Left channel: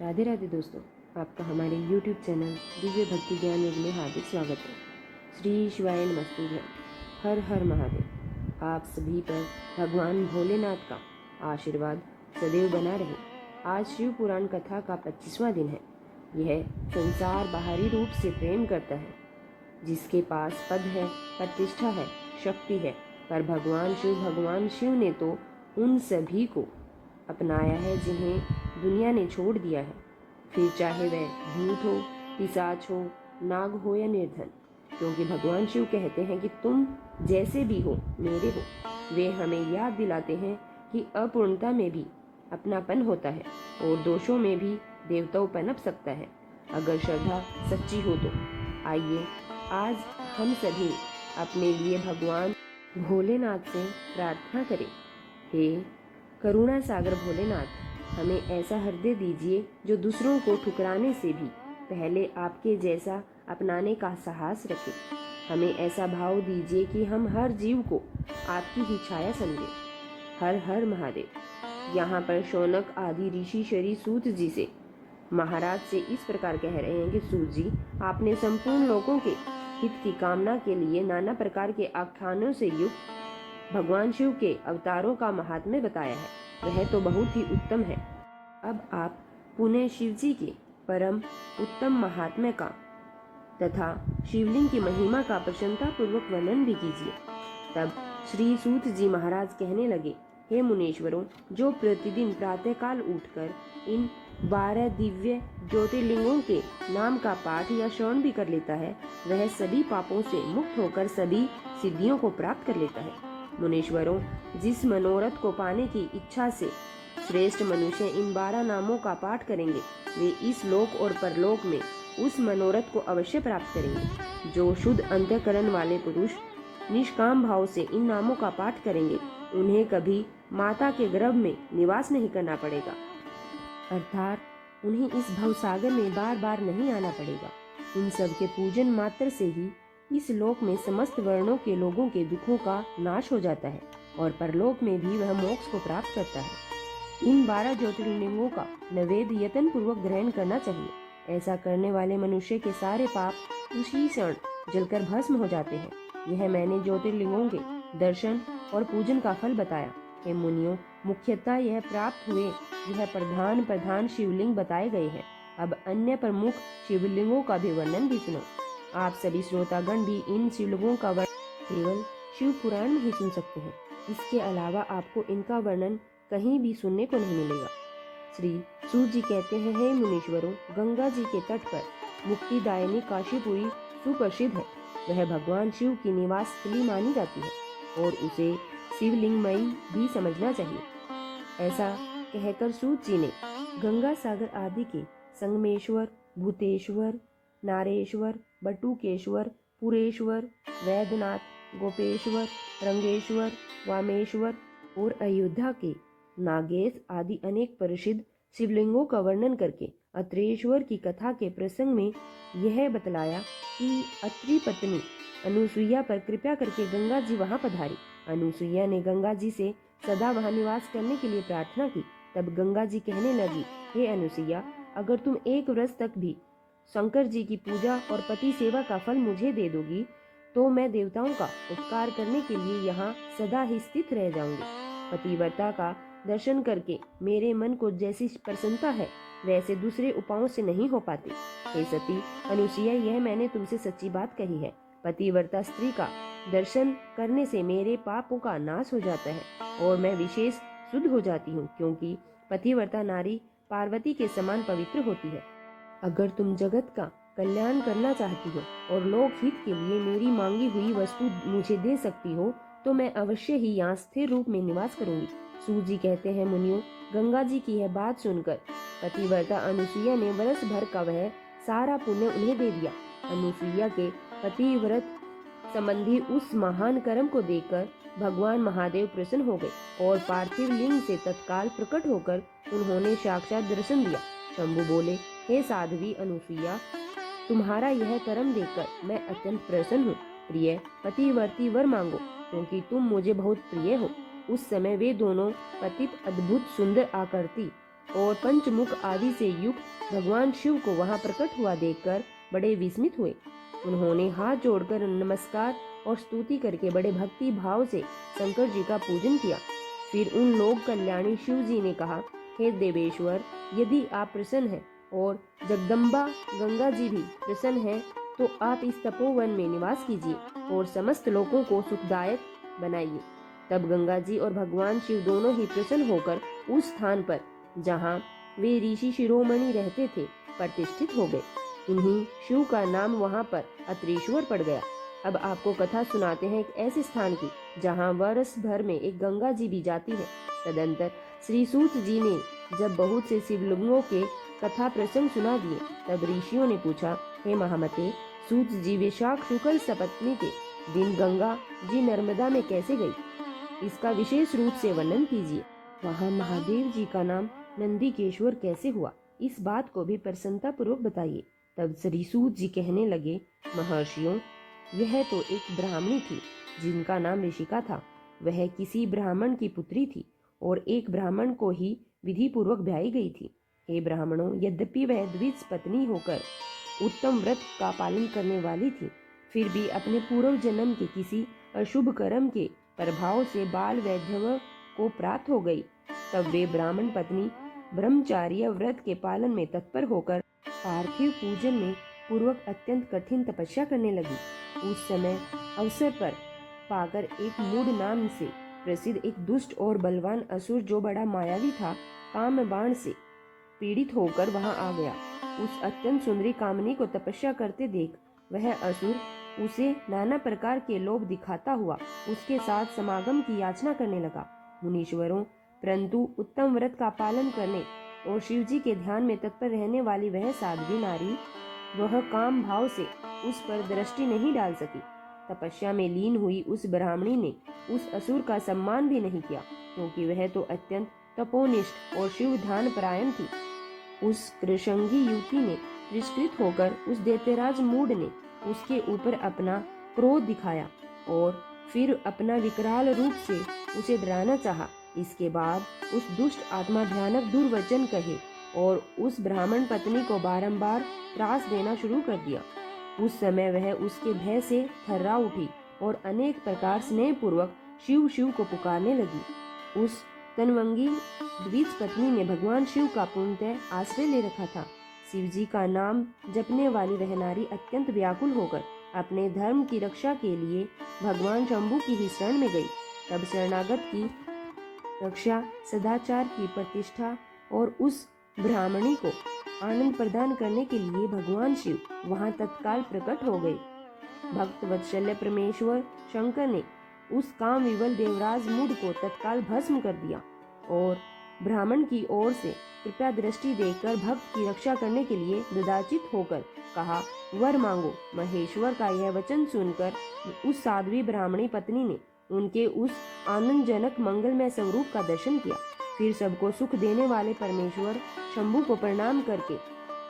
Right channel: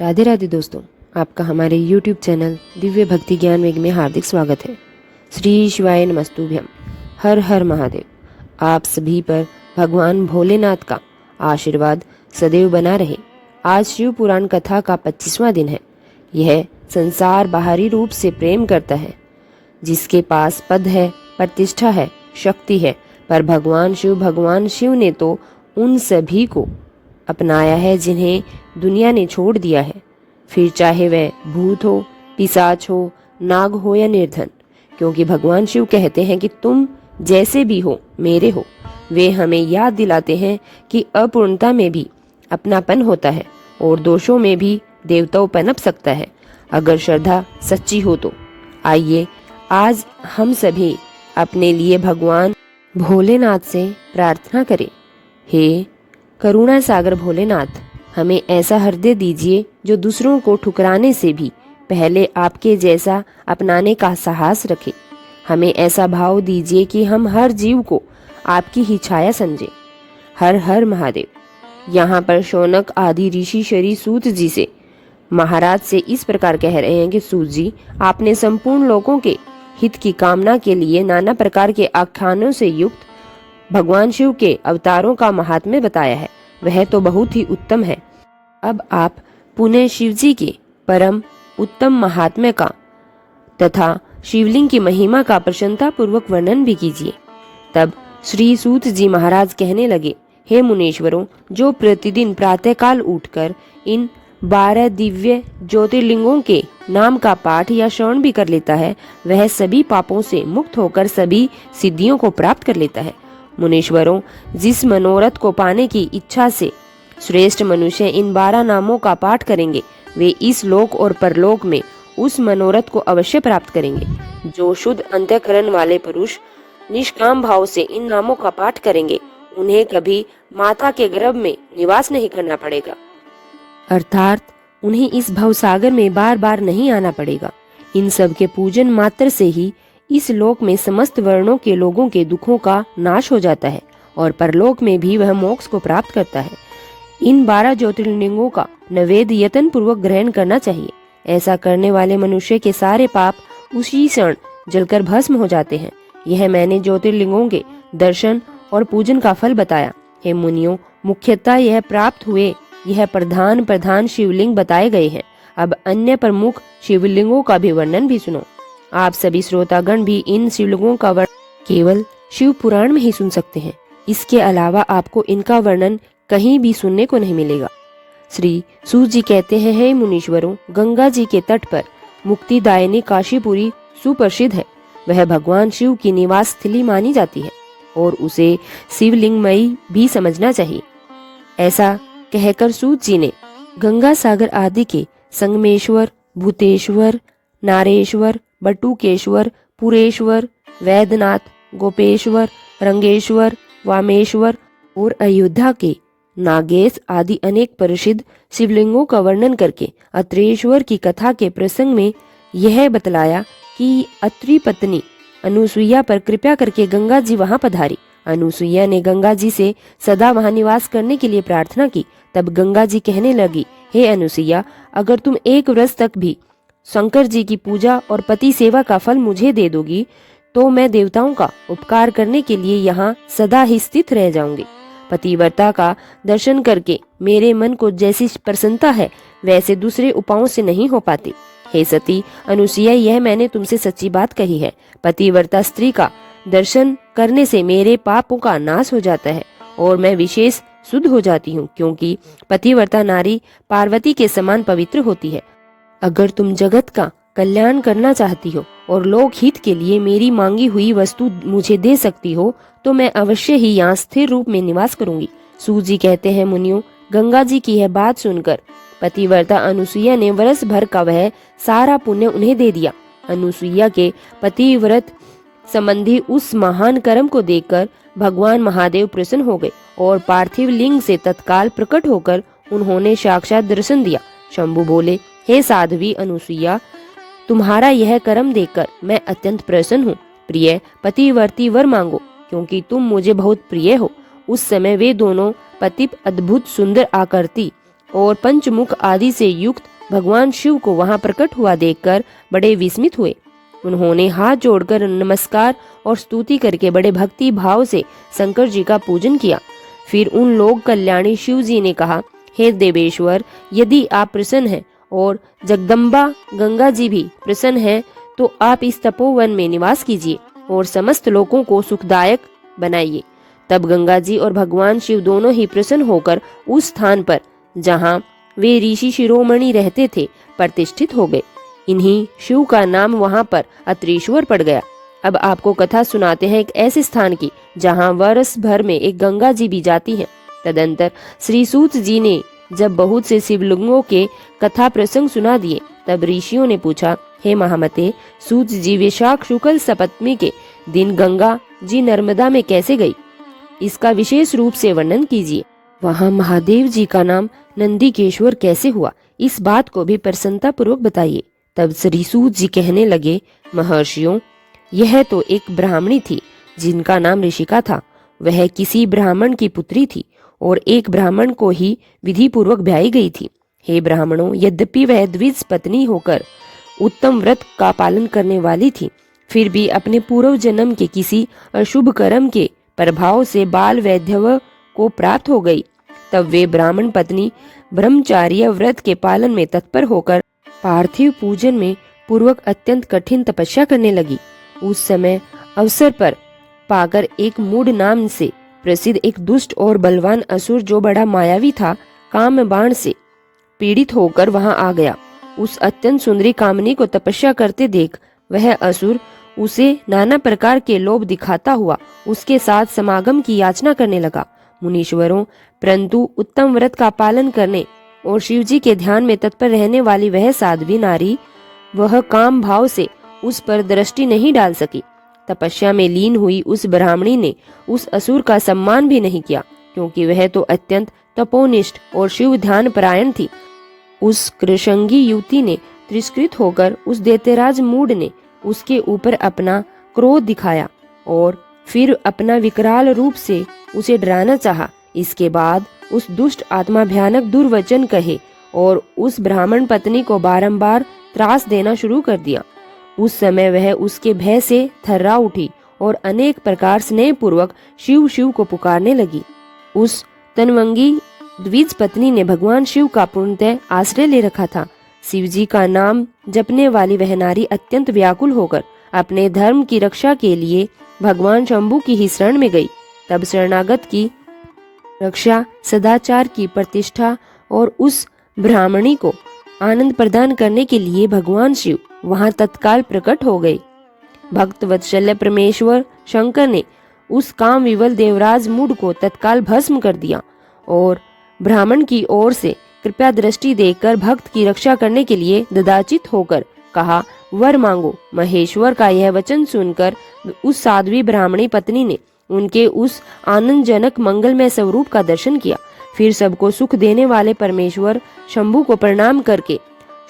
राधे राधे दोस्तों, आपका हमारे YouTube चैनल दिव्य भक्ति ज्ञान वेग में हार्दिक स्वागत है। श्री शिवाय नमस्तुभ्यम। हर हर महादेव। आप सभी पर भगवान भोलेनाथ का आशीर्वाद सदैव बना रहे। आज शिव पुराण कथा का 25वां दिन है। यह संसार बाहरी रूप से प्रेम करता है, जिसके पास पद है, प्रतिष्ठा है, शक्ति है, पर भगवान शिव ने तो उन सभी को अपनाया है जिन्हें दुनिया ने छोड़ दिया है, फिर चाहे वह भूत हो, पिशाच हो, नाग हो या निर्धन। क्योंकि भगवान शिव कहते हैं कि तुम जैसे भी हो मेरे हो। वे हमें याद दिलाते हैं कि अपूर्णता में भी अपनापन होता है और दोषों में भी देवताओं पनप सकता है, अगर श्रद्धा सच्ची हो तो। आइए आज हम सभी अपने लिए भगवान भोलेनाथ से प्रार्थना करें। हे करुणा सागर भोलेनाथ, हमें ऐसा हृदय दीजिए जो दूसरों को ठुकराने से भी पहले आपके जैसा अपनाने का साहस रखे। हमें ऐसा भाव दीजिए कि हम हर जीव को आपकी ही छाया समझे। हर हर महादेव। यहाँ पर शौनक आदि ऋषि श्री सूत जी से महाराज से इस प्रकार कह रहे हैं कि सूत जी, आपने संपूर्ण लोगों के हित की कामना के लिए नाना प्रकार के आख्यानों से युक्त भगवान शिव के अवतारों का महात्म्य बताया है। वह तो बहुत ही उत्तम है। अब आप पुनः शिव जी के परम उत्तम महात्म्य का तथा शिवलिंग की महिमा का प्रशंसा पूर्वक वर्णन भी कीजिए। तब श्री सूत जी महाराज कहने लगे, हे मुनीश्वरों, जो प्रतिदिन प्रातःकाल उठकर इन 12 दिव्य ज्योतिर्लिंगों के नाम का पाठ या श्रवण भी कर लेता है, वह सभी पापों से मुक्त होकर सभी सिद्धियों को प्राप्त कर लेता है। मुनीश्वरों, जिस मनोरथ को पाने की इच्छा से श्रेष्ठ मनुष्य इन 12 नामों का पाठ करेंगे, वे इस लोक और परलोक में उस मनोरथ को अवश्य प्राप्त करेंगे। जो शुद्ध अंतःकरण वाले पुरुष निष्काम भाव से इन नामों का पाठ करेंगे, उन्हें कभी माता के गर्भ में निवास नहीं करना पड़ेगा, अर्थात उन्हें इस भवसागर में बार बार नहीं आना पड़ेगा। इन सब के पूजन मात्र से ही इस लोक में समस्त वर्णों के लोगों के दुखों का नाश हो जाता है और परलोक में भी वह मोक्ष को प्राप्त करता है। इन 12 ज्योतिर्लिंगों का नैवेद्य यत्न पूर्वक ग्रहण करना चाहिए। ऐसा करने वाले मनुष्य के सारे पाप उसी क्षण जलकर भस्म हो जाते हैं। यह मैंने ज्योतिर्लिंगों के दर्शन और पूजन का फल बताया। हे मुनियों, मुख्यतः यह प्राप्त हुए यह प्रधान शिवलिंग बताए गए हैं। अब अन्य प्रमुख शिवलिंगों का भी वर्णन भी सुनो। आप सभी श्रोतागण भी इन शिवलिंगों का वर्णन केवल शिव पुराण में ही सुन सकते हैं। इसके अलावा आपको इनका वर्णन कहीं भी सुनने को नहीं मिलेगा। श्री सूत जी कहते हैं, हे मुनीश्वरों, गंगा जी के तट पर मुक्तिदायिनी काशीपुरी सुप्रसिद्ध है। वह भगवान शिव की निवास स्थली मानी जाती है और उसे शिवलिंगमयी भी समझना चाहिए। ऐसा कहकर सूत जी ने गंगा सागर आदि के संगमेश्वर, भूतेश्वर, नारेश्वर, बटुकेश्वर, पुरेश्वर, वैद्यनाथ, गोपेश्वर, रंगेश्वर, वामेश्वर और अयोध्या के नागेश आदि अनेक प्रसिद्ध शिवलिंगों का वर्णन करके अत्रेश्वर की कथा के प्रसंग में यह बतलाया कि अत्रि पत्नी अनुसुईया पर कृपा करके गंगा जी वहां पधारी। अनुसुईया ने गंगा जी से सदा वहां निवास करने के लिए प्रार्थना की। तब गंगा जी कहने लगी, हे अनुसुईया, अगर तुम 1 वर्ष तक भी शंकर जी की पूजा और पति सेवा का फल मुझे दे दोगी, तो मैं देवताओं का उपकार करने के लिए यहाँ सदा ही स्थित रह जाऊंगी। पतिव्रता का दर्शन करके मेरे मन को जैसी प्रसन्नता है, वैसे दूसरे उपायों से नहीं हो पाती। हे सती अनुसुईया, यह मैंने तुमसे सच्ची बात कही है। पतिव्रता स्त्री का दर्शन करने से मेरे पापों का नाश हो जाता है और मैं विशेष शुद्ध हो जाती हूँ, क्योंकि पतिव्रता नारी पार्वती के समान पवित्र होती है। अगर तुम जगत का कल्याण करना चाहती हो और लोक हित के लिए मेरी मांगी हुई वस्तु मुझे दे सकती हो, तो मैं अवश्य ही यहाँ स्थिर रूप में निवास करूंगी। सूत जी कहते हैं, मुनियों, गंगा जी की यह बात सुनकर पतिव्रता अनुसुईया ने वर्ष भर का वह सारा पुण्य उन्हें दे दिया। अनुसुईया के पतिव्रत संबंधी उस महान कर्म को देखकर भगवान महादेव प्रसन्न हो गए और पार्थिव लिंग से तत्काल प्रकट होकर उन्होंने साक्षात दर्शन दिया। शंभु बोले, हे साध्वी अनुसुईया, तुम्हारा यह कर्म देखकर मैं अत्यंत प्रसन्न हूँ। प्रिय पतिवर्ती वर मांगो, क्योंकि तुम मुझे बहुत प्रिय हो। उस समय वे दोनों पति अद्भुत सुंदर आकृति और पंचमुख आदि से युक्त भगवान शिव को वहां प्रकट हुआ देखकर बड़े विस्मित हुए। उन्होंने हाथ जोड़कर नमस्कार और स्तुति करके बड़े भक्ति भाव से शंकर जी का पूजन किया। फिर उन लोक कल्याणी शिव जी ने कहा, हे देवेश्वर, यदि आप प्रसन्न हैं और जगदम्बा गंगा जी भी प्रसन्न हैं, तो आप इस तपोवन में निवास कीजिए और समस्त लोगों को सुखदायक बनाइए। तब गंगा जी और भगवान शिव दोनों ही प्रसन्न होकर उस स्थान पर जहाँ वे ऋषि शिरोमणि रहते थे प्रतिष्ठित हो गए। इन्हीं शिव का नाम वहां पर अत्रेश्वर पड़ गया। अब आपको कथा सुनाते हैं एक ऐसे स्थान की जहाँ वर्ष भर में एक गंगा जी भी जाती हैं। तदंतर श्री सूत जी ने जब बहुत से शिवलिंगों के कथा प्रसंग सुना दिए, तब ऋषियों ने पूछा, हे महामते, सूत जी वैशाख शुक्ल सप्तमी के दिन गंगा जी नर्मदा में कैसे गई? इसका विशेष रूप से वर्णन कीजिए। वहाँ महादेव जी का नाम नंदीकेश्वर कैसे हुआ? इस बात को भी प्रसन्नता पूर्वक बताइए। तब श्री सूत जी कहने लगे, महर्षियों, यह तो एक ब्राह्मणी थी जिनका नाम ऋषिका था। वह किसी ब्राह्मण की पुत्री थी और एक ब्राह्मण को ही विधि पूर्वक ब्याही गई थी। हे ब्राह्मणों, यद्यपि वह द्विज पत्नी होकर उत्तम व्रत का पालन करने वाली थी, फिर भी अपने पूर्व जन्म के किसी अशुभ कर्म के प्रभाव से बाल वैधव्य को प्राप्त हो गई। तब वे ब्राह्मण पत्नी ब्रह्मचार्य व्रत के पालन में तत्पर होकर पार्थिव पूजन में पूर्वक अत्यंत कठिन तपस्या करने लगी। उस समय अवसर पर पाकर एक मूड नाम से प्रसिद्ध एक दुष्ट और बलवान असुर, जो बड़ा मायावी था, काम बाण से पीड़ित होकर वहां आ गया। उस अत्यंत सुंदरी कामनी को तपस्या करते देख वह असुर उसे नाना प्रकार के लोभ दिखाता हुआ उसके साथ समागम की याचना करने लगा। मुनीश्वरों, परंतु उत्तम व्रत का पालन करने और शिवजी के ध्यान में तत्पर रहने वाली वह साध्वी नारी, वह काम भाव से उस पर दृष्टि नहीं डाल सकी। तपस्या में लीन हुई उस ब्राह्मणी ने उस असुर का सम्मान भी नहीं किया, क्योंकि वह तो अत्यंत तपोनिष्ठ और शिव ध्यान परायण थी। उस कृशंगी युवती ने तिरस्कृत होकर उस दैत्यराज मूढ़ ने उसके ऊपर अपना क्रोध दिखाया और फिर अपना विकराल रूप से उसे डराना चाहा। इसके बाद उस दुष्ट आत्मा भयानक दुर्वचन कहे और उस ब्राह्मण पत्नी को बारंबार त्रास देना शुरू कर दिया। उस समय वह उसके भय से थर्रा उठी और अनेक प्रकार स्नेह पूर्वक शिव शिव को पुकारने लगी। उस तनवंगी द्विज पत्नी ने भगवान शिव का पूर्णतः आश्रय ले रखा था। शिव जी का नाम जपने वाली वह नारी अत्यंत व्याकुल होकर अपने धर्म की रक्षा के लिए भगवान शंभु की ही शरण में गई। तब शरणागत की रक्षा, सदाचार की प्रतिष्ठा और उस ब्राह्मणी को आनंद प्रदान करने के लिए भगवान शिव वहां तत्काल प्रकट हो गए। भक्त वत्सल्य परमेश्वर शंकर ने उस काम विवल देवराज मूढ़ को तत्काल भस्म कर दिया और ब्राह्मण की ओर से कृपया दृष्टि देकर भक्त की रक्षा करने के लिए ददाचित होकर कहा, वर मांगो। महेश्वर का यह वचन सुनकर उस साध्वी ब्राह्मणी पत्नी ने उनके उस आनंदजनक मंगलमय स्वरूप का दर्शन किया। फिर सबको सुख देने वाले परमेश्वर शंभु को प्रणाम करके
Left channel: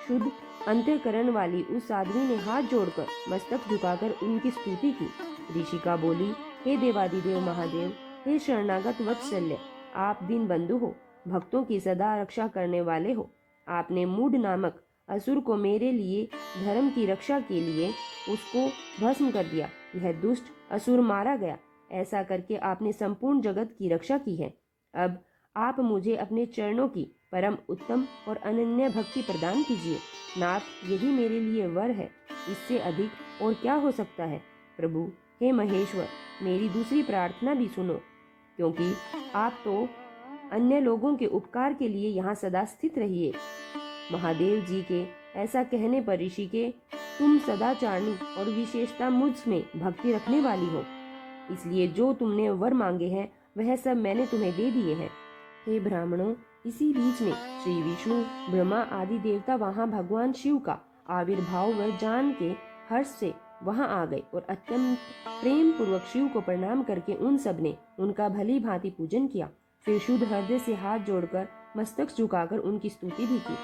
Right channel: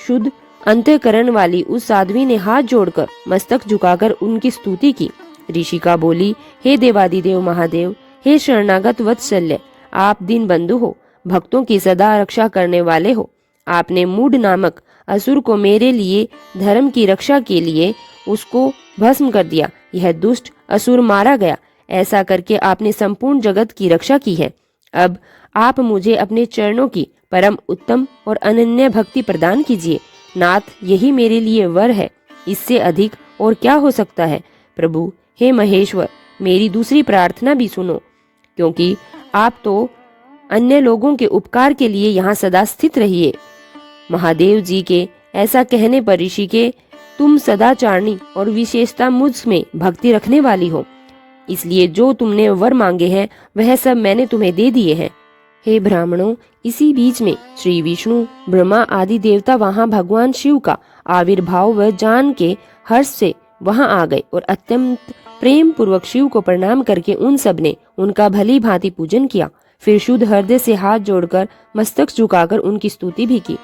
शुद्ध अंतःकरण वाली उस साध्वी ने हाथ जोड़कर मस्तक झुकाकर उनकी स्तुति की। ऋषिका बोली, हे देवादिदेव महादेव, हे शरणागत वत्सल्य, आप दीन बंधु हो, भक्तों की सदा रक्षा करने वाले हो। आपने मूढ़ नामक असुर को मेरे लिए धर्म की रक्षा के लिए उसको भस्म कर दिया। यह दुष्ट असुर मारा गया। ऐसा करके आपने संपूर्ण जगत की रक्षा की है। अब आप मुझे अपने चरणों की परम उत्तम और अनन्य भक्ति प्रदान कीजिए। नाथ, यही मेरे लिए वर है, इससे अधिक और क्या हो सकता है। प्रभु, हे महेश्वर, मेरी दूसरी प्रार्थना भी सुनो, क्योंकि आप तो अन्य लोगों के उपकार के लिए यहाँ सदा स्थित रहिए। महादेव जी के ऐसा कहने पर ऋषि के, तुम सदाचारणी और विशेषता मुझ में भक्ति रखने वाली हो, इसलिए जो तुमने वर मांगे हैं वह सब मैंने तुम्हें दे दिए हैं। हे ब्राह्मणों, इसी बीच में श्री विष्णु, ब्रह्मा आदि देवता वहां भगवान शिव का आविर्भाव व जान के हर्ष से वहां आ गए और अत्यंत प्रेम पूर्वक शिव को प्रणाम करके उन सब ने उनका भली भांति पूजन किया। फिर शुद्ध हृदय से हाथ जोड़कर मस्तक झुकाकर उनकी स्तुति भी की।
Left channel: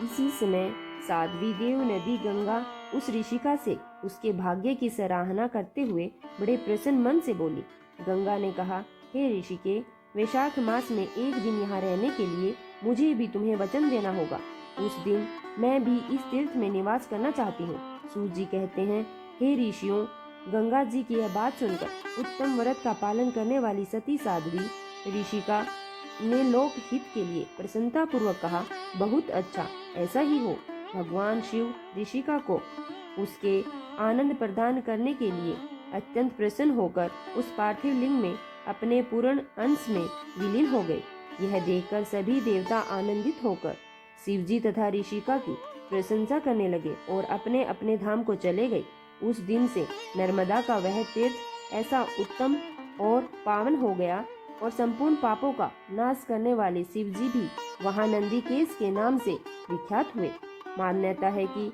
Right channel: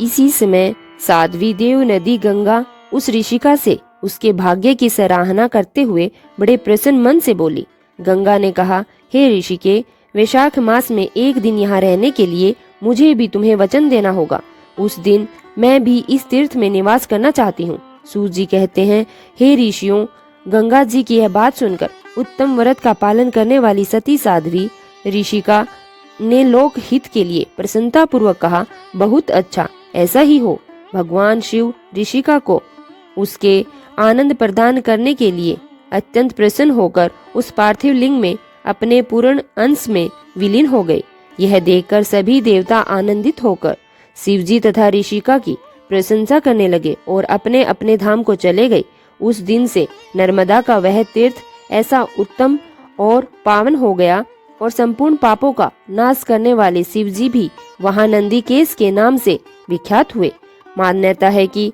इसी समय साध्वी देव नदी गंगा उस ऋषिका से उसके भाग्य की सराहना करते हुए बड़े प्रसन्न मन से बोली। गंगा ने कहा, हे ऋषिके, वैशाख मास में एक दिन यहाँ रहने के लिए मुझे भी तुम्हें वचन देना होगा। उस दिन मैं भी इस तीर्थ में निवास करना चाहती हूँ। सूत जी कहते हैं, हे ऋषियों, गंगा जी की यह बात सुनकर उत्तम व्रत का पालन करने वाली सती साध्वी ऋषिका ने लोक हित के लिए प्रसन्नता पूर्वक कहा, बहुत अच्छा, ऐसा ही हो। भगवान शिव ऋषिका को उसके आनंद प्रदान करने के लिए अत्यंत प्रसन्न होकर उस पार्थिव लिंग में अपने पूर्ण अंश में विलीन हो गए। यह देखकर सभी देवता आनंदित होकर शिवजी तथा ऋषिका की प्रशंसा करने लगे और अपने अपने धाम को चले गए। उस दिन से नर्मदा का वह तीर्थ ऐसा उत्तम और पावन हो गया और संपूर्ण पापों का नाश करने वाले शिवजी भी वहां नंदीकेश के नाम से विख्यात हुए। मान्यता है कि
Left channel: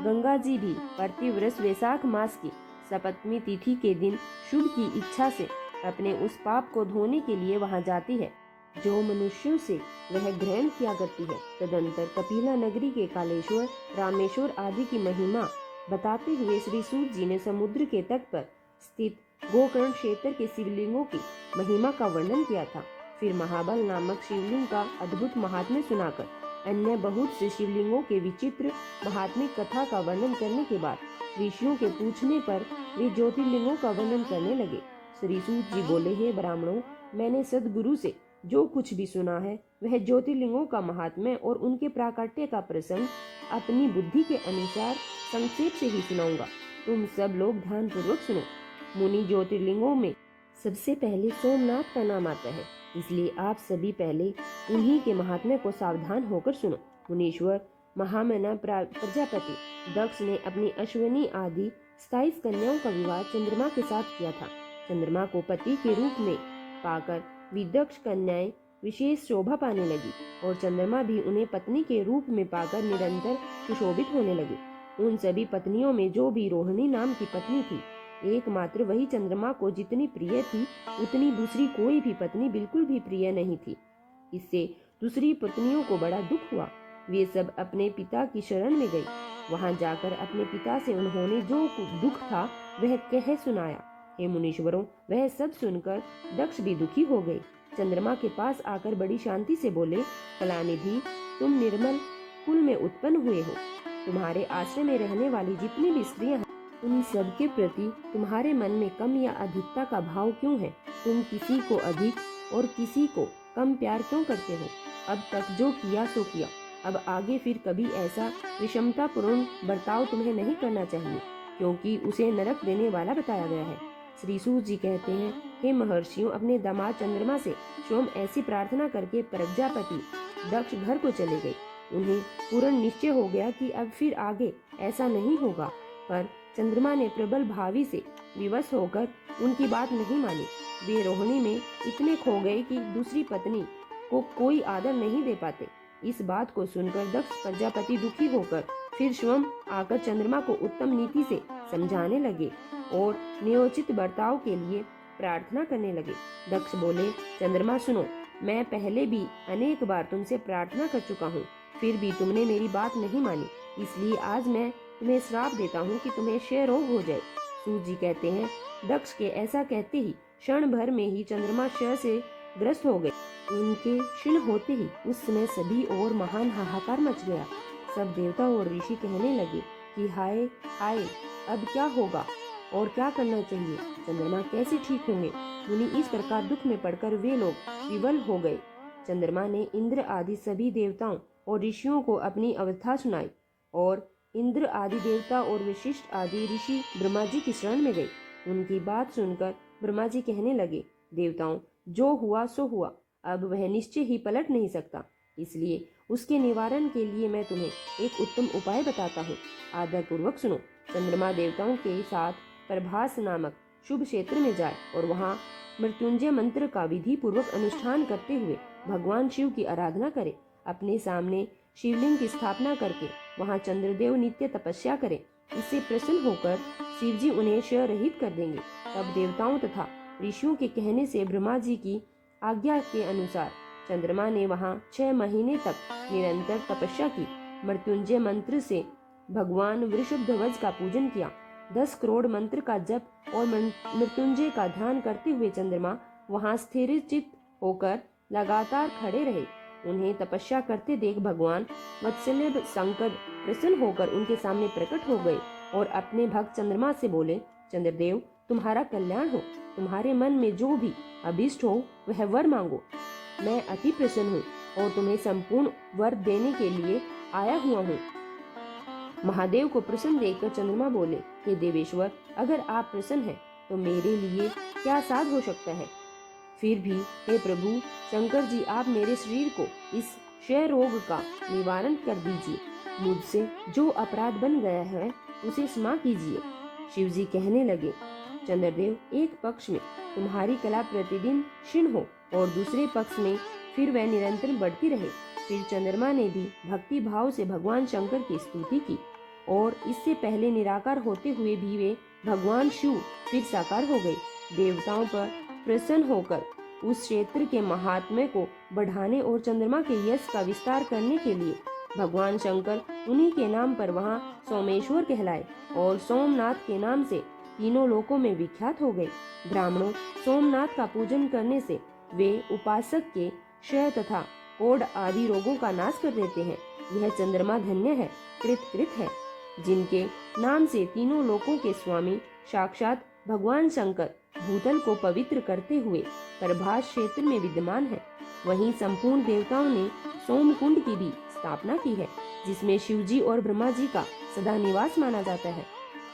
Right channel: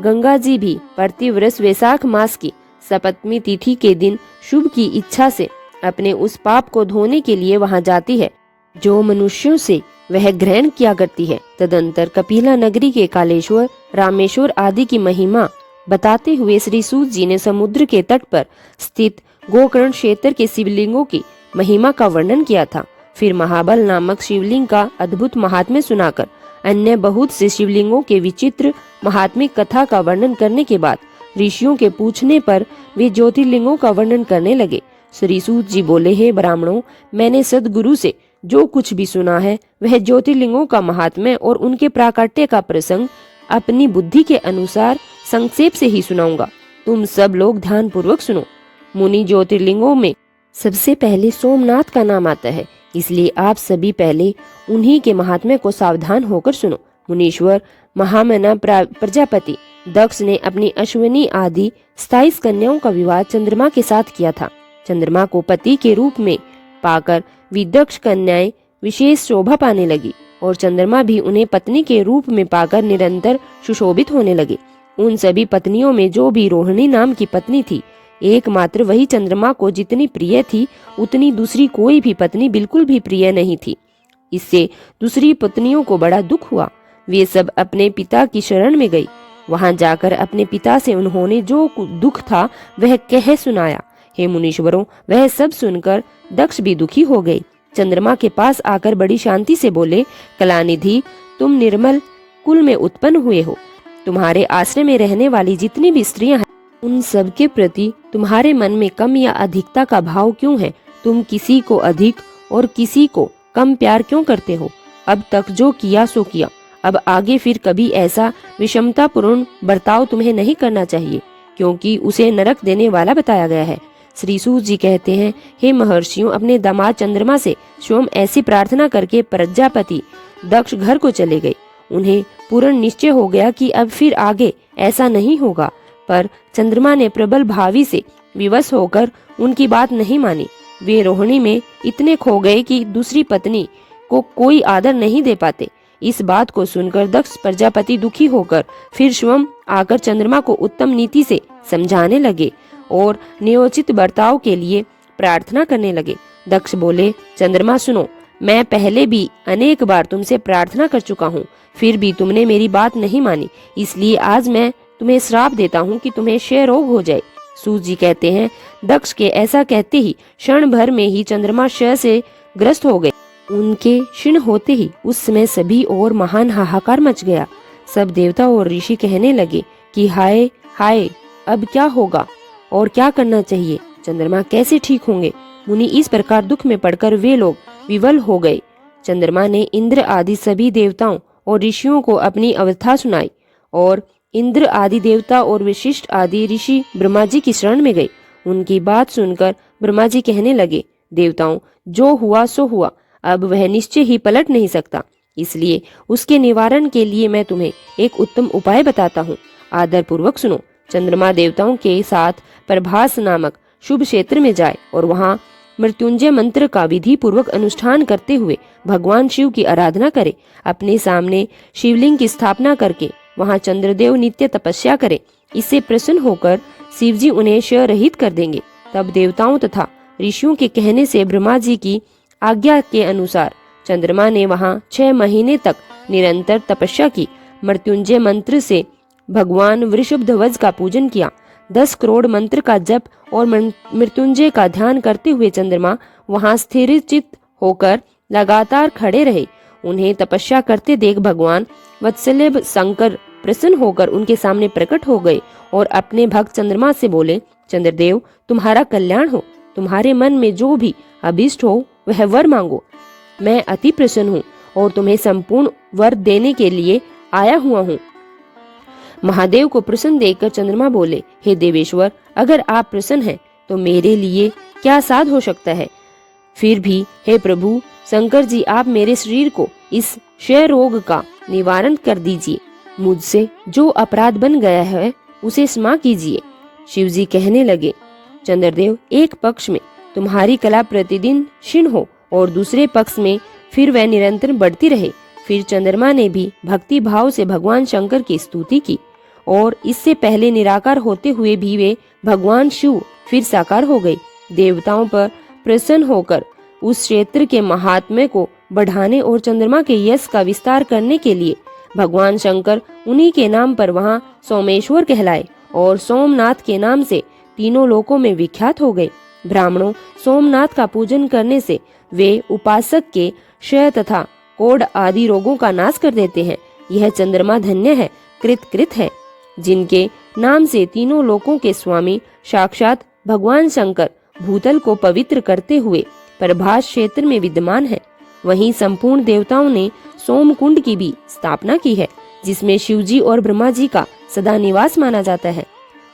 गंगा जी भी प्रतिवर्ष वैशाख मास की सप्तमी तिथि के दिन शुभ की इच्छा से अपने उस पाप को धोने के लिए वहां जाती है जो मनुष्यों से वह ग्रहण किया करती है। तदंतर कपिला नगरी के कालेश्वर, रामेश्वर आदि की महिमा बताते हुए श्री सूत जी ने समुद्र के तट पर स्थित गोकर्ण क्षेत्र के शिवलिंगों की महिमा का वर्णन किया था। फिर महाबल नामक शिवलिंग का अद्भुत महात्म्य सुनाकर अन्य बहुत से शिवलिंगों के विचित्र महात्मिक कथा का वर्णन करने के बाद ऋषियों के पूछने पर वे ज्योतिर्लिंगों का वर्णन करने लगे। श्री सूत जी बोले, हे ब्राह्मणों, मैंने सदगुरु से जो कुछ भी सुना है वह ज्योतिर्लिंगों का महात्म्य और उनके प्राकट्य का प्रसंग अपनी बुद्धि के अनुसार संक्षेप से ही सुनाऊंगा। तुम सब लोग ध्यान पूर्वक सुनो। मुनि ज्योतिर्लिंगों में सबसे पहले सोमनाथ का नाम आता है, इसलिए आप सभी पहले उन्हीं के महात्म्य को सावधान होकर सुनो। मुनीश्वर महामना प्रजापति दक्ष ने अपनी अश्विनी आदि 27 कन्याओं का विवाह चंद्रमा के साथ किया था। चंद्रमा को पति के रूप में पाकर विदक्ष कन्याएं विशेष शोभा पाने लगी और चंद्रमा भी उन्हें पत्नी के रूप में पाकर निरंतर सुशोभित होने लगे। उन सभी पत्नियों में जो भी रोहिणी नाम की पत्नी थी, एकमात्र वही चंद्रमा को जितनी प्रिय थी उतनी दूसरी कोई भी पत्नी बिल्कुल भी प्रिय नहीं थी। इससे दूसरी पत्नियों को बड़ा दुख हुआ। वे सब अपने पिता की शरण में गई। वहां जाकर अपने पिता से उन्होंने जो दुख था वह कह सुनाया। हे मुनीश्वरों, वह सब सुनकर दक्ष भी दुखी हो गए। चंद्रमा के पास आकर बड़ी शांति से बोले, कलानिधि, तुम निर्मल कुल में उत्पन्न हुए हो। तुम्हारे आश्रय में रहने वाली जितनी भी स्त्रियां हैं उन सब के प्रति तुम्हारे मन में कम या अधिकता का भाव क्यों है? तुम किसी को अधिक और किसी को कम प्यार क्यों करते हो? अब तक जो किया सो किया, अब आगे फिर कभी ऐसा विषमतापूर्ण बर्ताव तुम्हें नहीं करना चाहिए, क्योंकि उसे नरक देने वाला बताया गया है। श्री सूत जी कहते हैं, हे महर्षियों, अपने दामाद चंद्रमा से स्वयं ऐसी प्रार्थना करके प्रजापति दक्ष घर को चले गए। उन्हें पूर्ण निश्चय हो गया कि अब फिर आगे ऐसा नहीं होगा, पर चंद्रमा ने प्रबल भावी से विवश होकर उनकी बात नहीं मानी। वे रोहिणी में इतने खो गए कि दूसरी पत्नी को कोई आदर नहीं दे पाते। इस बात को सुनकर दक्ष प्रजापति दुखी होकर फिर स्वयं आकर चंद्रमा को उत्तम नीति से समझाने लगे और न्योचित बर्ताव के लिए प्रार्थना करने लगे। दक्ष बोले, चंद्रमा सुनो, मैं पहले भी अनेक बार तुमसे प्रार्थना कर चुका हूँ, फिर भी तुमने मेरी बात नहीं मानी, इसलिए आज मैं तुम्हें श्राप देता हूँ कि तुम्हें क्षय रोग हो जाए। सूत जी कहते हैं, दक्ष के ऐसा कहते ही क्षण भर में ही चंद्रमा क्षय से ग्रस्त हो गए। उनके क्षीण होते ही उस समय सभी और महान हाहाकार मच गया। सब देवता और ऋषि कहने लगे कि हाय हाय, अब क्या होगा और क्या करना चाहिए? चंद्रमा कैसे ठीक होंगे? मुनि इस प्रकार दुख में पड़कर वे लोग विवल हो गए। चंद्रमा ने इंद्र आदि सभी देवताओं और ऋषियों को अपनी अवस्था सुनाई और इंद्र आदि देवता और विशिष्ट आदि ऋषि ब्रह्मा जी की शरण में गए। उनकी बात सुनकर ब्रह्मा जी कहने लगे, देवताओं, जो हुआ सो हुआ, अब वह निश्चय ही पलट नहीं सकता, इसलिए उसके निवारण के लिए मैं तुम्हें एक उत्तम उपाय बताता हूँ। आदर पूर्वक सुनो। चंद्रमा देवताओं के साथ प्रभास नामक शुभ क्षेत्र में जाए और वहाँ मृत्युंजय मंत्र का विधि पूर्वक अनुष्ठान करते हुए भगवान शिव की आराधना करे। अपने सामने शिवलिंग की स्थापना करके वहाँ चंद्रदेव नित्य तपस्या करे। इससे प्रसन्न होकर शिवजी उन्हें क्षय रहित कर देंगे। तब देवताओं तथा ऋषियों के कहने से ब्रह्मा जी की आज्ञा के अनुसार चंद्रमा ने वहाँ 6 महीने तक निरंतर तपस्या की। मृत्युंजय मंत्र से भगवान वृषभध्वज का पूजन किया। 10 करोड़ मंत्र का जप और मृत्युंजय का ध्यान करते हुए चंद्रमा वहां स्थिर चित्त होकर लगातार खड़े रहे। उन्हें तपस्या करते देख भगवान वत्सलेभ शंकर प्रसन्न होकर उनके सामने प्रकट हो गए और अपने भक्त चंद्रमा से बोले, चंद्रदेव तुम्हारा कल्याण हो, तुम्हारे मन में जो भी अभीष्ट हो वह वर मांगो। मैं अति प्रसन्न हूँ और तुम्हें संपूर्ण वर देने के लिए आया हुआ हूँ। महादेव को प्रसन्न देखकर चंद्रमा बोले, हे देवेश्वर, अगर आप प्रसन्न हैं तो मेरे लिए क्या साध हो सकता है। फिर भी हे प्रभु शंकर जी, आप मेरे शरीर को इस क्षय रोग का निवारण कर दीजिए। मुझसे जो अपराध बन गया है उसे क्षमा कीजिए। शिव जी कहने लगे, चंद्रदेव, एक पक्ष में तुम्हारी कला प्रतिदिन क्षीण हो और दूसरे पक्ष में फिर वह निरंतर बढ़ती रहे। फिर चंद्रमा ने भी भक्ति भाव से भगवान शंकर की स्तुति की और इससे पहले निराकार होते हुए भी वे भगवान शिव फिर साकार हो गए। देवताओं पर प्रसन्न होकर उस क्षेत्र के महात्म्य को बढ़ाने और चंद्रमा के यश का विस्तार करने के लिए भगवान शंकर उन्हीं के नाम पर वहां सोमेश्वर कहलाए और सोमनाथ के नाम से तीनों लोकों में विख्यात हो गए। ब्राह्मणों सोमनाथ का पूजन करने से वे उपासक के क्षय तथा कोढ़ आदि रोगों का नाश कर देते हैं। यह चंद्रमा धन्य है, कृत है, जिनके नाम से तीनों लोकों के स्वामी साक्षात भगवान शंकर भूतल को पवित्र करते हुए प्रभास क्षेत्र में विद्यमान है। वहीं संपूर्ण देवताओं ने सोमकुंड की भी स्थापना की है, जिसमें शिवजी और ब्रह्मा जी का सदा निवास माना जाता है।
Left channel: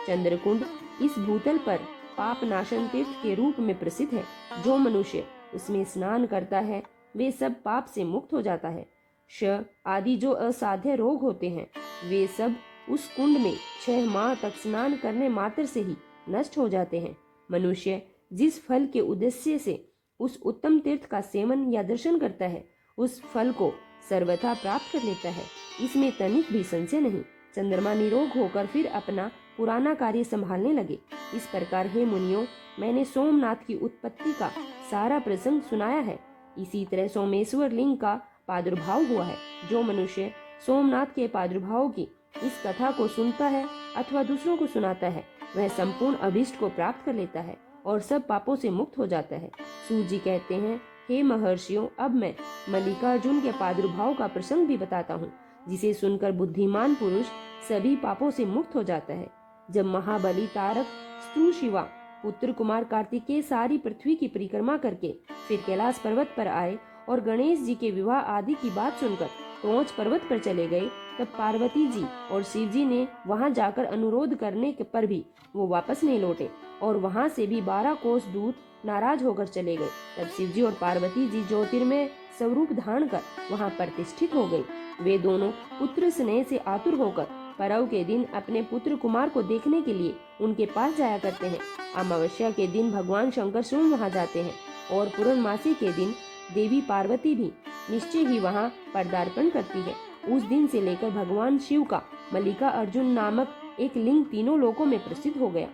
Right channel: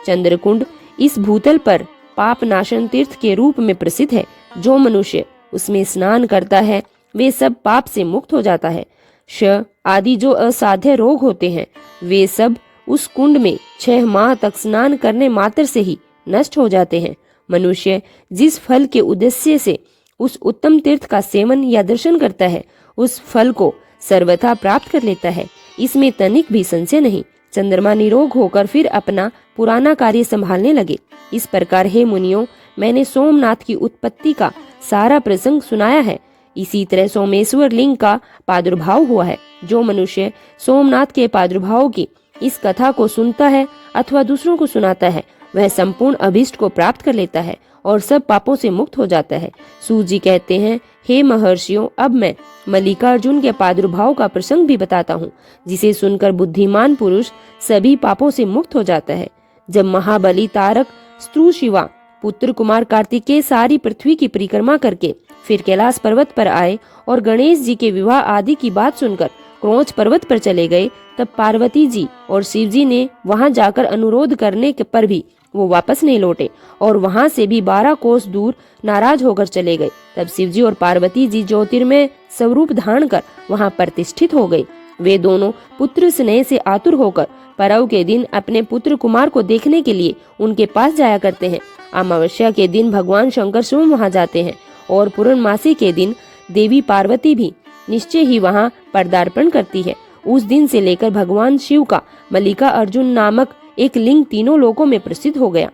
चंद्रकुंड इस भूतल पर पाप नाशन तीर्थ के रूप में प्रसिद्ध है। जो मनुष्य उसमें स्नान करता है वे सब पाप से मुक्त हो जाता है। श आदि जो असाध्य रोग होते हैं वे सब उस कुंड में 6 माह तक स्नान करने मात्र से ही नष्ट हो जाते हैं। मनुष्य जिस फल के उद्देश्य से उस उत्तम तीर्थ का सेवन या दर्शन करता है उस फल को सर्वथा प्राप्त कर लेता है, इसमें तनिक भी संशय नहीं। चंद्रमा निरोग होकर फिर अपना पुराना कार्य संभालने लगे। इस प्रकार हे मुनियों, मैंने सोमनाथ की उत्पत्ति का सारा प्रसंग सुनाया है। इसी तरह सोमेश्वर लिंग का प्रादुर्भाव हुआ है। जो मनुष्य सोमनाथ के प्रादुर्भाव की इस कथा को सुनता है अथवा दूसरों को सुनाता है वह संपूर्ण अभीष्ट को प्राप्त कर लेता है और सब पापों से मुक्त हो जाता है। सूत जी कहते हैं, हे महर्षियों, अब मैं मल्लिकार्जुन के प्रादुर्भाव का प्रसंग भी बताता हूँ, जिसे सुनकर बुद्धिमान पुरुष सभी पापों से मुक्त हो जाता है। जब महाबली तारक स्त्रु शिवा पुत्र कुमार कार्तिकेय सारी पृथ्वी की परिक्रमा करके फिर कैलाश पर्वत पर आए और गणेश जी के विवाह आदि की बात सुनकर क्रोंच पर्वत पर चले गए, तब पार्वती जी और शिव जी ने वहां जाकर अनुरोध करने पर भी वो वापस नहीं लौटे और वहां से भी 12 कोस दूर नाराज होकर चले गए। तब शिव जी और पार्वती जी ज्योतिर्मय स्वरूप धारण कर वहां प्रतिष्ठित हो गए। वे दोनों पुत्र स्नेह से आतुर होकर परव के दिन अपने पुत्र कुमार को देखने के लिए उनके पास जाया करते हैं। अमावस्या के दिन भगवान शंकर स्वयं वहां जाते हैं और पूर्णमासी के दिन देवी पार्वती भी निश्चय ही वहां पदार्पण करती है। उस दिन से लेकर भगवान शिव का मल्लिका अर्जुन नामक एक लिंग तीनों लोकों में प्रसिद्ध हो गया।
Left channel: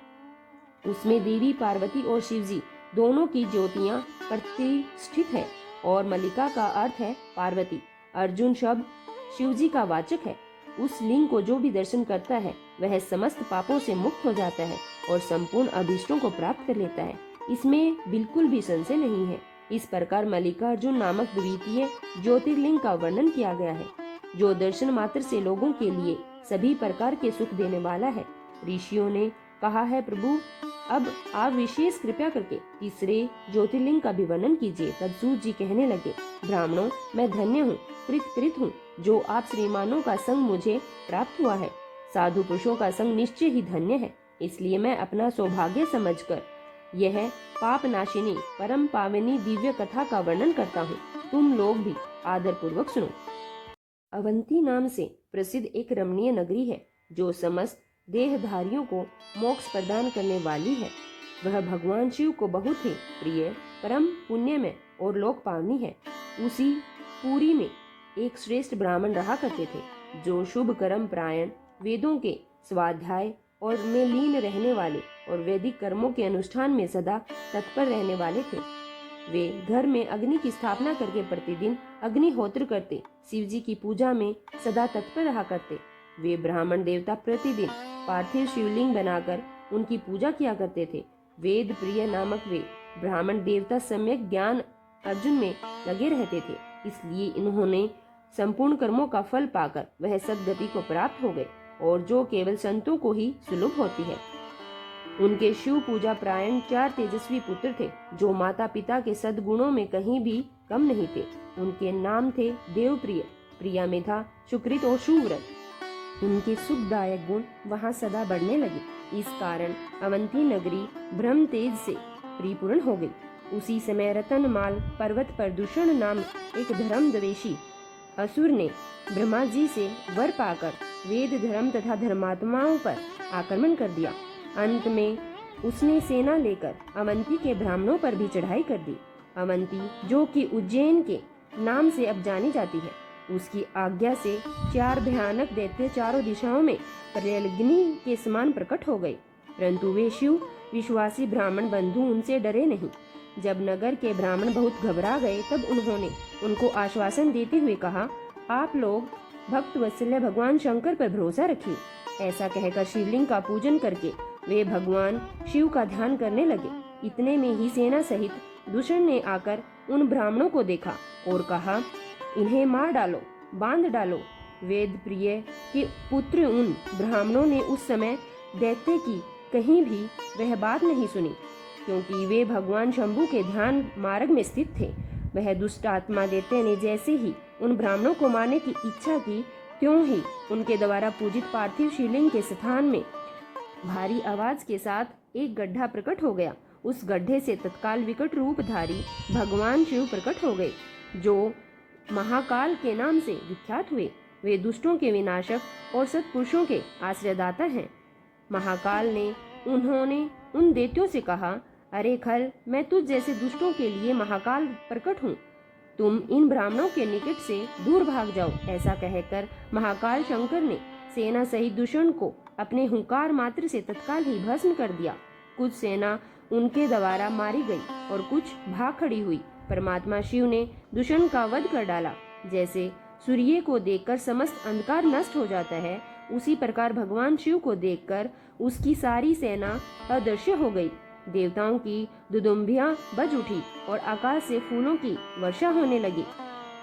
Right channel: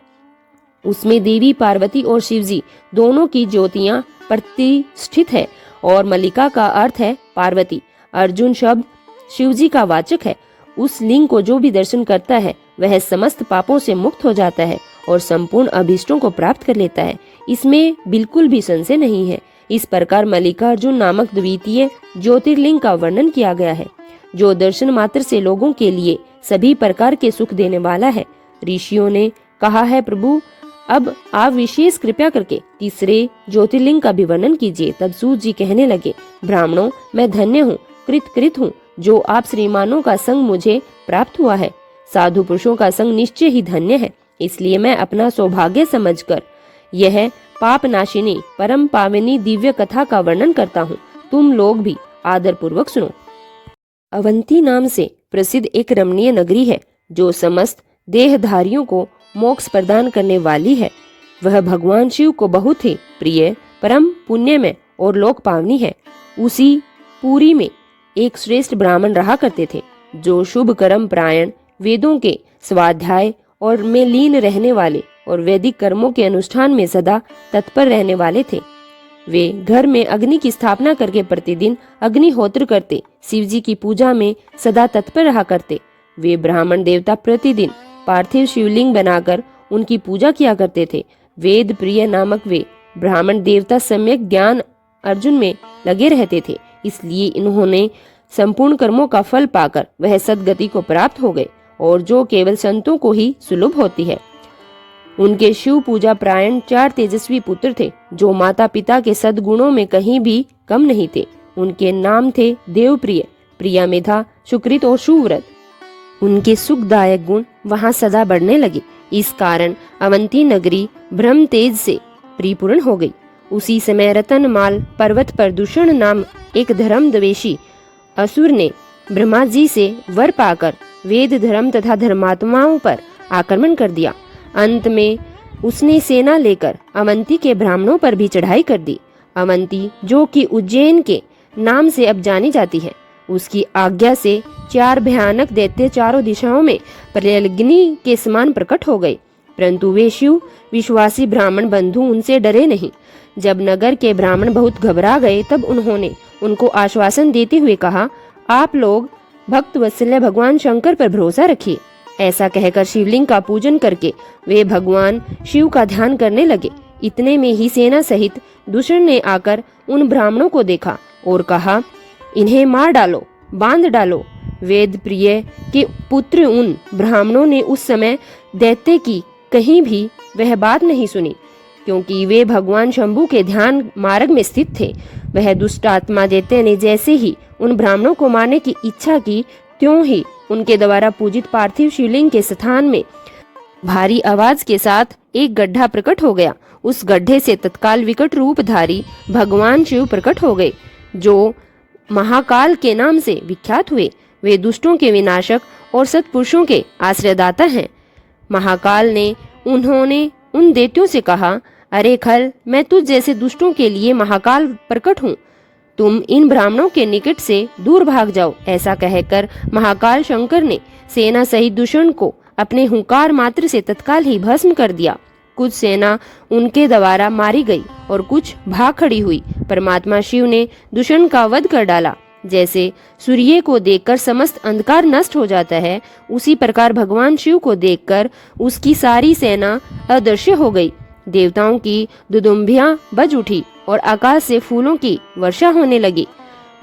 उसमें देवी पार्वती और शिवजी दोनों की ज्योतियां प्रतिष्ठित है और मल्लिका का अर्थ है पार्वती। अर्जुन शब्द शिवजी का वाचक है। उस लिंग को जो भी दर्शन करता है वह समस्त पापों से मुक्त हो जाता है और संपूर्ण अभीष्टों को प्राप्त कर लेता है, इसमें बिल्कुल भी संशय नहीं है। इस प्रकार मल्लिकार्जुन नामक द्वितीय ज्योतिर्लिंग का वर्णन किया गया है, जो दर्शन मात्र से लोगों के लिए सभी प्रकार के सुख देने वाला है। ऋषियों ने कहा है, प्रभु अब आप विशेष कृपया करके तीसरे ज्योतिर्लिंग का भी वर्णन कीजिए। तब सूत जी कहने लगे, ब्राह्मणों, मैं धन्य हूँ, कृत हूँ, जो आप श्रीमानों का संग मुझे प्राप्त हुआ है। साधु पुरुषों का संग निश्चय ही धन्य है, इसलिए मैं अपना सौभाग्य समझकर यह पाप नाशिनी परम पावनी दिव्य कथा का वर्णन करता हूँ। तुम लोग भी आदर पूर्वक सुनो। अवंती नाम से प्रसिद्ध एक रमणीय नगरी है, जो समस्त देहधारियों को मोक्ष प्रदान करने वाली है। वह भगवान शिव को बहुत ही प्रिय, परम पुण्यमय और लोक पावनी है। उसी पुरी में एक श्रेष्ठ ब्राह्मण रहा करते थे, जो शुभ कर्म प्रायण, वेदों के स्वाध्याय और में लीन रहने वाले और वैदिक कर्मों के अनुष्ठान में सदा तत्पर रहने वाले थे। वे घर में अग्नि की स्थापना करके प्रतिदिन अग्निहोत्र करते, शिवजी की पूजा में सदा तत्पर रहा करते। वे ब्राह्मण देवता प्रतिदिन पार्थिव शिवलिंग बनाकर उनकी पूजा किया करते थे। वेद प्रिय नामक वे ब्राह्मण देवता सम्यक ज्ञान अर्जुन में लगे रहते थे। इसलिए इन्होंने संपूर्ण कर्मों का फल पाकर वह सदगति को प्राप्त हो गए, और जो केवल संतों को ही सुलभ होती है। उनके शिव पूजा प्रायण 4 तेजस्वी पुत्र थे, जो माता पिता के सद्गुणों में कहीं भी कम नहीं थे। उनके नाम थे देवप्रिय, प्रिया मेधा, सुकृत और सुव्रत। उनके सुखदायक गुण वहां सदा बढ़ने लगे। इस कारण अवंती नगरी ब्रह्म तेज से परिपूर्ण हो गई। उसी समय रतनमाल पर्वत पर दूषण नाम एक धर्म द्वेषी असुर ने ब्रह्मा जी से वर पाकर वेद धर्म तथा धर्मात्माओं पर आक्रमण कर दिया। अंत में उसने सेना लेकर अवंती के ब्राह्मणों पर भी चढ़ाई कर दी। अवंती, जो कि उज्जैन के नाम से अब जानी जाती है, उसकी आज्ञा से 4 भयानक दैत्य चारों दिशाओं में प्रलयग्नि के समान प्रकट हो गए, परंतु वे शिव विश्वासी ब्राह्मण बंधु उनसे डरे नहीं। जब नगर के ब्राह्मण बहुत घबरा गए, तब उन्होंने उनको आश्वासन देते हुए कहा, आप लोग भक्त वत्सल्य भगवान शंकर पर भरोसा रखिए। ऐसा कहकर शिवलिंग का पूजन करके वे भगवान शिव का ध्यान करने लगे। इतने में ही सेना सहित दूषण ने आकर उन ब्राह्मणों को देखा और कहा, इन्हें मार डालो, बांध डालो। वेद प्रिय के पुत्र उन ब्राह्मणों ने उस समय दैत्य की कहीं भी वह बात नहीं सुनी, क्योंकि वे भगवान शंभु के ध्यान मार्ग में स्थित थे। वह दुष्ट आत्मा दैत्य ने जैसे ही उन ब्राह्मणों को मारने की इच्छा की, त्यों ही उनके द्वारा पूजित पार्थिव शिवलिंग के स्थान में भारी आवाज के साथ एक गड्ढा प्रकट हो गया। उस गड्ढे से तत्काल विकट रूपधारी भगवान शिव प्रकट हो गए, जो महाकाल के नाम से विख्यात हुए। वे दुष्टों के विनाशक और सत्पुरुषों के आश्रयदाता हैं। महाकाल ने उन्होंने उन दैत्यों से कहा, अरे खल, मैं तुझ जैसे दुष्टों के लिए महाकाल प्रकट हूँ, तुम इन ब्राह्मणों के निकट से दूर भाग जाओ। ऐसा कहकर महाकाल शंकर ने सेना सहित दूषण को अपने हुंकार मात्र से तत्काल ही भस्म कर दिया। कुछ सेना उनके द्वारा मारी गई और कुछ भाग खड़ी हुई। परमात्मा शिव ने दूषण का वध कर डाला। जैसे सूर्य को देखकर समस्त अंधकार नष्ट हो जाता है, उसी प्रकार भगवान शिव को देखकर उसकी सारी सेना अदृश्य हो गई। देवताओं की दुदुम्बियां बज उठी और आकाश से फूलों की वर्षा होने लगी।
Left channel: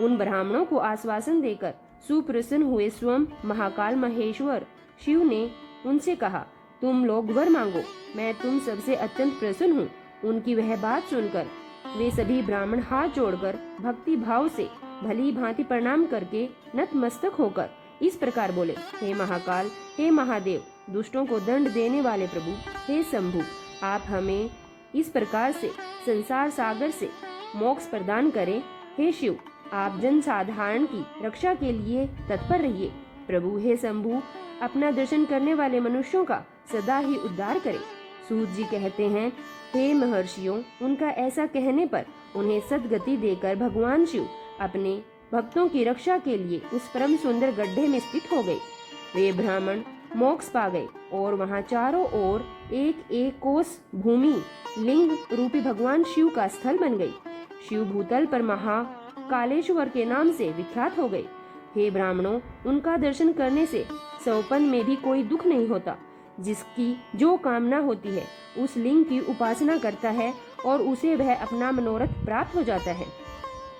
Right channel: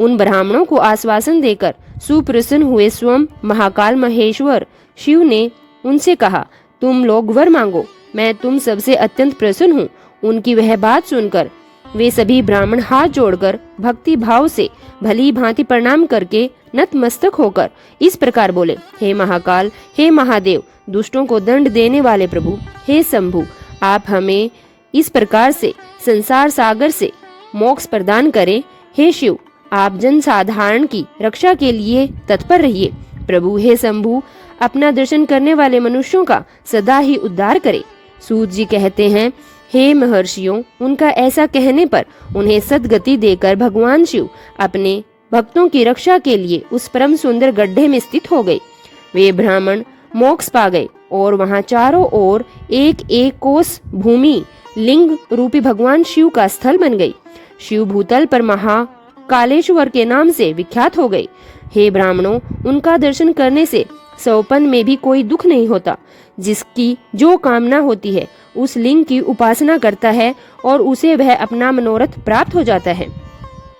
उन ब्राह्मणों को आश्वासन देकर सुप्रसन्न हुए स्वयं महाकाल महेश्वर शिव ने उनसे कहा, तुम लोग वर मांगो, मैं तुम सबसे अत्यंत प्रसन्न हूँ। उनकी वह बात सुनकर वे सभी ब्राह्मण हाथ जोड़कर भक्ति भाव से भली भांति प्रणाम करके नतमस्तक होकर इस प्रकार बोले, हे महाकाल, हे महादेव, दुष्टों को दंड देने वाले प्रभु, हे शंभु, आप हमें इस प्रकार से संसार सागर से मोक्ष प्रदान करें। हे शिव, आप जन साधारण की रक्षा के लिए तत्पर रहिए। प्रभु हे शंभु, अपना दर्शन करने वाले मनुष्यों का सदा ही उद्धार करें। सूत जी कहते हैं, हे महर्षियों, उनका ऐसा कहने पर उन्हें सद्गति देकर भगवान शिव अपने भक्तों की रक्षा के लिए उस परम सुंदर गड्ढे में स्थित हो गए। वे ब्राह्मण मोक्ष पा गए और वहां चारों ओर एक एक कोस भूमि लिंग रूपी भगवान शिव का स्थल बन गई। शिव भूतल पर महाकालेश्वर के नाम से विख्यात हो गए। हे ब्राह्मणों, उनका दर्शन करने से सौपन में भी कोई दुख नहीं होता। जिसकी जो कामना होती है उस लिंग की उपासना करता है और उसे वह अपना मनोरथ प्राप्त हो जाता है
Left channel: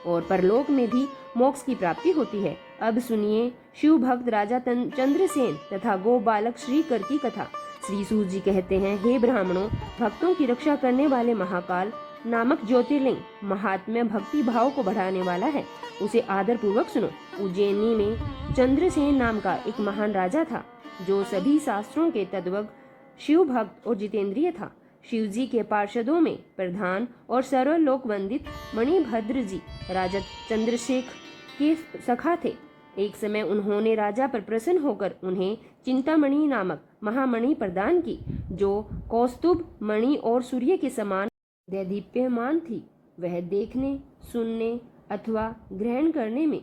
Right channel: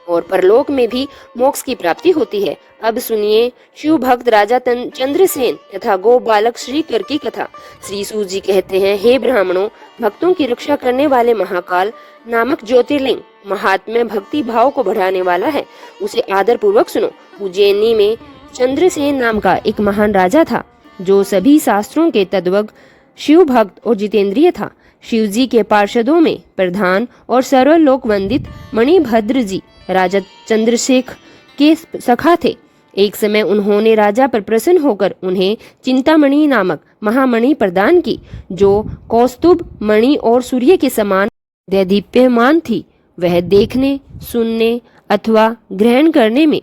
और परलोक में भी मोक्ष की प्राप्ति होती है। अब सुनिए शिव भक्त राजा चंद्रसेन तथा गो बालक श्रीकर की कथा। श्री सूत जी कहते हैं, हे ब्राह्मणों, भक्तों की रक्षा करने वाले महाकाल नामक ज्योतिर्लिंग महात्म्य भक्ति भाव को बढ़ाने वाला है, उसे आदर पूर्वक सुनो। उज्जैनी में चंद्रसेन नाम का एक महान राजा था, जो सभी शास्त्रों के तद्वग शिव भक्त और जितेंद्रिय था। शिव जी के पार्षदों में प्रधान और सर्वलोक वंदित मणिभद्र जी राजा चंद्रशेखर के सखा थे। एक समय उन्होंने राजा पर प्रसन्न होकर उन्हें चिंतामणि नामक महामणि प्रदान की, जो कौस्तुभ मणि और सूर्य के समान दैदीप्यमान थी। वह देखने, सुनने अथवा ग्रहण करने में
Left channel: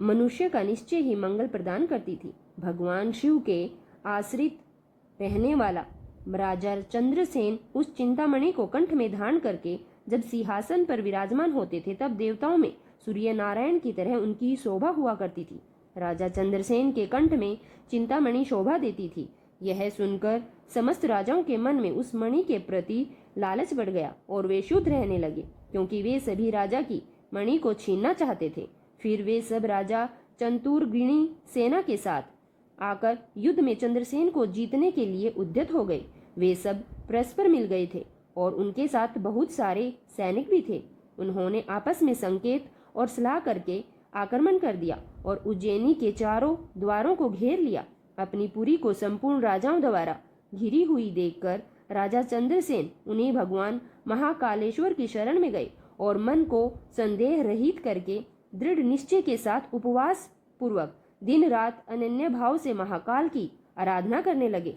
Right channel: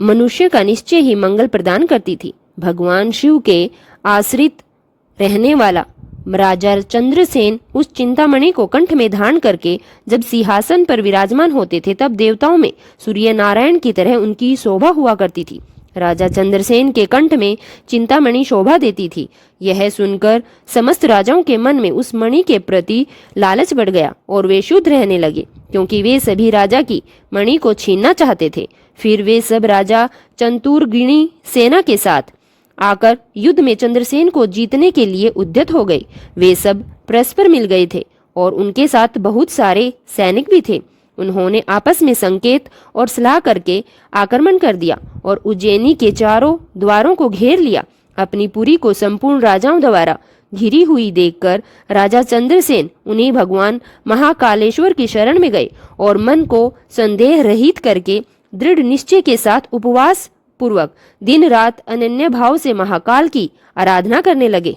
मनुष्य का निश्चय ही मंगल प्रदान करती थी। भगवान शिव के आश्रित रहने वाला राजा चंद्रसेन उस चिंतामणि को कंठ में धारण करके जब सिंहासन पर विराजमान होते थे, तब देवताओं में सूर्य नारायण की तरह उनकी शोभा हुआ करती थी। राजा चंद्रसेन के कंठ में चिंतामणि शोभा देती थी। यह सुनकर समस्त राजाओं के मन में उस मणि के प्रति लालच बढ़ गया और वे शुद्ध रहने लगे, क्योंकि वे सभी राजा की मणि को छीनना चाहते थे। फिर वे सब राजा चंतुर्गिणी सेना के साथ आकर युद्ध में चंद्रसेन को जीतने के लिए उद्यत हो गए। वे सब परस्पर मिल गए थे और उनके साथ बहुत सारे सैनिक भी थे। उन्होंने आपस में संकेत और सलाह करके आक्रमण कर दिया और उज्जैनी के चारों द्वारों को घेर लिया। अपनी पुरी को संपूर्ण राजाओं द्वारा घिरी हुई देखकर राजा चंद्रसेन उन्हीं भगवान महाकालेश्वर की शरण में गए और मन को संदेह रहित करके दृढ़ निश्चय के साथ उपवास पूर्वक दिन रात अनन्य भाव से महाकाल की आराधना करने लगे।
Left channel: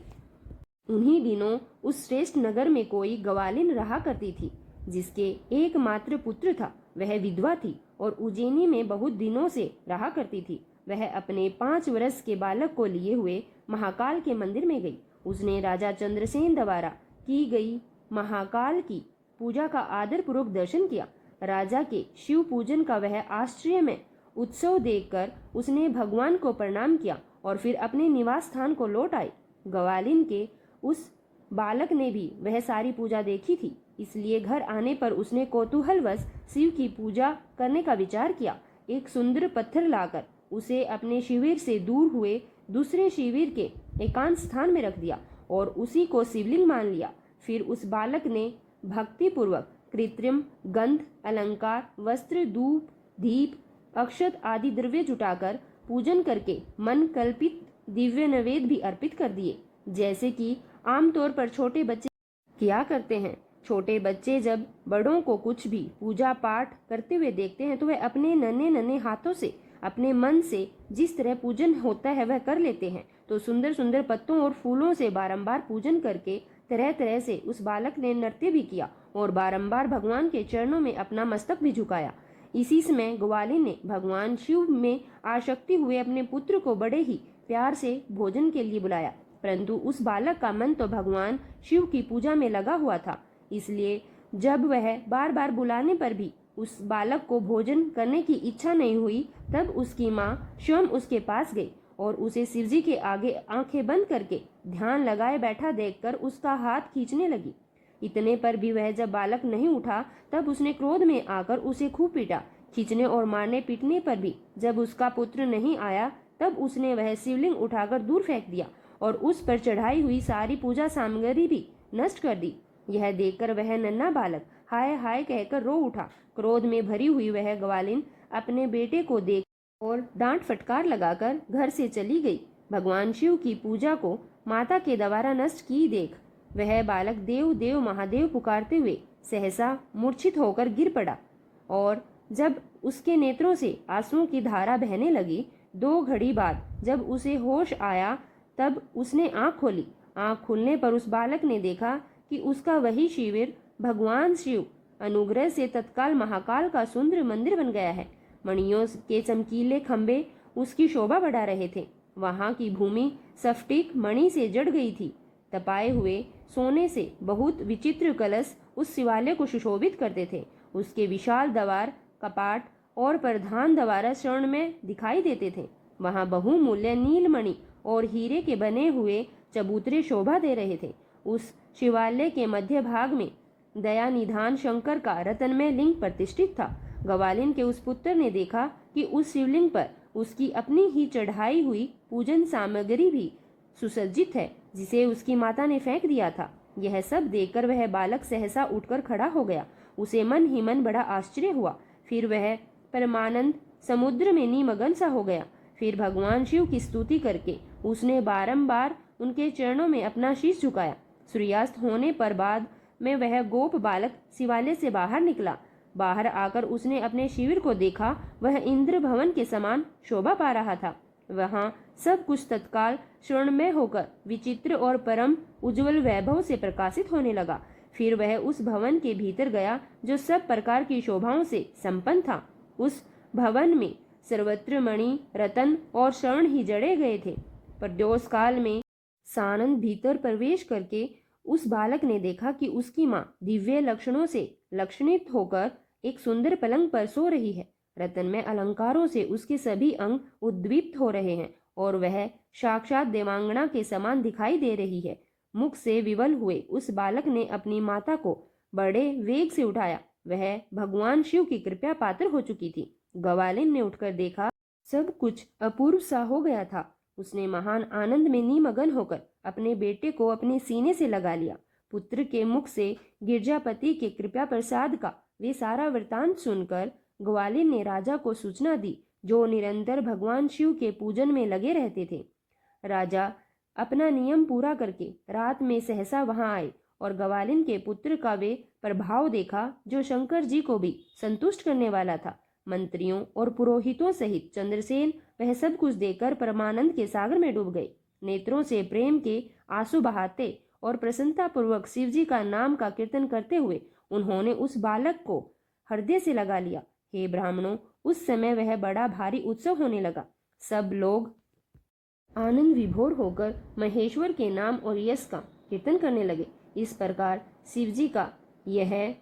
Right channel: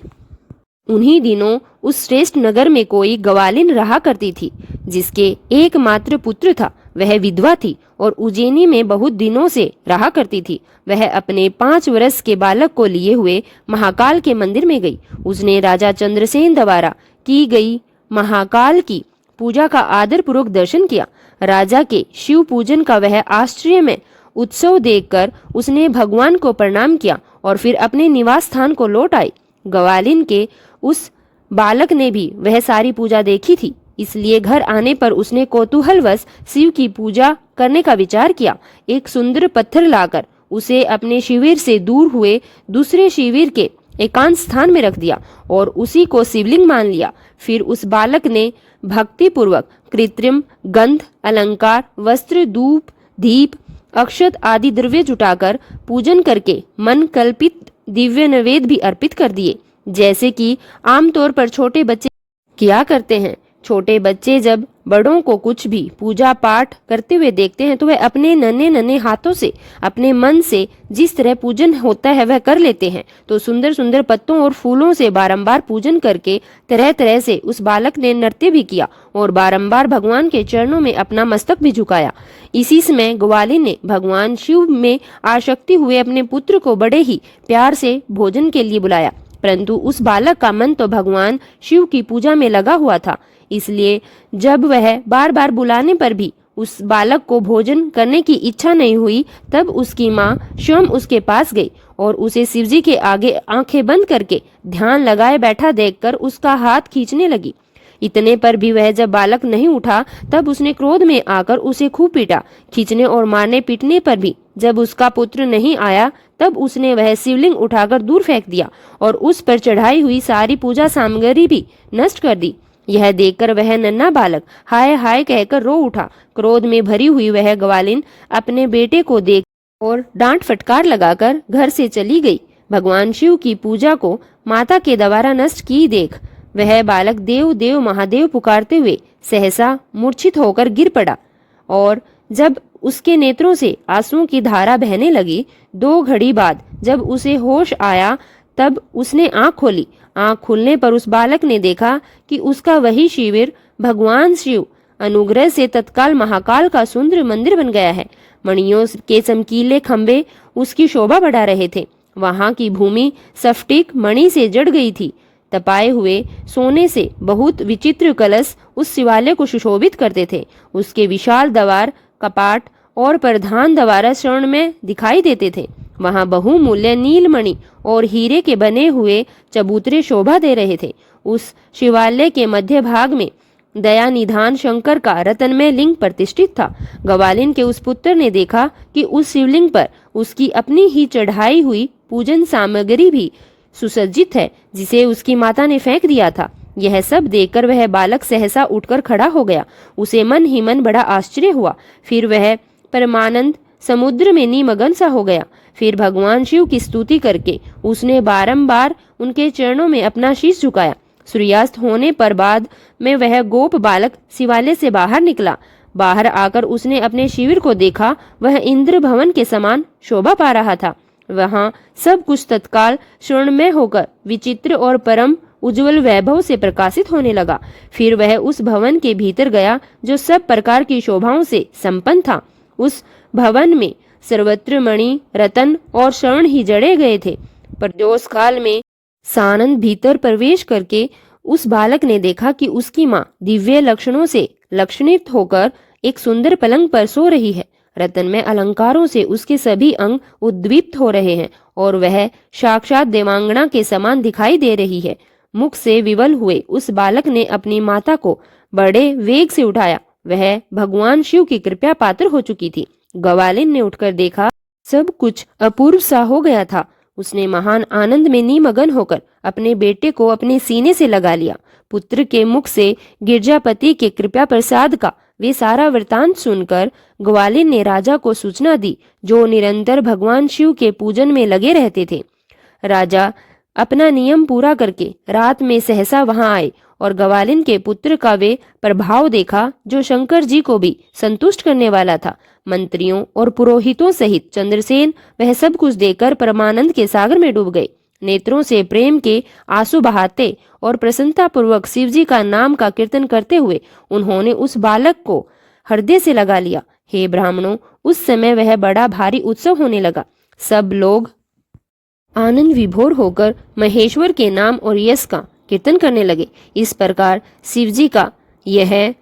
उन्हीं दिनों उस श्रेष्ठ नगर में कोई गवालिन रहा करती थी, जिसके एकमात्र पुत्र था। वह विधवा थी और उज्जैनी में बहुत दिनों से रहा करती थी। वह अपने 5 वर्ष के बालक को लिए हुए महाकाल के मंदिर में गई। उसने राजा चंद्रसेन द्वारा की गई महाकाल की पूजा का आदर पूर्वक दर्शन किया। राजा के शिव पूजन का वह आश्चर्य में उत्सव देखकर उसने भगवान को प्रणाम किया और फिर अपने निवास स्थान को लौट आई। गवालिन के उस बालक ने भी वह सारी पूजा देखी थी, इसलिए घर आने पर उसने कौतूहलवश शिव की पूजा करने का विचार किया। एक सुंदर पत्थर लाकर उसे अपने शिविर से दूर हुए दूसरे शिविर के एकांत स्थान में रख दिया और उसी को शिवलिंग मान लिया। फिर उस बालक ने भक्ति पूर्वक कृत्रिम गंध, अलंकार, वस्त्र, धूप, दीप, अक्षत आदि द्रव्य जुटाकर पूजन करके मन कल्पित दिव्य नैवेद्य भी अर्पित कर दिए, जैसे कि आमतौर पर छोटे बच्चे किया करते हैं। छोटे बच्चे जब बड़ों को कुछ भी पूजा पाठ करते हुए देखते हैं तो वह अपने नन्हे नन्हे हाथों से अपने मन से जिस तरह पूजन होता है वह कर लेते हैं। तो सुंदर सुंदर पत्तों और फूलों से बारंबार पूजन करके तरह तरह से उस बालक ने नृत्य भी किया और बारंबार भगवान के चरणों में अपना मस्तक भी झुकाया। इसी समय ग्वालिन ने भगवान शिव में आसक्ति हुए अपने पुत्र को बड़े ही प्यार से भोजन के लिए बुलाया, परंतु उस बालक का मन तो भगवान शिव की पूजा में लगा हुआ था। इसलिए जब वह बार बार बुलाने पर भी उस बालक को भोजन करने की इच्छा नहीं हुई, तब उसकी माँ स्वयं उसके पास गई और उसे शिवजी के आगे आंखें बंद करके ध्यान लगाए बैठा देखकर उसका हाथ खींचने लगी। इतने पर भी वह जब बालक नहीं उठा तब उसने क्रोध में आकर उसे खूब पीटा। खींचने और मारने पीटने पर भी जब उसका पुत्र नहीं आया तब उसने वह शिवलिंग उठाकर दूर फेंक दिया और उस पर चढ़ाई हुई सारी पूजा सामग्री भी नष्ट कर दी। यह देखकर वह नन्हा बालक हाय हाय कहकर रो उठा। क्रोध में भरी हुई वह ग्वालिन अपने बेटे को देख और डांट फटकार लगाकर घर से चली गई। भगवान शिव की पूजा को माता के द्वारा नष्ट की देख वह बालक देव देव महादेव पुकारते हुए सहसा मूर्छित होकर गिर पड़ा और जब उसके नेत्रों से आंसुओं की धारा बहने लगी, 2 घड़ी बाद जब उसे होश आया तब उसने आंख खोली। आंख खुलने पर उस बालक ने देखा कि उसका वही शिविर भगवान शिव अनुग्रह से तत्काल महाकाल का सुंदर मंदिर बन गया है। मणियों के चमकीले खंभे उसकी शोभा बढ़ा रहे थे। वहां की भूमि स्फटिक मणि से जड़ गई थी। तपाए हुए सोने से बहुत विचित्र कलश उस शिवालय को सुशोभित करते थे। उसके विशाल द्वार, कपाट और प्रधान द्वार स्वर्ण में दिखाई देते थे। वहां बहुमूल्य नीलमणि और हीरे के बने हुए चबूतरे शोभा दे रहे थे। उस शिवालय के मध्य भाग में दया निधान शंकर का रत्नमय लिंग प्रतिष्ठित था। ग्वालिन के उस पुत्र ने देखा कि उस शिवलिंग पर उसकी अपनी ही चढ़ाई हुई पूजन सामग्री भी सुसज्जित है, जिसे उसकी माता ने फेंक दिया था। यह सब देखकर वह बालक सहसा उठकर खड़ा हो गया। उसे मन ही मन बड़ा आश्चर्य हुआ। फिर वह परमानंद समुद्र में निमग्न सा हो गया। फिर भगवान शिव की स्तुति करके उसने बारंबार उनके चरणों में अपना शीश झुकाया। सूर्यास्त होने पर बाद में वह गोप बालक शिवालय से बाहर निकला। बाहर आकर उसने अपने शिविर को देखा। वह इंद्र भवन के समान शोभा पा रहा था। वहां सब कुछ तत्काल स्वर्णमय होकर विचित्र और परम उज्जवल वैभव से प्रकाशित होने लगा। फिर वह उस भवन के भीतर गया जो सब प्रकार की शोभाओं से संपन्न था। उस भवन में सर्वत्र मणि, रतन और स्वर्ण ही जड़े गए थे। प्रदोष काल में सानंद भीतर प्रवेश करके उस बालक ने देखा कि उसकी माँ दिव्य लक्षणों से लक्षणित होकर एक सुंदर पलंग पर सो रही है। रत्नमय अलंकारों से उसके सभी अंग उद्दीप्त हो रहे हैं और वह साक्षात देवांगना के समान दिखाई दे रही है। मुख से विवल हुए उस बालक ने अपनी माता को बड़े वेग से उठाया। वह भगवान शिव की कृपा पात्र हो चुकी थी। ग्वालिन ने उठकर देखा, सब कुछ अपूर्व सा हो गया था। उसने महान आनंद में निमग्न होकर अपने बेटे को अपने सीने से लगा लिया। पुत्र के मुख से गिरजापति के कृपा प्रसाद का वे सारा वृतांत सुनकर ग्वालिन ने राजा को सूचना दी, जो निरंतर भगवान शिव के पूजन में लगे रहते थे। राजा अपना नियम पूरा करके रात में सहसा वहां आए और ग्वालिन के पुत्र का वे प्रभाव देखा, जो शंकर जी को भी संतुष्ट करने वाला था। मंत्रियों और पुरोहितों सहित चंद्रसेन वह सब कुछ देखकर परमानंद के सागर में डूब गए। नेत्रों से प्रेम के आंसू बहाते और प्रसन्नता पूर्वक शिवजी का नाम का कीर्तन करते हुए उन्होंने उस बालक को हृदय से लगा लिया। हे ब्राह्मणों, उस समय वह बड़ा भारी उत्सव होने लगा। सब लोग आनंद विभोर होकर महेश्वर के नाम और यश का कीर्तन करने लगे। इस प्रकार शिवजी का यह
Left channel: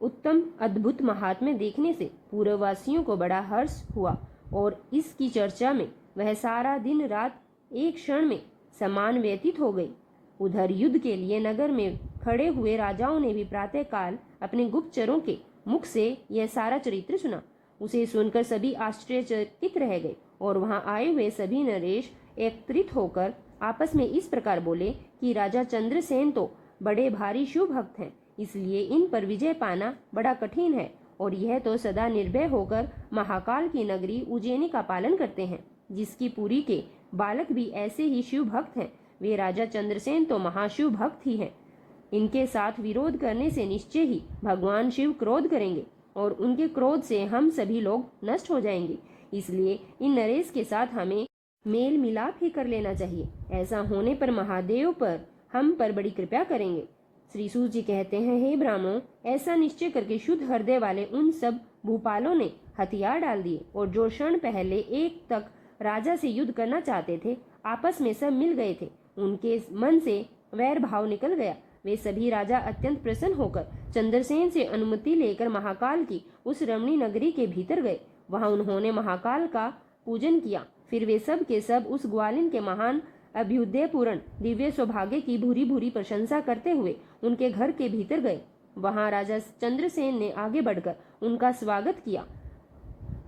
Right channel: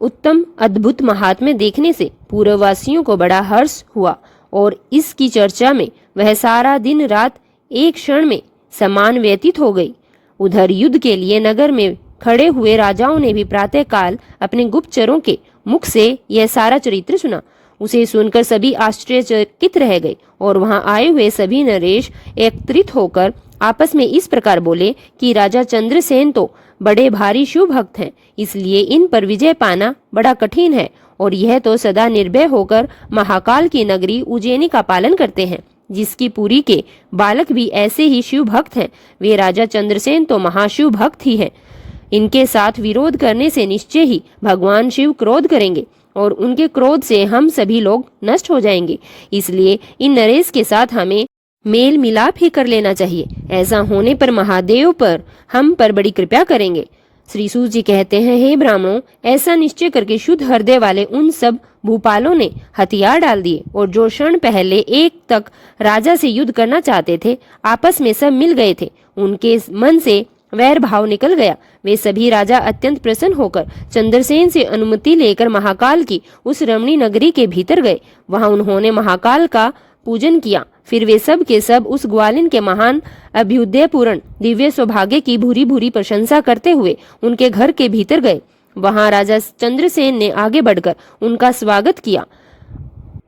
उत्तम अद्भुत महात्म्य देखने से पूर्ववासियों को बड़ा हर्ष हुआ और इसकी चर्चा में वह सारा दिन रात एक क्षण में समान व्यतीत हो गई। उधर युद्ध के लिए नगर में खड़े हुए राजाओं ने भी प्रातः काल अपने गुप्तचरों के मुख से यह सारा चरित्र सुना। उसे सुनकर सभी आश्चर्यचकित रह गए और वहां आए हुए सभी नरेश एकत्रित होकर आपस में इस प्रकार बोले कि राजा चंद्रसेन तो बड़े भारी शिव भक्त हैं, इसलिए इन पर विजय पाना बड़ा कठिन है और यह तो सदा निर्भय होकर महाकाल की नगरी उज्जैनी का पालन करते हैं, जिसकी पुरी के बालक भी ऐसे ही शिव भक्त हैं। वे राजा चंद्रसेन तो महाशिव भक्त ही हैं। इनके साथ विरोध करने से निश्चय ही भगवान शिव क्रोध करेंगे और उनके क्रोध से हम सभी लोग नष्ट हो जाएंगे। इसलिए इन नरेश के साथ हमें मेल मिलाप ही कर लेना चाहिए। ऐसा होने पर महादेव पर हम पर बड़ी कृपा करेंगे। श्री सूत जी कहते हैं, हे ब्राह्मणों, ऐसा निश्चय करके शुद्ध हृदय वाले उन सब भूपालों ने हथियार डाल दिए और जो क्षण पहले एक तक राजा से युद्ध करना चाहते थे, आपस में सब मिल गए थे। उनके मन से वैर भाव निकल गया। वे सभी राजा अत्यंत प्रसन्न होकर चंद्रसेन से अनुमति लेकर महाकाल की उस रमणी नगरी के भीतर गए। वहां उन्होंने महाकाल का पूजन किया। फिर वे सब के सब उस ग्वालिन के महान अभ्युदयपूर्ण दिव्य सौभाग्य की भूरी भूरी प्रशंसा करते हुए उनके घर के भीतर गए। वहां राजा चंद्रसेन ने आगे बढ़कर उनका स्वागत किया।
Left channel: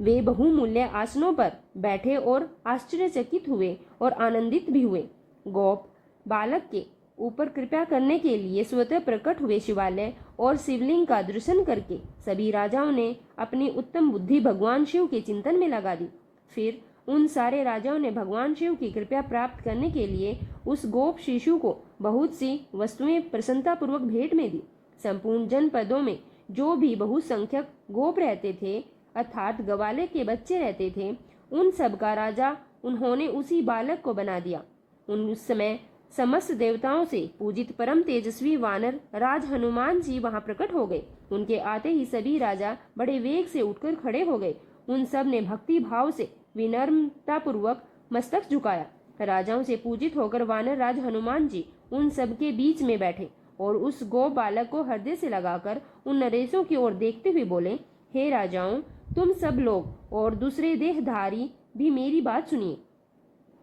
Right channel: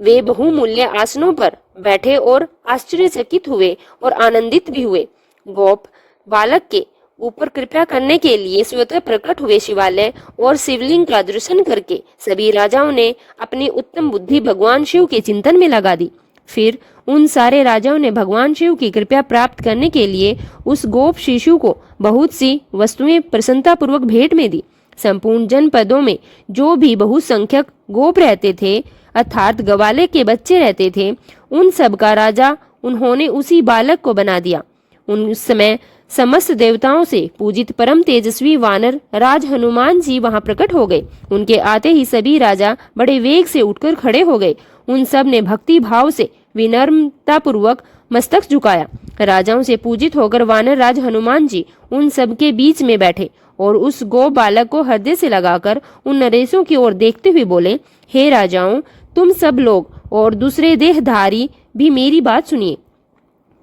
वे बहुमूल्य आसनों पर बैठे और आश्चर्यचकित हुए और आनंदित भी हुए। गोप बालक के ऊपर कृपा करने के लिए स्वतः प्रकट हुए शिवालय और शिवलिंग का दर्शन करके सभी राजाओं ने अपनी उत्तम बुद्धि भगवान शिव के चिंतन में लगा दी। फिर उन सारे राजाओं ने भगवान शिव की कृपा प्राप्त करने के लिए उस गोप शिशु को बहुत सी वस्तुएं प्रसन्नता पूर्वक भेंट में दी। संपूर्ण जनपदों में जो भी बहुसंख्यक गोप रहते थे, अर्थात गवाले के बच्चे रहते थे, उन सब का राजा उन्होंने उसी बालक को बना दिया। उस समय समस्त देवताओं से पूजित परम तेजस्वी वानर राज हनुमान जी वहां प्रकट हो गए। उनके आते ही सभी राजा बड़े वेग से उठकर खड़े हो गए। उन सब ने भक्ति भाव से विनम्रता पूर्वक मस्तक झुकाया। राजाओं से पूजित होकर वानर राज हनुमान जी उन सब के बीच में बैठे और उस गो बालक को हृदय से लगाकर उन नरेशों की ओर देखते हुए बोले, हे राजाओं, तुम सब लोग और दूसरे देहधारी भी मेरी बात सुनिए।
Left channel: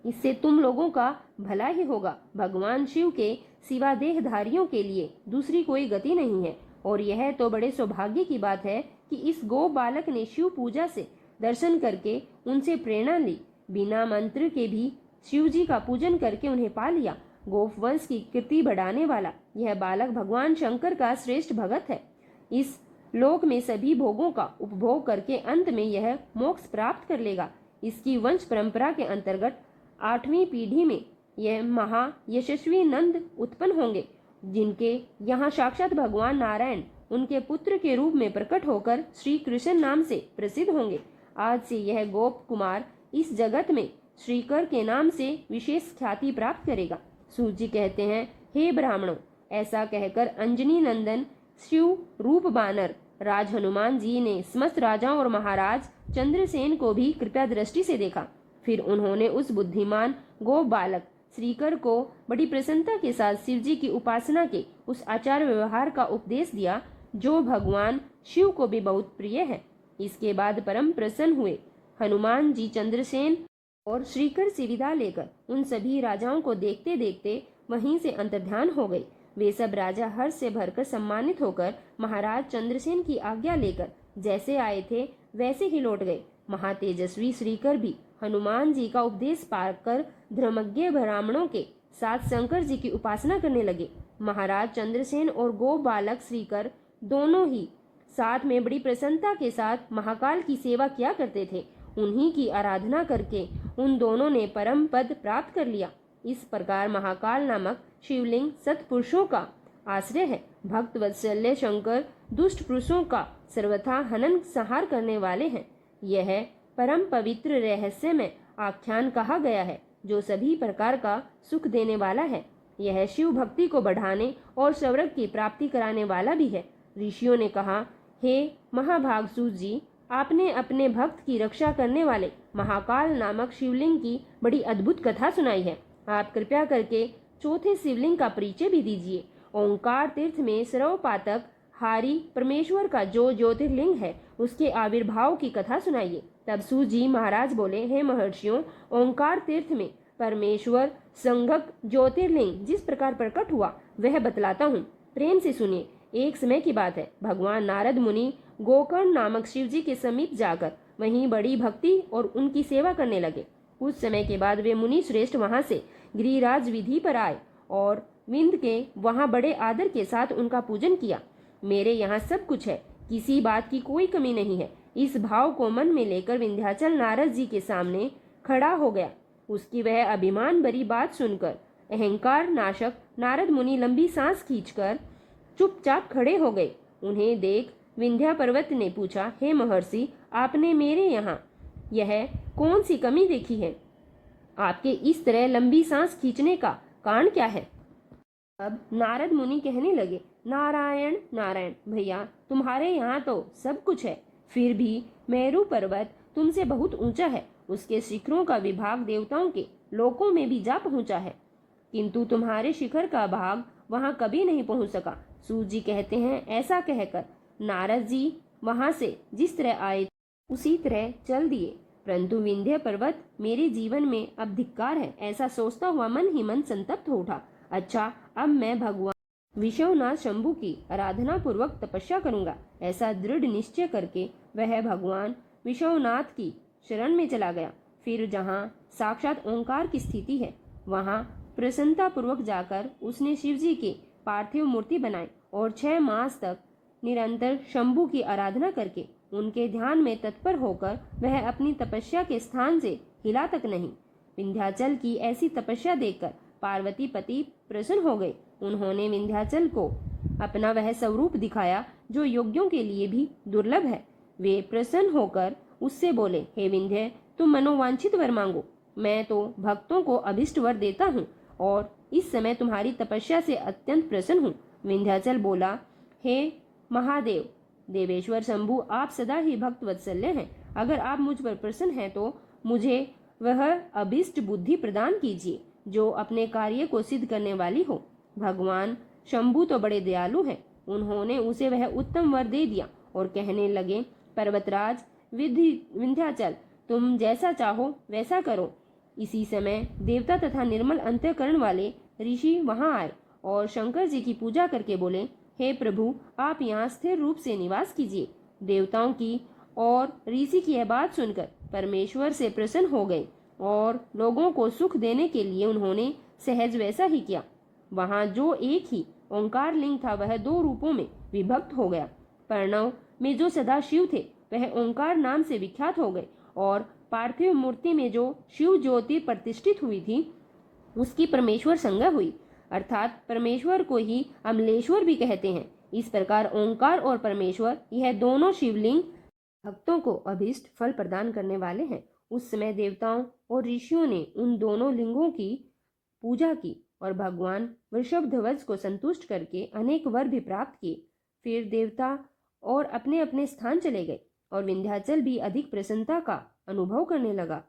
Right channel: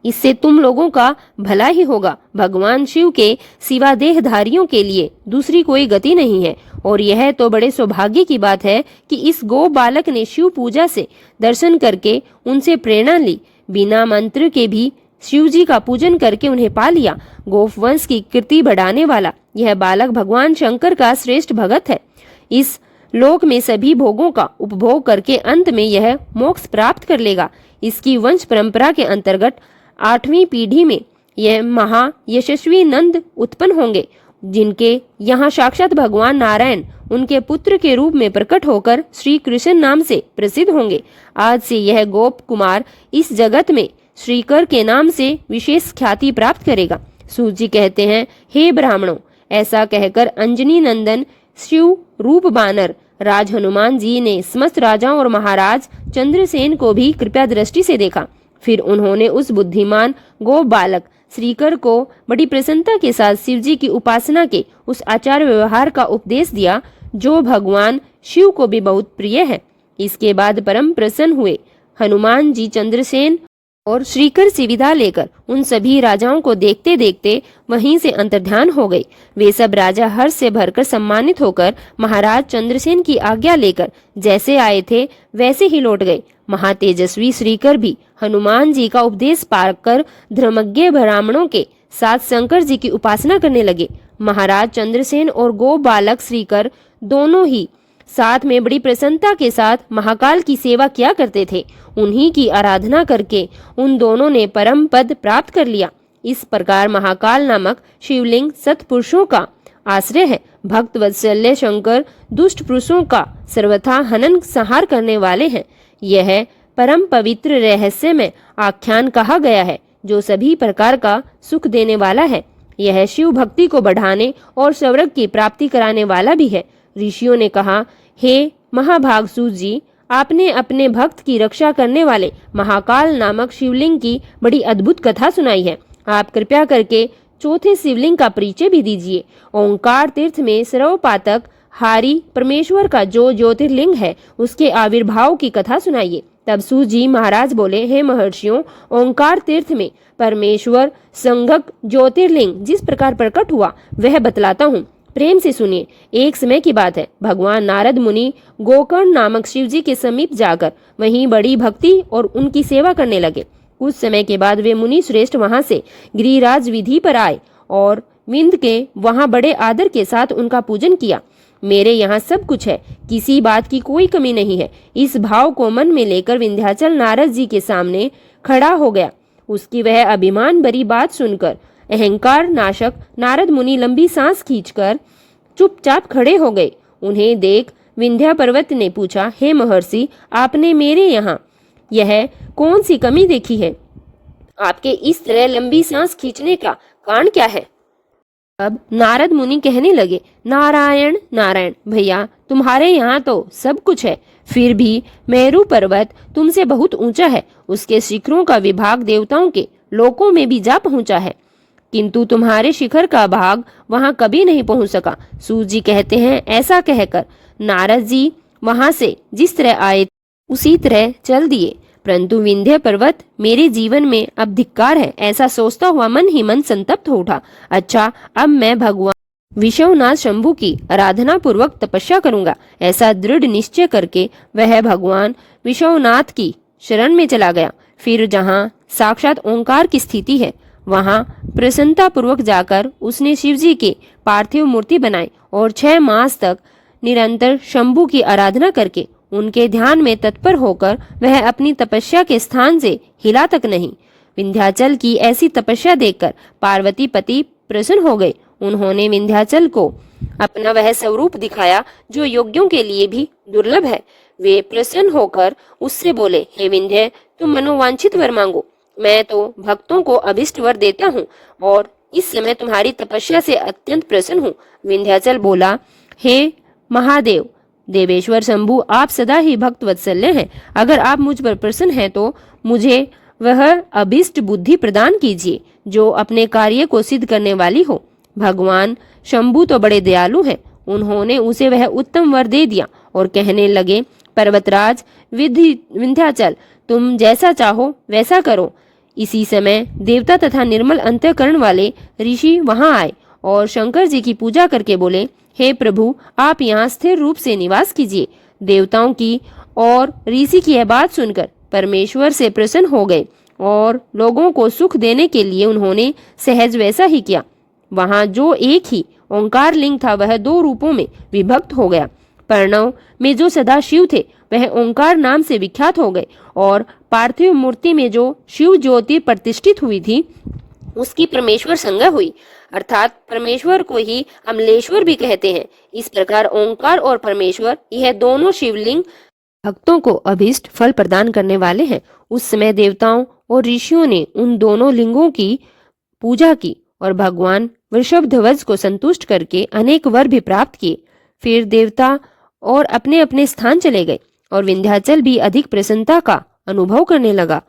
इससे तुम लोगों का भला ही होगा। भगवान शिव के सिवा देहधारियों के लिए दूसरी कोई गति नहीं है और यह तो बड़े सौभाग्य की बात है कि इस गो बालक ने शिव पूजा से दर्शन करके उनसे प्रेरणा ली। बिना मंत्र के भी शिव जी का पूजन करके उन्हें पा लिया। गोप वंश की कीर्ति बढ़ाने वाला यह बालक भगवान शंकर का श्रेष्ठ भगत है। इस लोक में सभी भोगों का उपभोग करके अंत में यह मोक्ष प्राप्त कर लेगा। इसकी वंश परंपरा के अंतर्गत 8वीं पीढ़ी में यह महा यशस्वी नंद उत्पन्न होंगे, जिनके यहाँ साक्षात भगवान नारायण उनके पुत्र के रूप में प्रकट होकर श्री कृष्ण नाम से प्रसिद्ध होंगे। आज से यह गोप कुमार इस जगत में श्रीकर के नाम से विशेष ख्याति प्राप्त करेगा। सूत जी कहते हैं, हे ब्राह्मणों, ऐसा कहकर अंजनी नंदन शिव रूप बानर राज हनुमान जी ने समस्त राजाओं और महाराज चंद्रसेन को भी कृपया दृष्टि से देखा। फिर उन्होंने उस बुद्धिमान गो बालक श्रीकर को बड़ी प्रसन्नता के साथ शिवजी की उपासना के उस आचार व्यवहार का उपदेश दिया, जो भगवान शिव को भी बहुत प्रिय है। इसके बाद परम प्रसन्न हुए हनुमान जी चंद्रसेन और श्रीकर से विदा लेकर उन सभी राजाओं को देखते देखते वहीं से अंतर्ध्यान हो गए। वे सब राजा हर्ष से भरकर सम्मानित होकर महाराज चंद्रसेन की आज्ञा लेकर जैसे आए थे वैसे ही लौट गए। महातेजस्वी श्रीकर भी हनुमान जी का उपदेश पाकर धर्मज्ञ ब्राह्मणों के साथ शंकर जी की उपासना करने लगे। महाराज चंद्रसेन और गो बालक श्रीकर दोनों ही साथ में बड़ी प्रसन्नता के साथ महाकाल की सेवा किया करते थे। उन्हीं की आराधना करके उन दोनों ने परम पद प्राप्त कर लिया। इस प्रकार महाकाल नामक शिवलिंग सत्पुरुषों का आश्रय है। भक्त वत्सल्य शंकर दुष्ट पुरुषों का सर्वथा हनन संहार करने वाले हैं। यह परम पवित्र रहस्य में आख्यान कहा गया है जो सभी प्रकार का सुख देने वाला है। यह शिव भक्ति को बढ़ाने और स्वर्ग की प्राप्ति कराने वाला भी है। ऋषियों ने कहा, हे महाभागसु जी, आपने अपने भक्त की रक्षा करने वाले महाकाल नामक शिवलिंग की बड़ी अद्भुत कथा सुनाई है। आप कृपया करके चौथे शिवलिंग का परिचय भी दीजिए। ओंकार तीर्थ में सर्वपातक हारी परमेश्वर का जो ज्योतिर्लिंग है उसके आविर्भाव की कथा सुनाइए। तब सूत जी महाराज बोले, हे महर्षियों, ओंकार तीर्थ में परमेश्वर संगक ज्योतिर्लिंग जिस प्रकार प्रकट हुआ वह बतलाता हूँ, प्रेम से सुनिए। एक समय की बात है, भगवान नारद मुनि गोकर्ण नामक शिव जी के समीप जाकर वहीं बड़ी भक्ति और उनकी सेवा करने लगे। कुछ समय के बाद वे मुनि श्रेष्ठ वहां से गिरिराज विधि पर आए और विंद के वहां बड़े आदर के साथ उनका पूजन किया। मेरे यहाँ सब कुछ है, किसी बात की कोई कमी नहीं है। इस भाव को मन में लेकर विंध्याचल नारद जी के सामने खड़ा हो गया। उसकी वह अभिमान भरी बात सुनकर अहंकार नाशक नारद मुनि लंबी सांस खींचकर चुपचाप खड़े हो गए। उन्हें देख विंध्या पर्वत ने पूछा, हे महर्षि, आपने मेरे यहाँ यह कौन सी कमी देखी है? आपके इस तरह लंबी सांस खींचने का कारण क्या है? अब नारद मुनि कहने लगे, नारायण नारायण भैया, तुम्हारे यहाँ तो सब कुछ है, फिर भी मेरू पर्वत तुमसे बहुत ऊंचा है। उसके शिखरों का विभाग देवताओं के लोकों में भी जा पहुंचा है, किंतु तुम्हारे शिखर का भाग वहां कभी नहीं पहुंच सका। सूत जी कहते हैं, ऐसा कहकर नारद जी वहां से जिस तरह आए उसी तरह चल दिए, परंतु विंध्य पर्वत मेरे जीवन में अब धिक्कार है, ऐसा सोचता हुआ मन ही मन संतप्त हो उठा। अच्छा, अब मैं भगवान विश्वनाथ शंभु की आराधना पूर्वक तपस्या करूंगा, ऐसा दृढ़ निश्चय करके वह भगवान विश्वनाथ की शरण में चला गया। फिर जहाँ साक्षात ओंकार की स्थिति है वहां प्रसन्नता पूर्वक जाकर उसने शिवजी के पार्थिव मूर्ति बनाई और 6 मास तक निरंतर शंभु की आराधना करके उनके ध्यान में तत्पर होकर वह अपनी तपस्या के स्थान से हिला तक नहीं। विंध्याचल की ऐसी तपस्या देखकर पार्वती पति प्रसन्न हो गए। उन्होंने विंध्याचल को अपना वह स्वरूप दिखाया जो योग्यों के लिए भी दुर्लभ है। वे प्रसन्न होकर उससे बोले, हे विंध्य, तुम मनोवांछित वर मांगो, मैं तो भक्तों को अभिष्ट वर देता हूँ और इस समय तुम्हारी तपस्या से अत्यंत प्रसन्न हूँ। विंध्याचल बोला, हे महादेव देवेश्वर शंभु, आप सदा ही भक्त वत्सल्य हैं। अगर आप मुझ पर प्रसन्न हैं तो मुझे वह अभिष्ट बुद्धि प्रदान कीजिए जो अपने कार्य को सिद्ध करने वाली हो। भगवान शंभु तो बड़े दयालु हैं। उन्होंने उसे वह उत्तम वर दे दिया और कहने लगे, पर्वतराज विंध्याचल, तुम जैसा चाहो वैसा करो। इसी समय देवता तथा निर्मल अंतःकरण वाले ऋषि वहां आए और शंकर जी की पूजा करके बोले, हे प्रभु, आप यहाँ स्थिर रूप से निवास कीजिए। देवताओं की और ऋषि की यह बात सुनकर परमेश्वर से प्रसन्न हो गए और लोगों को सुख देने के लिए उन्होंने सहज वैसा ही किया। वहां जो एक ही ओंकार लिंग था वह 2 रूपों में विभक्त हो गया। प्रणव में जो सदा शिव थे वह ओंकार नाम से विख्यात हो गए और पार्थिव मूर्ति में जो शिव ज्योति प्रतिष्ठित हुई थी उसकी परमेश्वर संज्ञा हुई, अर्थात परमेश्वर को ही अमलेश्वर भी कहते हैं। इस प्रकार ओंकार और परमेश्वर यह दोनों शिवलिंग भक्तों को अभीष्ट फल प्रदान करने वाले हैं। उस समय देवताओं और ऋषियों ने उन दोनों लिंगों की पूजा की और भगवान वृषभध्वज को संतुष्ट करके अनेक वर भी प्राप्त किए। फिर देवता और अपने अपने स्थान चले गए और विंध्याचल भी अधिक प्रसन्नता का अनुभव करने लगा।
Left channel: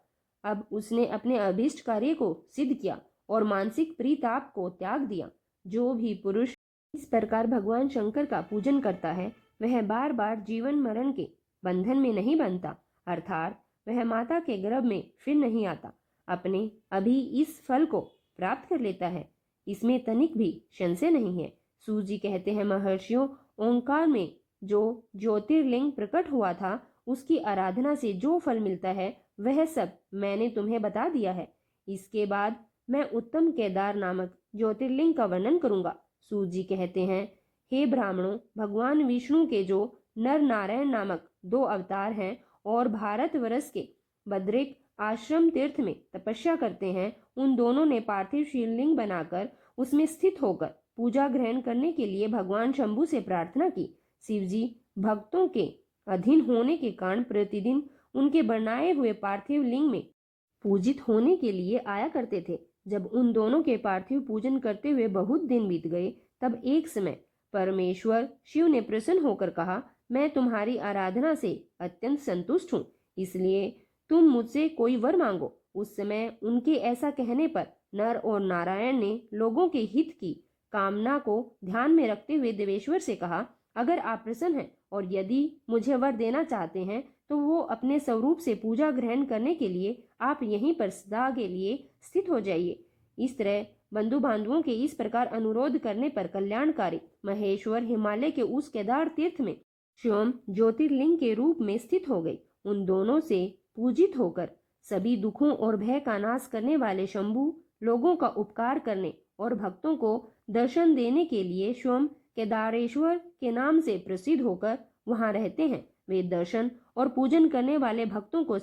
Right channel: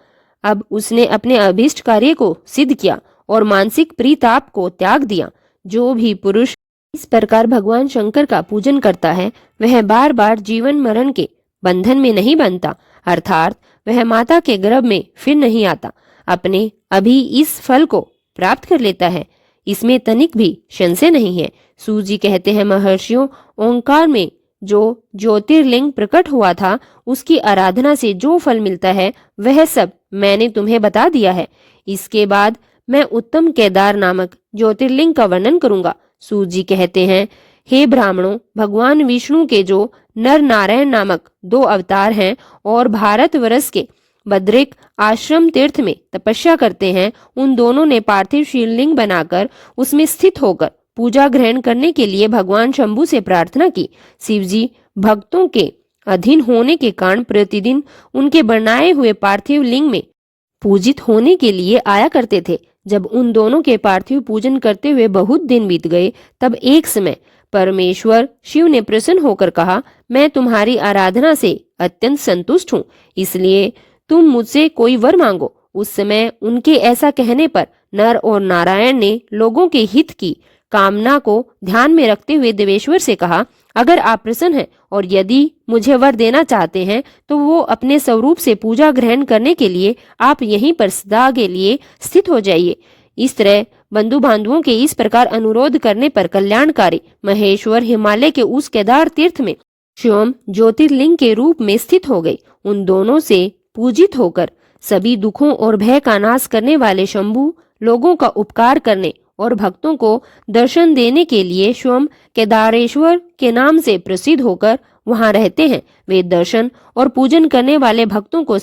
अब उसने अपने अभीष्ट कार्य को सिद्ध किया और मानसिक प्रीताप को त्याग दिया। जो भी पुरुष इस प्रकार भगवान शंकर का पूजन करता है वह बार बार जीवन मरण के बंधन में नहीं बनता, अर्थात वह माता के गर्भ में फिर नहीं आता, अपने अभी इस फल को प्राप्त कर लेता है। इसमें तनिक भी संशय नहीं है। सूत जी कहते हैं, महर्षियों, ओंकार में जो ज्योतिर्लिंग प्रकट हुआ था उसकी आराधना से जो फल मिलता है वह सब मैंने तुम्हें बता दिया है। इसके बाद मैं उत्तम केदार नामक ज्योतिर्लिंग का वर्णन करूंगा। सूत जी कहते हैं, हे ब्राह्मणों, भगवान विष्णु के जो नर नारायण नामक 2 अवतार हैं और भारतवर्ष के बद्रिक आश्रम तीर्थ में तपस्या करते हैं, उन दोनों ने पार्थिव शिवलिंग बनाकर उसमें स्थित होकर पूजा ग्रहण करने के लिए भगवान शंभु से प्रार्थना की। शिवजी भक्तों के अधीन होने के कारण प्रतिदिन उनके बनाए हुए पार्थिव लिंग में पूजित होने के लिए आया करते थे। जब उन दोनों के पार्थिव पूजन करते हुए बहुत दिन बीत गए, तब एक समय परमेश्वर शिव ने प्रसन्न होकर कहा, मैं तुम्हारी आराधना से अत्यंत संतुष्ट हूँ, इसलिए तुम मुझसे कोई वर मांगो। उस समय उनके ऐसा कहने पर नर और नारायण ने लोगों के हित की कामना को ध्यान में रखते हुए देवेश्वर से कहा, अगर आप प्रसन्न हैं और यदि मुझे वर देना चाहते हैं तो वो अपने स्वरूप से पूजा ग्रहण करने के लिए आप यहीं पर सदा के लिए स्थित हो जाइए। इस तरह बंधु बांधवों के इस प्रकार अनुरोध करने पर कल्याणकारी महेश्वर हिमालय के उस केदार तीर्थ में स्वयं ज्योतिर्लिंग के रूप में स्थित हो गई। उन दोनों से पूजित होकर सभी दुखों और भय का नाश करने वाले शंभु लोगों का उपकार करने और भक्तों को दर्शन देने के लिए स्वयं केदारेश्वर के नाम से प्रसिद्ध होकर वहां रहते हैं। वे दर्शन और पूजन करने वाले भक्तों को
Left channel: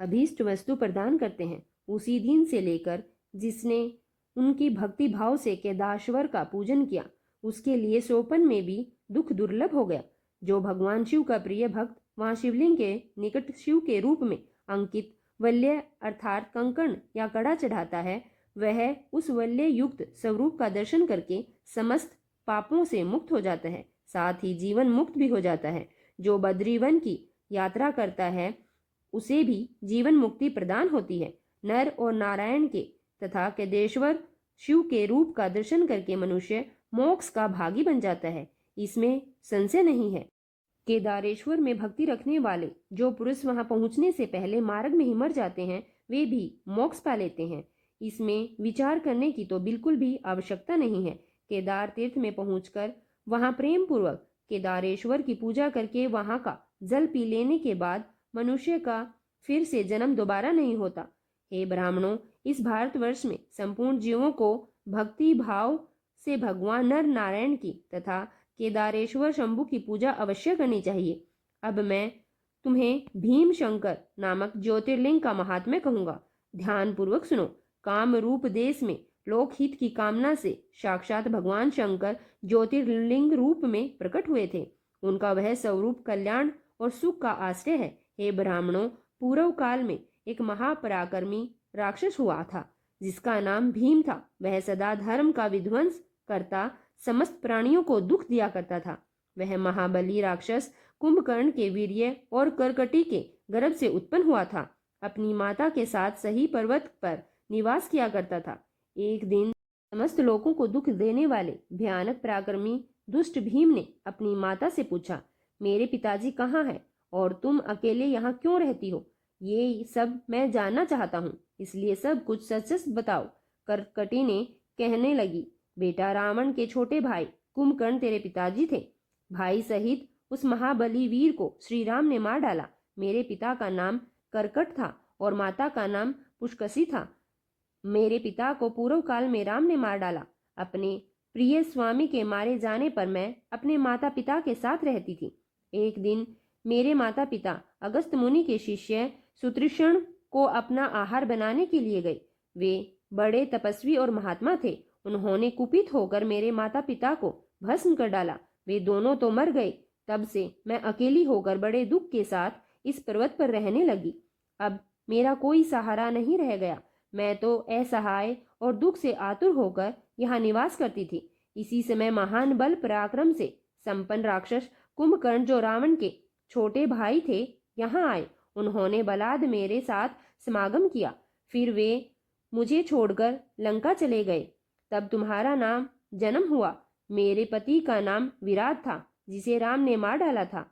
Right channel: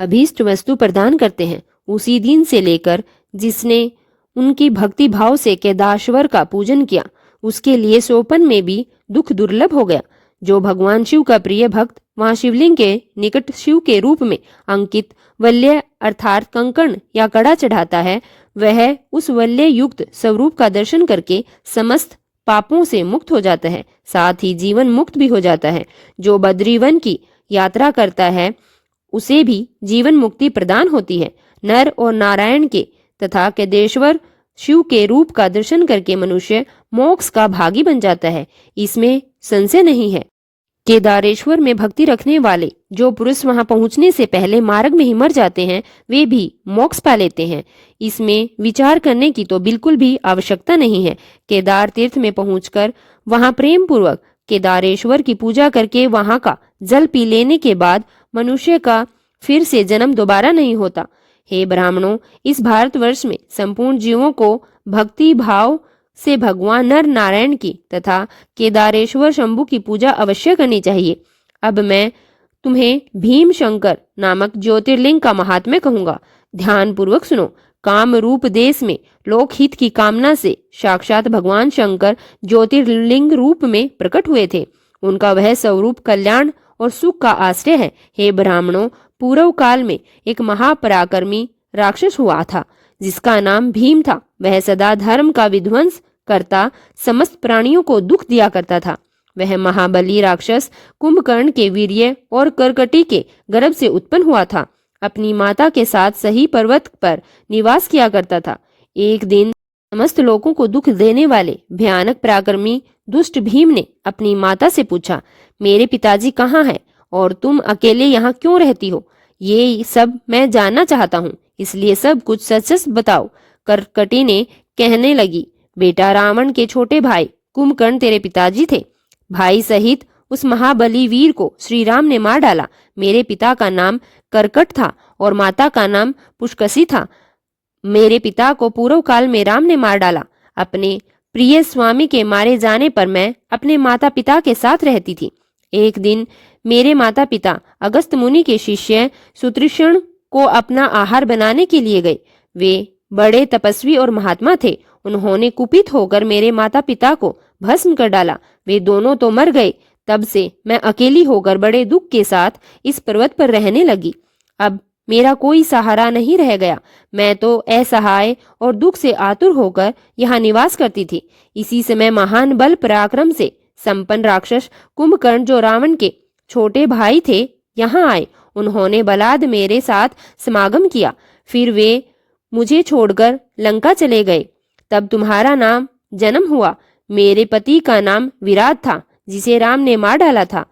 अभीष्ट वस्तु प्रदान करते हैं। उसी दिन से लेकर जिसने उनकी भक्ति भाव से केदारेश्वर का पूजन किया, उसके लिए सोपन में भी दुख दुर्लभ हो गया। जो भगवान शिव का प्रिय भक्त वहां शिवलिंग के निकट शिव के रूप में अंकित वल्य अर्थात कंकण या कड़ा चढ़ाता है, वह उस वल्य युक्त स्वरूप का दर्शन करके समस्त पापों से मुक्त हो जाता है, साथ ही जीवन मुक्त भी हो जाता है। जो बद्रीवन की यात्रा करता है उसे भी जीवन मुक्ति प्रदान होती है। नर और नारायण के तथा केदारेश्वर शिव के रूप का दर्शन करके मनुष्य मोक्ष का भागी बन जाता है, इसमें संशय नहीं है। केदारेश्वर में भक्ति रखने वाले जो पुरुष वहां पहुंचने से पहले मार्ग में ही मर जाते हैं, वे भी मोक्ष पा लेते हैं। इसमें विचार करने की तो बिल्कुल भी आवश्यकता नहीं है। केदार तीर्थ में पहुंचकर वहां प्रेम पूर्वक केदारेश्वर की पूजा करके वहां का जल पी लेने के बाद मनुष्य का फिर से जन्म दोबारा नहीं होता। हे ब्राह्मणों, इस भारतवर्ष में संपूर्ण जीवों को भक्ति भाव से भगवान नर नारायण की तथा केदारेश्वर शंभु की पूजा अवश्य करनी चाहिए। अब मैं तुम्हें भीम शंकर नामक ज्योतिर्लिंग का महात्म्य कहूंगा, ध्यान पूर्वक सुनो। काम रूप देश में लोकहित की कामना से साक्षात भगवान शंकर ज्योतिर्लिंग रूप में प्रकट हुए थे। उनका वह स्वरूप कल्याण और सुख का आश्रय है। हे ब्राह्मणों, पूर्व काल में एक महापराक्रमी राक्षस हुआ था जिसका नाम भीम था। वह सदा धर्म का विध्वंस करता समस्त प्राणियों को दुख दिया करता था। वह महाबली राक्षस कुंभकर्ण के वीर्य और करकटी के गर्भ से उत्पन्न हुआ था। अपनी माता के साथ सही पर्वत पर निवास किया करता था। एक दिन समस्त लोगों को दुख देने वाले भयानक पराक्रमी दुष्ट भीम ने अपनी माता से पूछा, मेरे पिताजी कहाँ हैं और तुम अकेले यहाँ क्यों रहती हो? ये सब मैं जानना चाहता हूँ, इसलिए सब कुछ सच सच बताओ। करकटी ने कहने लगी, बेटा, रावण के छोटे भाई कुंभकर्ण तेरे पिताजी थे। भाई सहित उस महाबली वीर को श्री राम ने मार डाला। मेरे पिता का नाम करकट था और माता का नाम पुष्कसी था। मेरे पिता को पूर्व काल में राम ने मार डाला। अपने प्रिय स्वामी के मारे जाने पर मैं अपने माता पिता के साथ रहती थी। एक दिन मेरे माता पिता अगस्त मुनि के शिष्य सुतृषण को अपना आहार बनाने के लिए गए। वे बड़े तपस्वी और महात्मा थे। उन्होंने कुपित होकर मेरे माता पिता को भस्म कर डाला। वे दोनों तो मर गए। तब से मैं अकेली होकर बड़े दुख के साथ इस पर्वत पर रहने लगी। अब मेरा कोई सहारा नहीं रह गया। मैं तो असहाय और दुख से आतुर होकर यहाँ निवास करती थी। इसी समय महान बल पराक्रम से संपन्न राक्षस कुंभकर्ण, जो रावण के छोटे भाई थे, यहाँ आए। उन्होंने बलाद मेरे साथ समागम किया। फिर वे मुझे छोड़कर लंका चले गए। तब तुम्हारा नाम जन्म हुआ। मेरे पति का नाम विराट था, जिसे राम ने मार डाला था।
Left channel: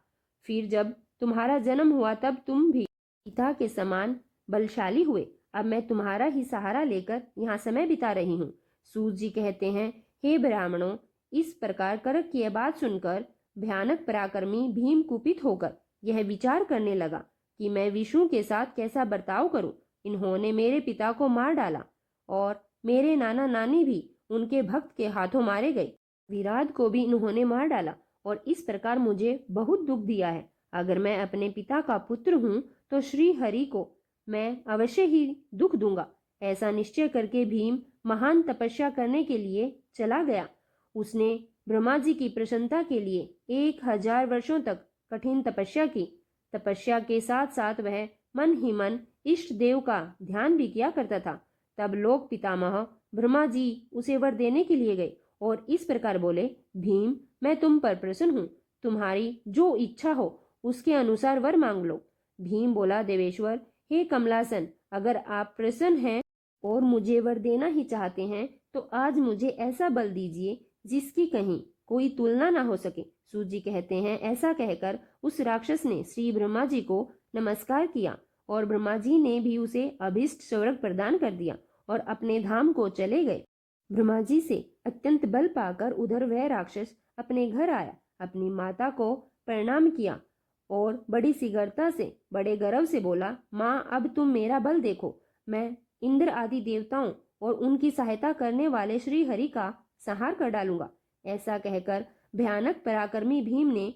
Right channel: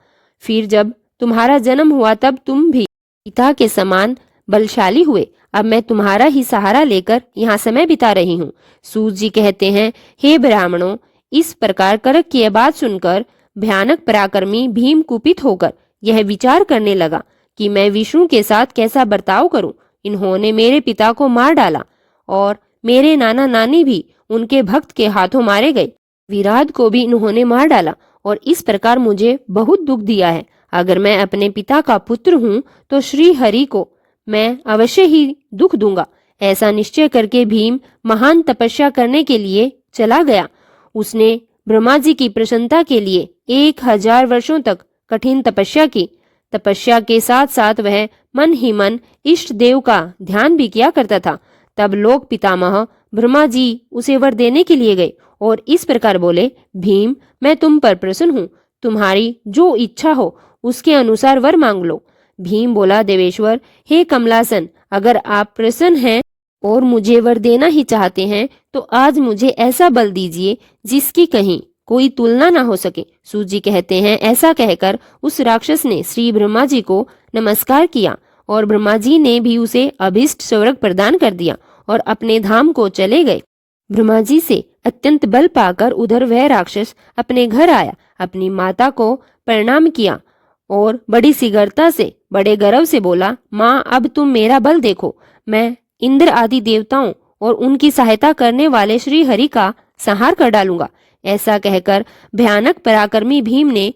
फिर जब तुम्हारा जन्म हुआ तब तुम भी पिता के समान बलशाली हुए। अब मैं तुम्हारा ही सहारा लेकर यहाँ समय बिता रही हूँ। सूत जी कहते हैं, हे ब्राह्मणों, इस प्रकार करक की यह बात सुनकर भयानक पराक्रमी भीम कुपित होकर यह विचार करने लगा कि मैं विष्णु के साथ कैसा बर्ताव करूं। इन्होंने मेरे पिता को मार डाला और मेरे नाना नानी भी उनके भक्त के हाथों मारे गए। विराट को भी इन्होंने मार डाला और इस प्रकार मुझे बहुत दुख दिया है। अगर मैं अपने पिता का पुत्र हूँ तो श्री हरि को मैं अवश्य ही दुख दूंगा। ऐसा निश्चय करके भीम महान तपस्या करने के लिए चला गया। उसने ब्रह्मा जी की प्रसन्नता के लिए 1000 वर्षों तक कठिन तपस्या की। तपस्या के साथ साथ वह मन ही मन इष्ट देव का ध्यान भी किया करता था। तब लोक पितामह ब्रह्मा जी उसे वर देने के लिए गए और इस प्रकार बोले, भीम, मैं तुम पर प्रसन्न हूँ, तुम्हारी जो इच्छा हो उसके अनुसार वर मांग लो। भीम बोला, देवेश्वर, हे कमलासन, अगर आप प्रसन्न हैं और मुझे वर देना ही चाहते हैं तो आज मुझे ऐसा बल दीजिए जिसकी कहीं कोई तुलना ना हो सके। सूत जी कहते हैं, ऐसा कहकर उस राक्षस ने श्री ब्रह्मा जी को नमस्कार किया और ब्रह्मा जी ने भी उसे अभीष्ट स्वर्ग प्रदान कर दिया और अपने धाम को चले गए। ब्रह्मा जी से अत्यंत बल पाकर उधर वह राक्षस अपने घर आया, अपनी माता को प्रणाम किया और बड़ी शीघ्रता से बड़े गर्व से बोला, माँ, अब तुम मेरा बल देखो। मैं इंद्र आदि देवताओं और उनकी सहायता करने वाले श्री हरि का संहार कर डालूंगा। ऐसा कहकर भयानक पराक्रमी भीम ने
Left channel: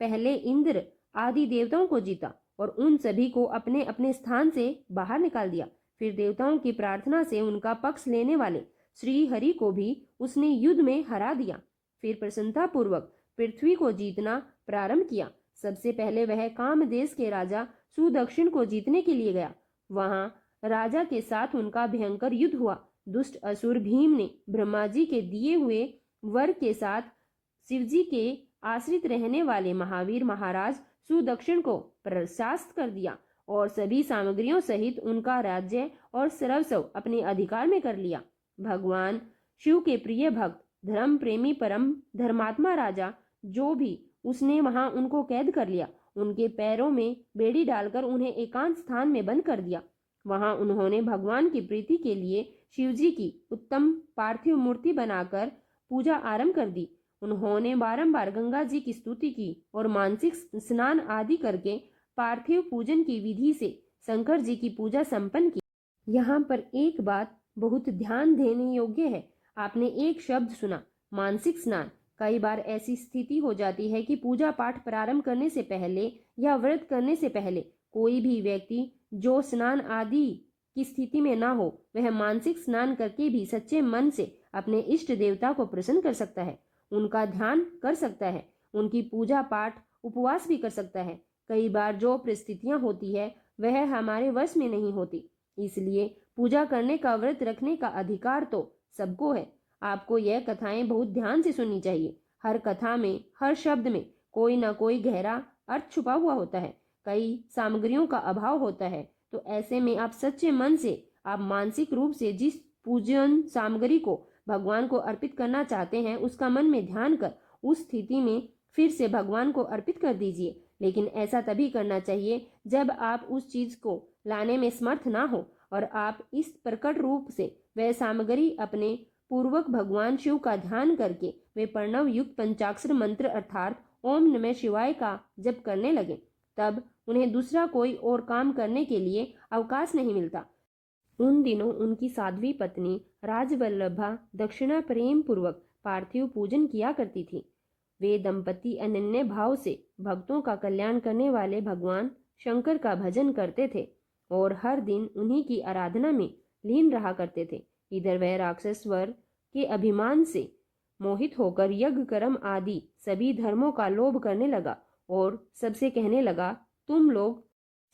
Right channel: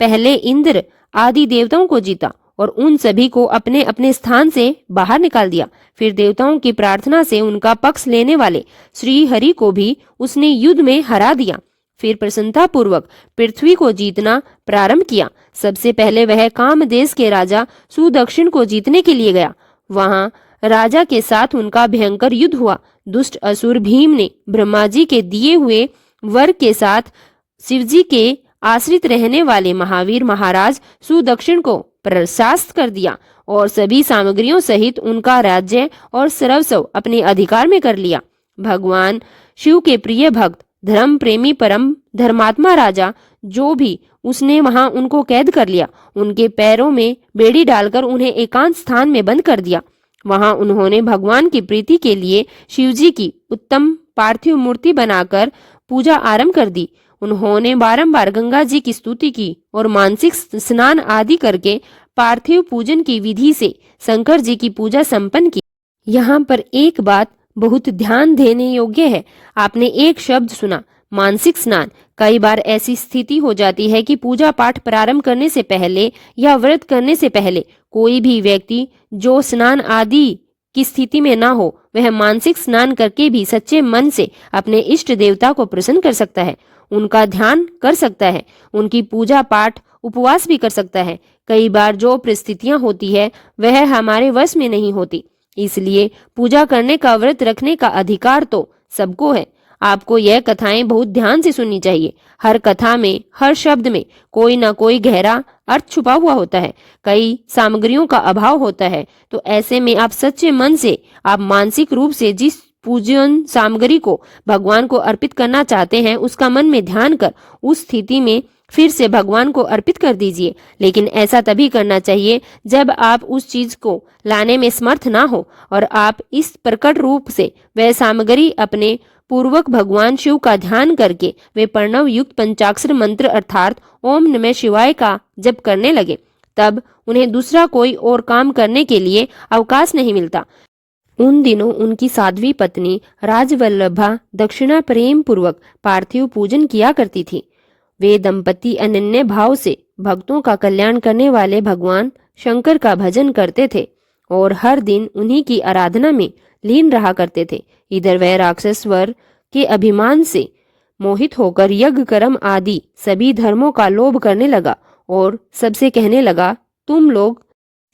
पहले इंद्र आदि देवताओं को जीता और उन सभी को अपने अपने स्थान से बाहर निकाल दिया। फिर देवताओं की प्रार्थना से उनका पक्ष लेने वाले श्री हरि को भी उसने युद्ध में हरा दिया। फिर प्रसन्नता पूर्वक पृथ्वी को जीतना प्रारंभ किया। सबसे पहले वह कामदेश के राजा सुदक्षिण को जीतने के लिए गया। वहां राजा के साथ उनका भयंकर युद्ध हुआ। दुष्ट असुर भीम ने ब्रह्मा जी के दिए हुए वर के साथ शिवजी के आश्रित रहने वाले महावीर महाराज सुदक्षिण को परास्त कर दिया और सभी सामग्रियों सहित उनका राज्य और सर्वस्व अपने अधिकार में कर लिया। भगवान शिव के प्रिय भक्त, धर्म प्रेमी, परम धर्मात्मा राजा जो भी उसने वहां उनको कैद कर लिया। उनके पैरों में बेड़ी डालकर उन्हें एकांत स्थान में बंद कर दिया। वहां उन्होंने भगवान की प्रीति के लिए शिवजी की उत्तम पार्थिव मूर्ति बनाकर पूजा आरंभ कर दी। उन्होंने बारंबार गंगा जी की स्तुति की और मानसिक स्नान आदि करके पार्थिव पूजन की विधि से शंकर जी की पूजा संपन्न की। यहाँ पर एक बात बहुत ध्यान देने योग्य है। आपने एक शब्द सुना, मानसिक स्नान। कई बार ऐसी स्थिति हो जाती है कि पूजा पाठ प्रारंभ करने से पहले या व्रत करने से पहले कोई भी व्यक्ति जो स्नान आदि की स्थिति में ना हो, वह मानसिक स्नान करके भी सच्चे मन से अपने इष्ट देवता को प्रसन्न कर सकता है, उनका ध्यान कर सकता है, उनकी पूजा पाठ उपवास भी कर सकता है। कई बार जो परिस्थितियां होती है वह हमारे वश में नहीं होती, इसलिए पूजा करने का, व्रत रखने का अधिकार तो सबको है। आपको यह कथाएं बहुत ध्यान से सुननी चाहिए। हर कथा में, हर शब्द में कोई ना कोई गहरा अर्थ छुपा हुआ होता है। कई सामग्रियों का अभाव होता है, तो ऐसे में आप सच्चे मन से, आप मानसिक रूप से जिस पूजन सामग्री को भगवान को अर्पित करना चाहते हैं उसका मन में ध्यान कर उस स्थिति में फिर से भगवान को अर्पित कर दीजिए। लेकिन ऐसा तभी करना चाहिए जब आप उस चीज को लाने में समर्थ ना हो और आप इस प्रकट रूप से वह सामग्री अपने पूर्वक भगवान शिव का ध्यान करके वे प्रणव युक्त पंचाक्षर मंत्र अर्थात ओम नमः शिवाय का जप करने लगे। तब उन्हें दूसरा कोई और काम करने के लिए अवकाश नहीं मिलता। उन दिनों उनकी साध्वी पत्नी राजवल्लभा दक्षिणा प्रेम पूर्वक पार्थिव पूजन किया करती थी। वे दंपति अनन्य भाव से भक्तों का कल्याण करने वाले भगवान शंकर का भजन करते थे और हर दिन उन्हीं की आराधना में लीन रहा करते थे। इधर वह राक्षस वर के अभिमान से मोहित होकर यज्ञ कर्म आदि सभी धर्मों का लोभ करने लगा और सबसे कहने लगा, तुम लोग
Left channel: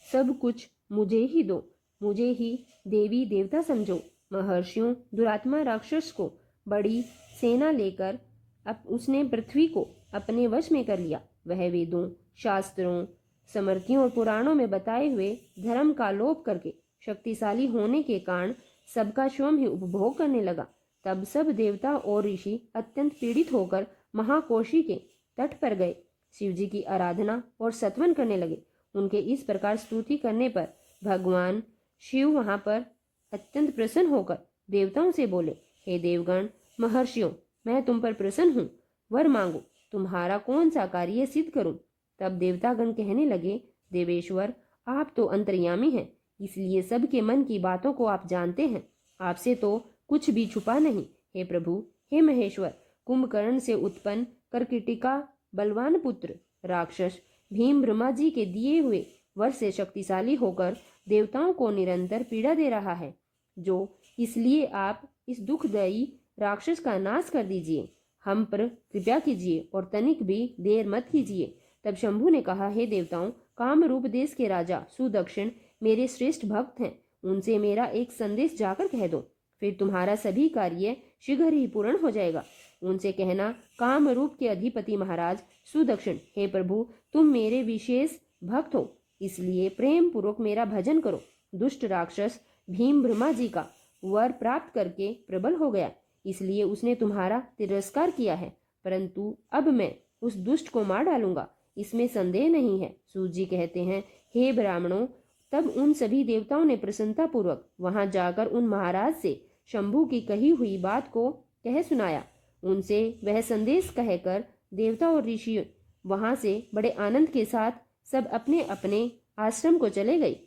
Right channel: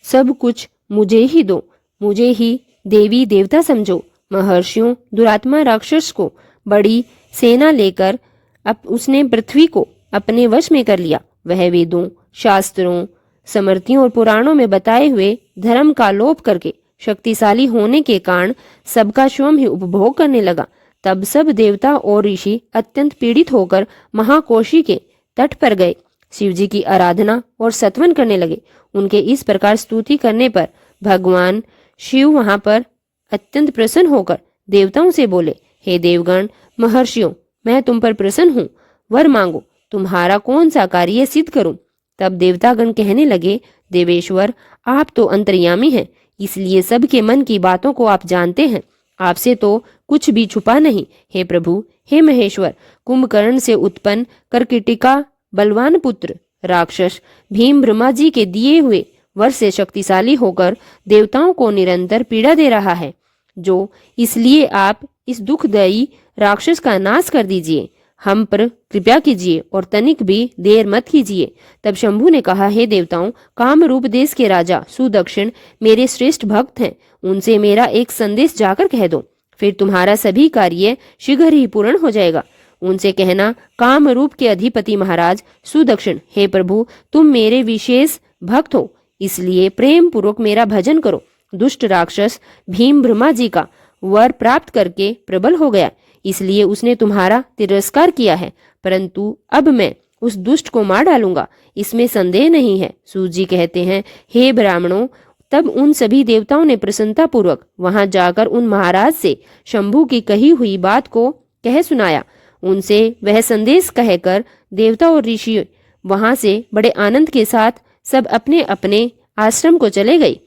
सब कुछ मुझे ही दो, मुझे ही देवी देवता समझो। महर्षियों दुरात्मा राक्षस को बड़ी सेना लेकर अब उसने पृथ्वी को अपने वश में कर लिया। वह वेदों, शास्त्रों, स्मृतियों और पुराणों में बताए हुए धर्म का लोप करके शक्तिशाली होने के कारण सबका स्वयं ही उपभोग करने लगा। तब सब देवता और ऋषि अत्यंत पीड़ित होकर महाकोशी के तट पर गए। शिव जी की आराधना और सत्वन करने लगे। उनके इस प्रकार स्तुति करने पर भगवान शिव वहां पर अत्यंत प्रसन्न होकर देवताओं से बोले, हे देवगण, महर्षियों, मैं तुम पर प्रसन्न हूँ, वर मांगो, तुम्हारा कौन सा कार्य सिद्ध करूं। तब देवतागण कहने लगे, देवेश्वर, आप तो अंतर्यामी हैं, इसलिए सबके मन की बातों को आप जानते हैं, आपसे तो कुछ भी छुपा नहीं। हे प्रभु, हे महेश्वर, कुंभकर्ण से उत्पन्न करकिटिका बलवान पुत्र राक्षस भीम ब्रह्मा जी के दिए हुए वर से शक्तिशाली होकर देवताओं को निरंतर पीड़ा दे रहा है, जो इसलिए आप इस दुखदायी राक्षस का नाश कर दीजिए, हम पर कृपा कीजिए और तनिक भी देर मत कीजिए। तब शंभु ने कहा, हे देवताओं, काम रूप देश के राजा सुदक्षिण मेरे श्रेष्ठ भक्त हैं, उनसे मेरा एक संदेश जाकर कह दो, फिर तुम्हारा सभी कार्य शीघ्र ही पूर्ण हो जाएगा। उनसे कहना, काम रूप के अधिपति महाराज सुदक्षिण, हे प्रभु, तुम मेरे विशेष भक्त हो, इसलिए प्रेम पूर्वक मेरा भजन करो। दुष्ट राक्षस भीम ब्रह्मा जी का वर प्राप्त करके प्रबल हो गया, इसलिए उसने तुम्हारा तिरस्कार किया है, परंतु अब मैं उस दुष्ट को मार डालूंगा, इसमें संदेह नहीं है। सूत जी कहते हैं, हे ब्राह्मणों, तब उन सभी देवताओं ने प्रसन्नता पूर्वक वहां जाकर उन महाराज से शंभु की कही हुई बात को कह सुनाया। उनसे वह संदेश कहकर देवता और ऋषि वहां से बड़े आनंद के साथ सब अपने अपने आश्रम को चले गए।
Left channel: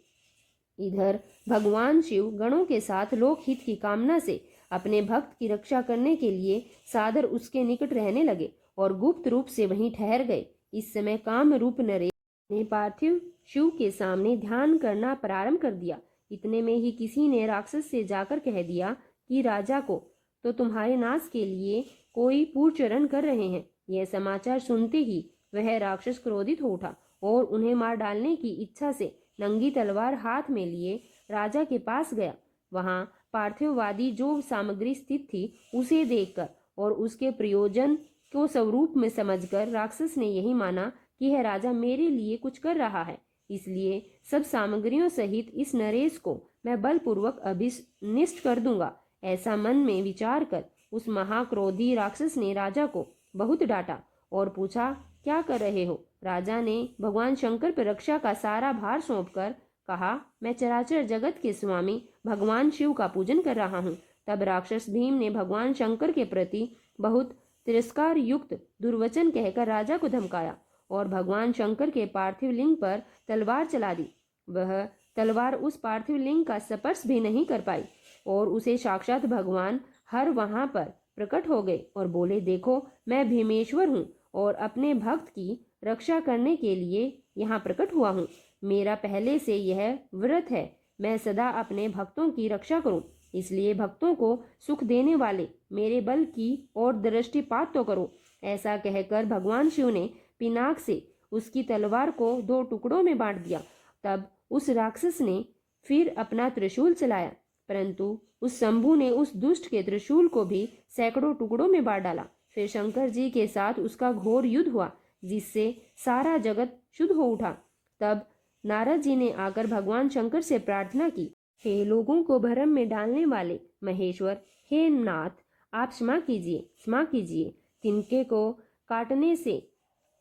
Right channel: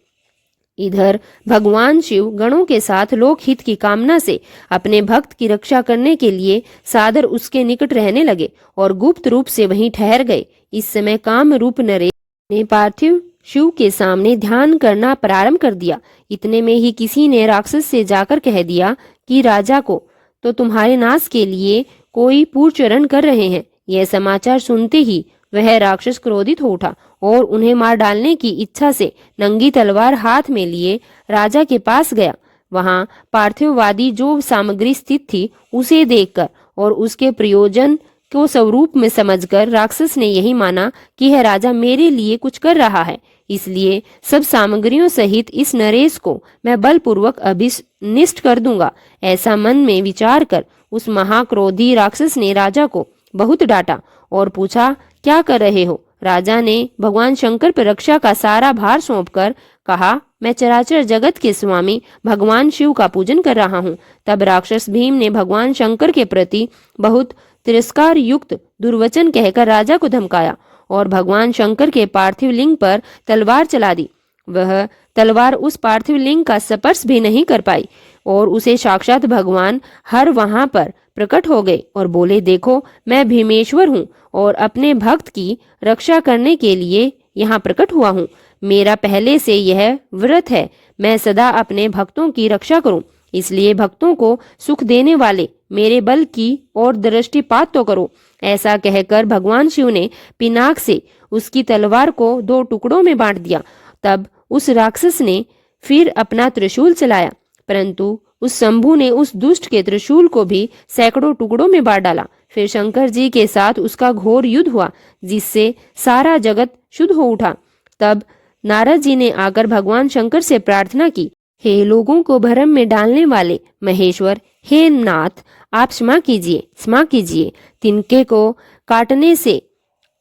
इधर भगवान शिव गणों के साथ लोकहित की कामना से अपने भक्त की रक्षा करने के लिए सादर उसके निकट रहने लगे और गुप्त रूप से वहीं ठहर गए। इस समय काम रूप नरेश ने पार्थिव शिव के सामने ध्यान करना प्रारंभ कर दिया। इतने में ही किसी ने राक्षस से जाकर कह दिया कि राजा को तो तुम्हारे नाश के लिए कोई पूर्वचरण कर रहे हैं। यह समाचार सुनते ही वह राक्षस क्रोधित हो उठा और उन्हें मार डालने की इच्छा से नंगी तलवार हाथ में लिए राजा के पास गया। वहां पार्थिववादी जो सामग्री स्थित थी उसे देखकर और उसके प्रयोजन को स्वरूप में समझकर राक्षस ने यही माना कि यह राजा मेरे लिए कुछ कर रहा है, इसलिए सब सामग्रियों सहित इस नरेश को मैं बलपूर्वक अभिनिष्ट कर दूंगा। ऐसा मन में विचार कर उस महाक्रोधी राक्षस ने राजा को बहुत डांटा और पूछा, क्या कर रहे हो। राजा ने भगवान शंकर पर रक्षा का सारा भार सौंपकर कहा, मैं चराचर जगत के स्वामी भगवान शिव का पूजन कर रहा हूँ। तब राक्षस भीम ने भगवान शंकर के प्रति बहुत तिरस्कार युक्त दुर्वचन कहकर राजा को धमकाया और भगवान शंकर के पार्थिव लिंग पर तलवार चला दी। वह तलवार उस पार्थिव लिंग का स्पर्श भी नहीं कर पाई और उसे साक्षात भगवान हर वहां पर प्रकट हो गए और बोले, देखो, मैं भीमेश्वर हूँ और अपने भक्त की रक्षा करने के लिए यहाँ प्रकट हुआ हूँ। मेरा पहले से यह व्रत है, मैं सदा अपने भक्तों की रक्षा करूं, इसलिए भक्तों को सुख देने वाले मेरे बल की और दृष्टिपात तो करो। ऐसा कहकर भगवान शिव ने पिनाक से उसकी तलवार को 2 टुकड़ों में बांट दिया। तब उस राक्षस ने फिर अपना त्रिशूल चलाया, परंतु उस शंभु ने उस दुष्ट के त्रिशूल को भी सैकड़ों टुकड़ों में बांट डाला। फिर शंकर जी के साथ उसका घोर युद्ध हुआ, जिससे सारा जगत शुद्ध हो उठा। तब नारद जी ने आकर भगवान शंकर से प्रार्थना की, हे लोगों को भ्रम में डालने वाले महेश्वर, हे नाथ, आप क्षमा कीजिए। तिनके को काटने से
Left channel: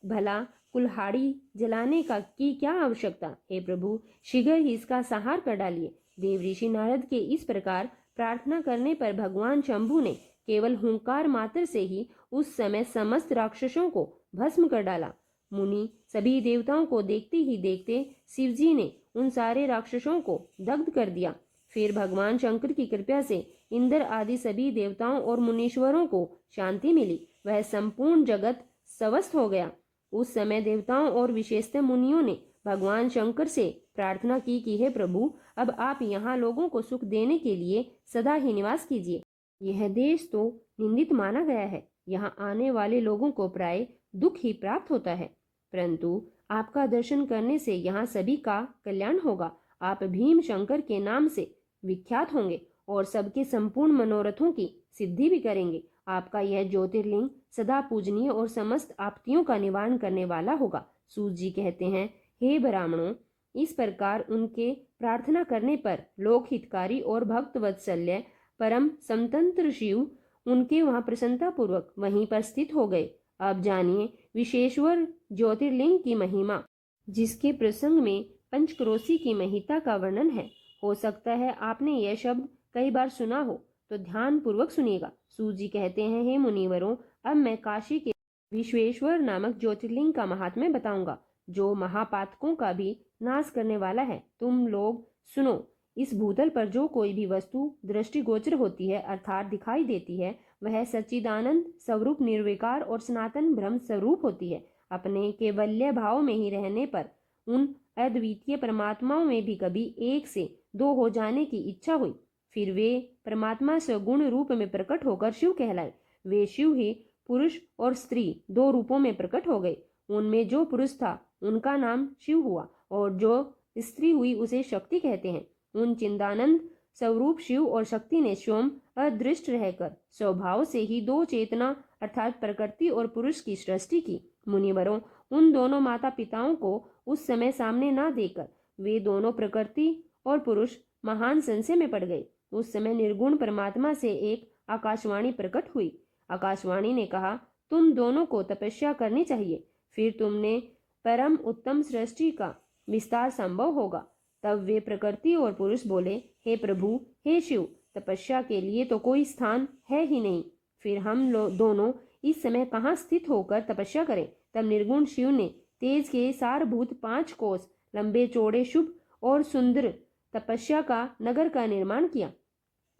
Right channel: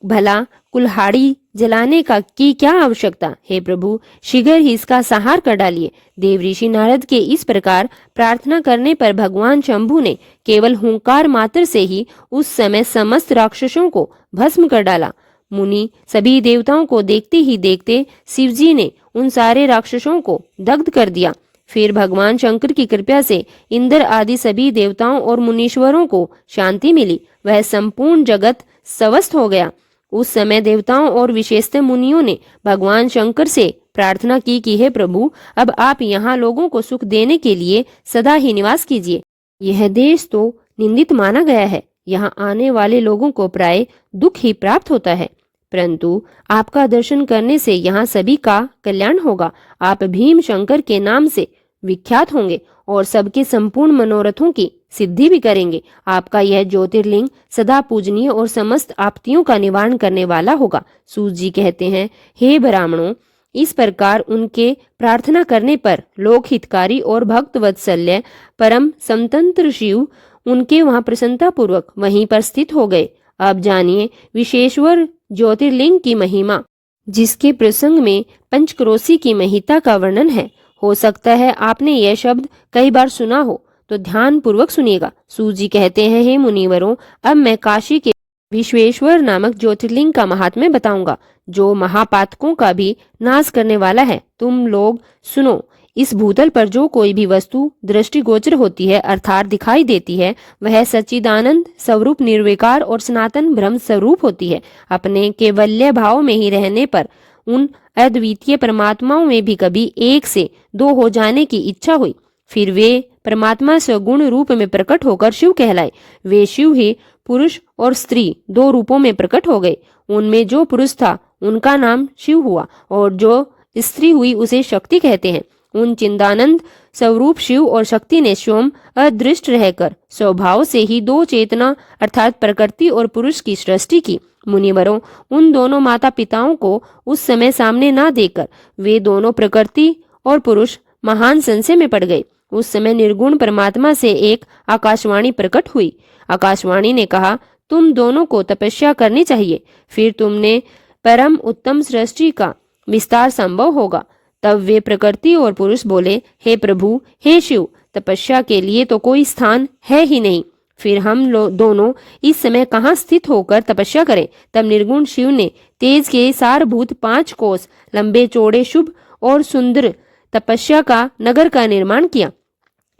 भला कुल्हाड़ी जलाने का की क्या आवश्यकता। हे प्रभु, शीघ्र ही इसका संहार कर डालिए। देव ऋषि नारद के इस प्रकार प्रार्थना करने पर भगवान शंभु ने केवल हुंकार मात्र से ही उस समय समस्त राक्षसों को भस्म कर डाला। मुनि सभी देवताओं को देखते ही देखते शिवजी ने उन सारे राक्षसों को दग्ध कर दिया। फिर भगवान शंकर की कृपा से इंद्र आदि सभी देवताओं और मुनीश्वरों को शांति मिली, वह संपूर्ण जगत स्वस्थ हो गया। उस समय देवताओं और विशेषतः मुनियों ने भगवान शंकर से प्रार्थना की कि हे प्रभु, अब आप यहाँ लोगों को सुख देने के लिए सदा ही निवास कीजिए। यह देश तो निंदित माना गया है, यहाँ आने वाले लोगों को प्राय दुख ही प्राप्त होता है, परंतु आपका दर्शन करने से यहाँ सभी का कल्याण होगा। आप भीम शंकर के नाम से विख्यात होंगे और सबके संपूर्ण मनोरथों की सिद्धि भी करेंगे। आपका यह ज्योतिर्लिंग सदा पूजनीय और समस्त आपत्तियों का निवारण करने वाला होगा। सूत जी कहते हैं, हे ब्राह्मणों, इस प्रकार उनके प्रार्थना करने पर लोक हितकारी और भक्त वत्सल्य परम स्वतंत्र शिव उनके वहां प्रसन्नता पूर्वक वहीं पर स्थित हो गए। अब जानिए, विशेश्वर ज्योतिर्लिंग की महिमा, जिसके प्रसंग में पंचक्रोशी की महिता का वर्णन है। हो सकता है आपने यह शब्द कई बार सुना हो, तो ध्यान पूर्वक सुनिएगा। सूत जी कहते हैं, हे मुनिवरों, अब मैं काशी के विश्वेश्वर नामक ज्योतिर्लिंग का महात्म्य बताऊंगा, जो महापातकों का भी नाश करने वाला है। तुम लोग सुनो। इस भूतल पर जो कोई भी वस्तु दृष्टिगोचर होती है, अर्थात दिखाई देती है, वह सच्चिदानंद स्वरूप निर्विकार और सनातन ब्रह्म स्वरूप होती है। अपने केवल्य भाव में ही रहने पर उन अद्वितीय परमात्माओं में भी कभी एक से दो हो जाने की इच्छा हुई, फिर वे परमात्मा सगुण रूप में प्रकट होकर शिव कहलाए। वे शिव ही पुरुष और स्त्री दो रूपों में प्रकट हो गए। उनमें जो पुरुष था उनका नाम शिव हुआ, और जो स्त्री हुई उसे शक्ति कहते हैं। उन चिदानंद स्वरूप शिव और शक्ति ने स्वयं अदृष्ट रहकर स्वभाव से ही दो चेतना अर्थात प्रकृति और पुरुष की सृष्टि की। मुनिवरों, उन दोनों माता पिताओं को उस समय सामने ना देकर वे दोनों प्रकृति और पुरुष महान संशय में पड़ गए। उस समय निर्गुण परमात्मा से एक आकाशवाणी प्रकट हुई। आकाशवाणी ने कहा, तुम दोनों को तपस्या करनी चाहिए, फिर तुमने परम उत्तम सृष्टि का विस्तार संभव होगा। तब वे प्रकृति और पुरुष बोले, हे प्रभु, हे शिव, तपस्या के लिए तो कोई स्थान है ही नहीं, फिर हम दोनों इस समय कहाँ स्थित होकर तपस्या करें। तब निर्गुण शिव ने तेज के सारभूत 5 कोस लंबे चौड़े शुभ और सुंदर तपस्या का नगर का निर्माण किया,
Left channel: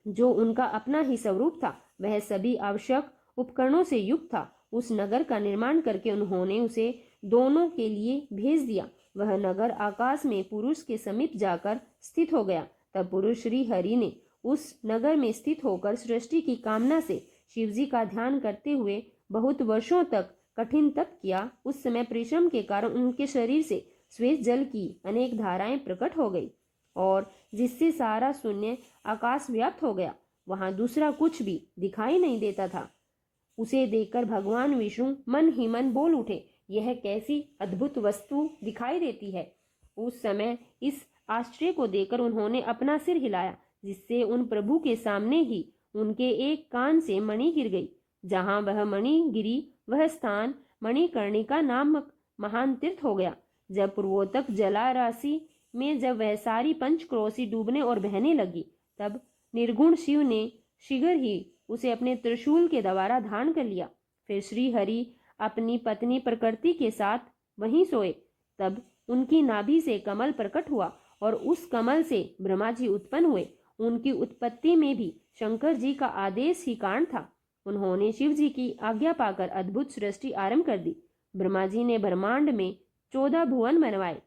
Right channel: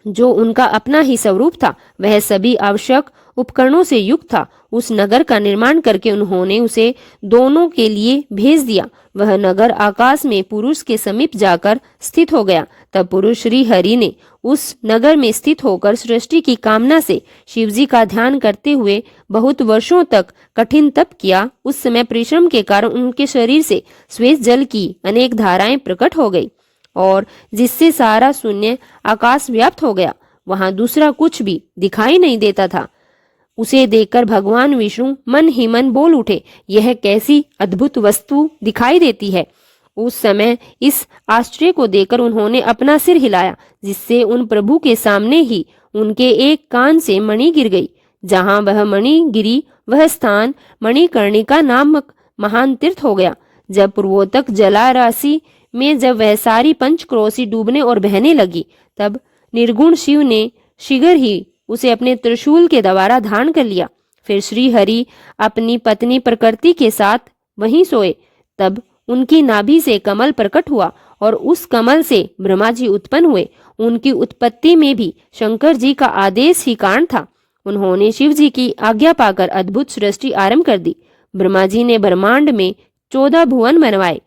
जो उनका अपना ही स्वरूप था। वह सभी आवश्यक उपकरणों से युक्त था। उस नगर का निर्माण करके उन्होंने उसे दोनों के लिए भेज दिया। वह नगर आकाश में पुरुष के समीप जाकर स्थित हो गया। तब पुरुष श्री हरि ने उस नगर में स्थित होकर सृष्टि की कामना से शिवजी का ध्यान करते हुए बहुत वर्षों तक कठिन तप किया। उस समय परिश्रम के कारण उनके शरीर से श्वेत जल की अनेक धाराएं प्रकट हो गई, और जिससे सारा शून्य आकाश व्याप्त हो गया। वहां दूसरा कुछ भी दिखाई नहीं देता था। उसे देखकर भगवान विष्णु मन ही मन बोल उठे, यह कैसी अद्भुत वस्तु दिखाई देती है। उस समय इस आश्चर्य को देखकर उन्होंने अपना सिर हिलाया, जिससे उन प्रभु के सामने ही उनके एक कान से मणि गिर गई। जहां वह मणि गिरी, वह स्थान मणिकर्णिका नामक महान तीर्थ हो गया। जब पूर्वोत्तक जला राशि में जब वह सारी पंचक्रोशी डूबने और बहने लगी, तब निर्गुण शिव ने शीघ्र ही उसे अपने त्रिशूल के द्वारा धारण कर लिया। फिर श्री हरि अपनी पत्नी प्रकृति के साथ वहीं सोए। तब उनकी नाभि से कमल प्रकट हुआ, और उस कमल से ब्रह्मा जी उत्पन्न हुए। उनकी उत्पत्ति में भी शंकर जी का आदेश ही कारण था। उन्होंने शिव जी की आज्ञा पाकर अद्भुत सृष्टि आरंभ कर दी। ब्रह्मा जी ने ब्रह्मांड में 14 भुवन बनवाए।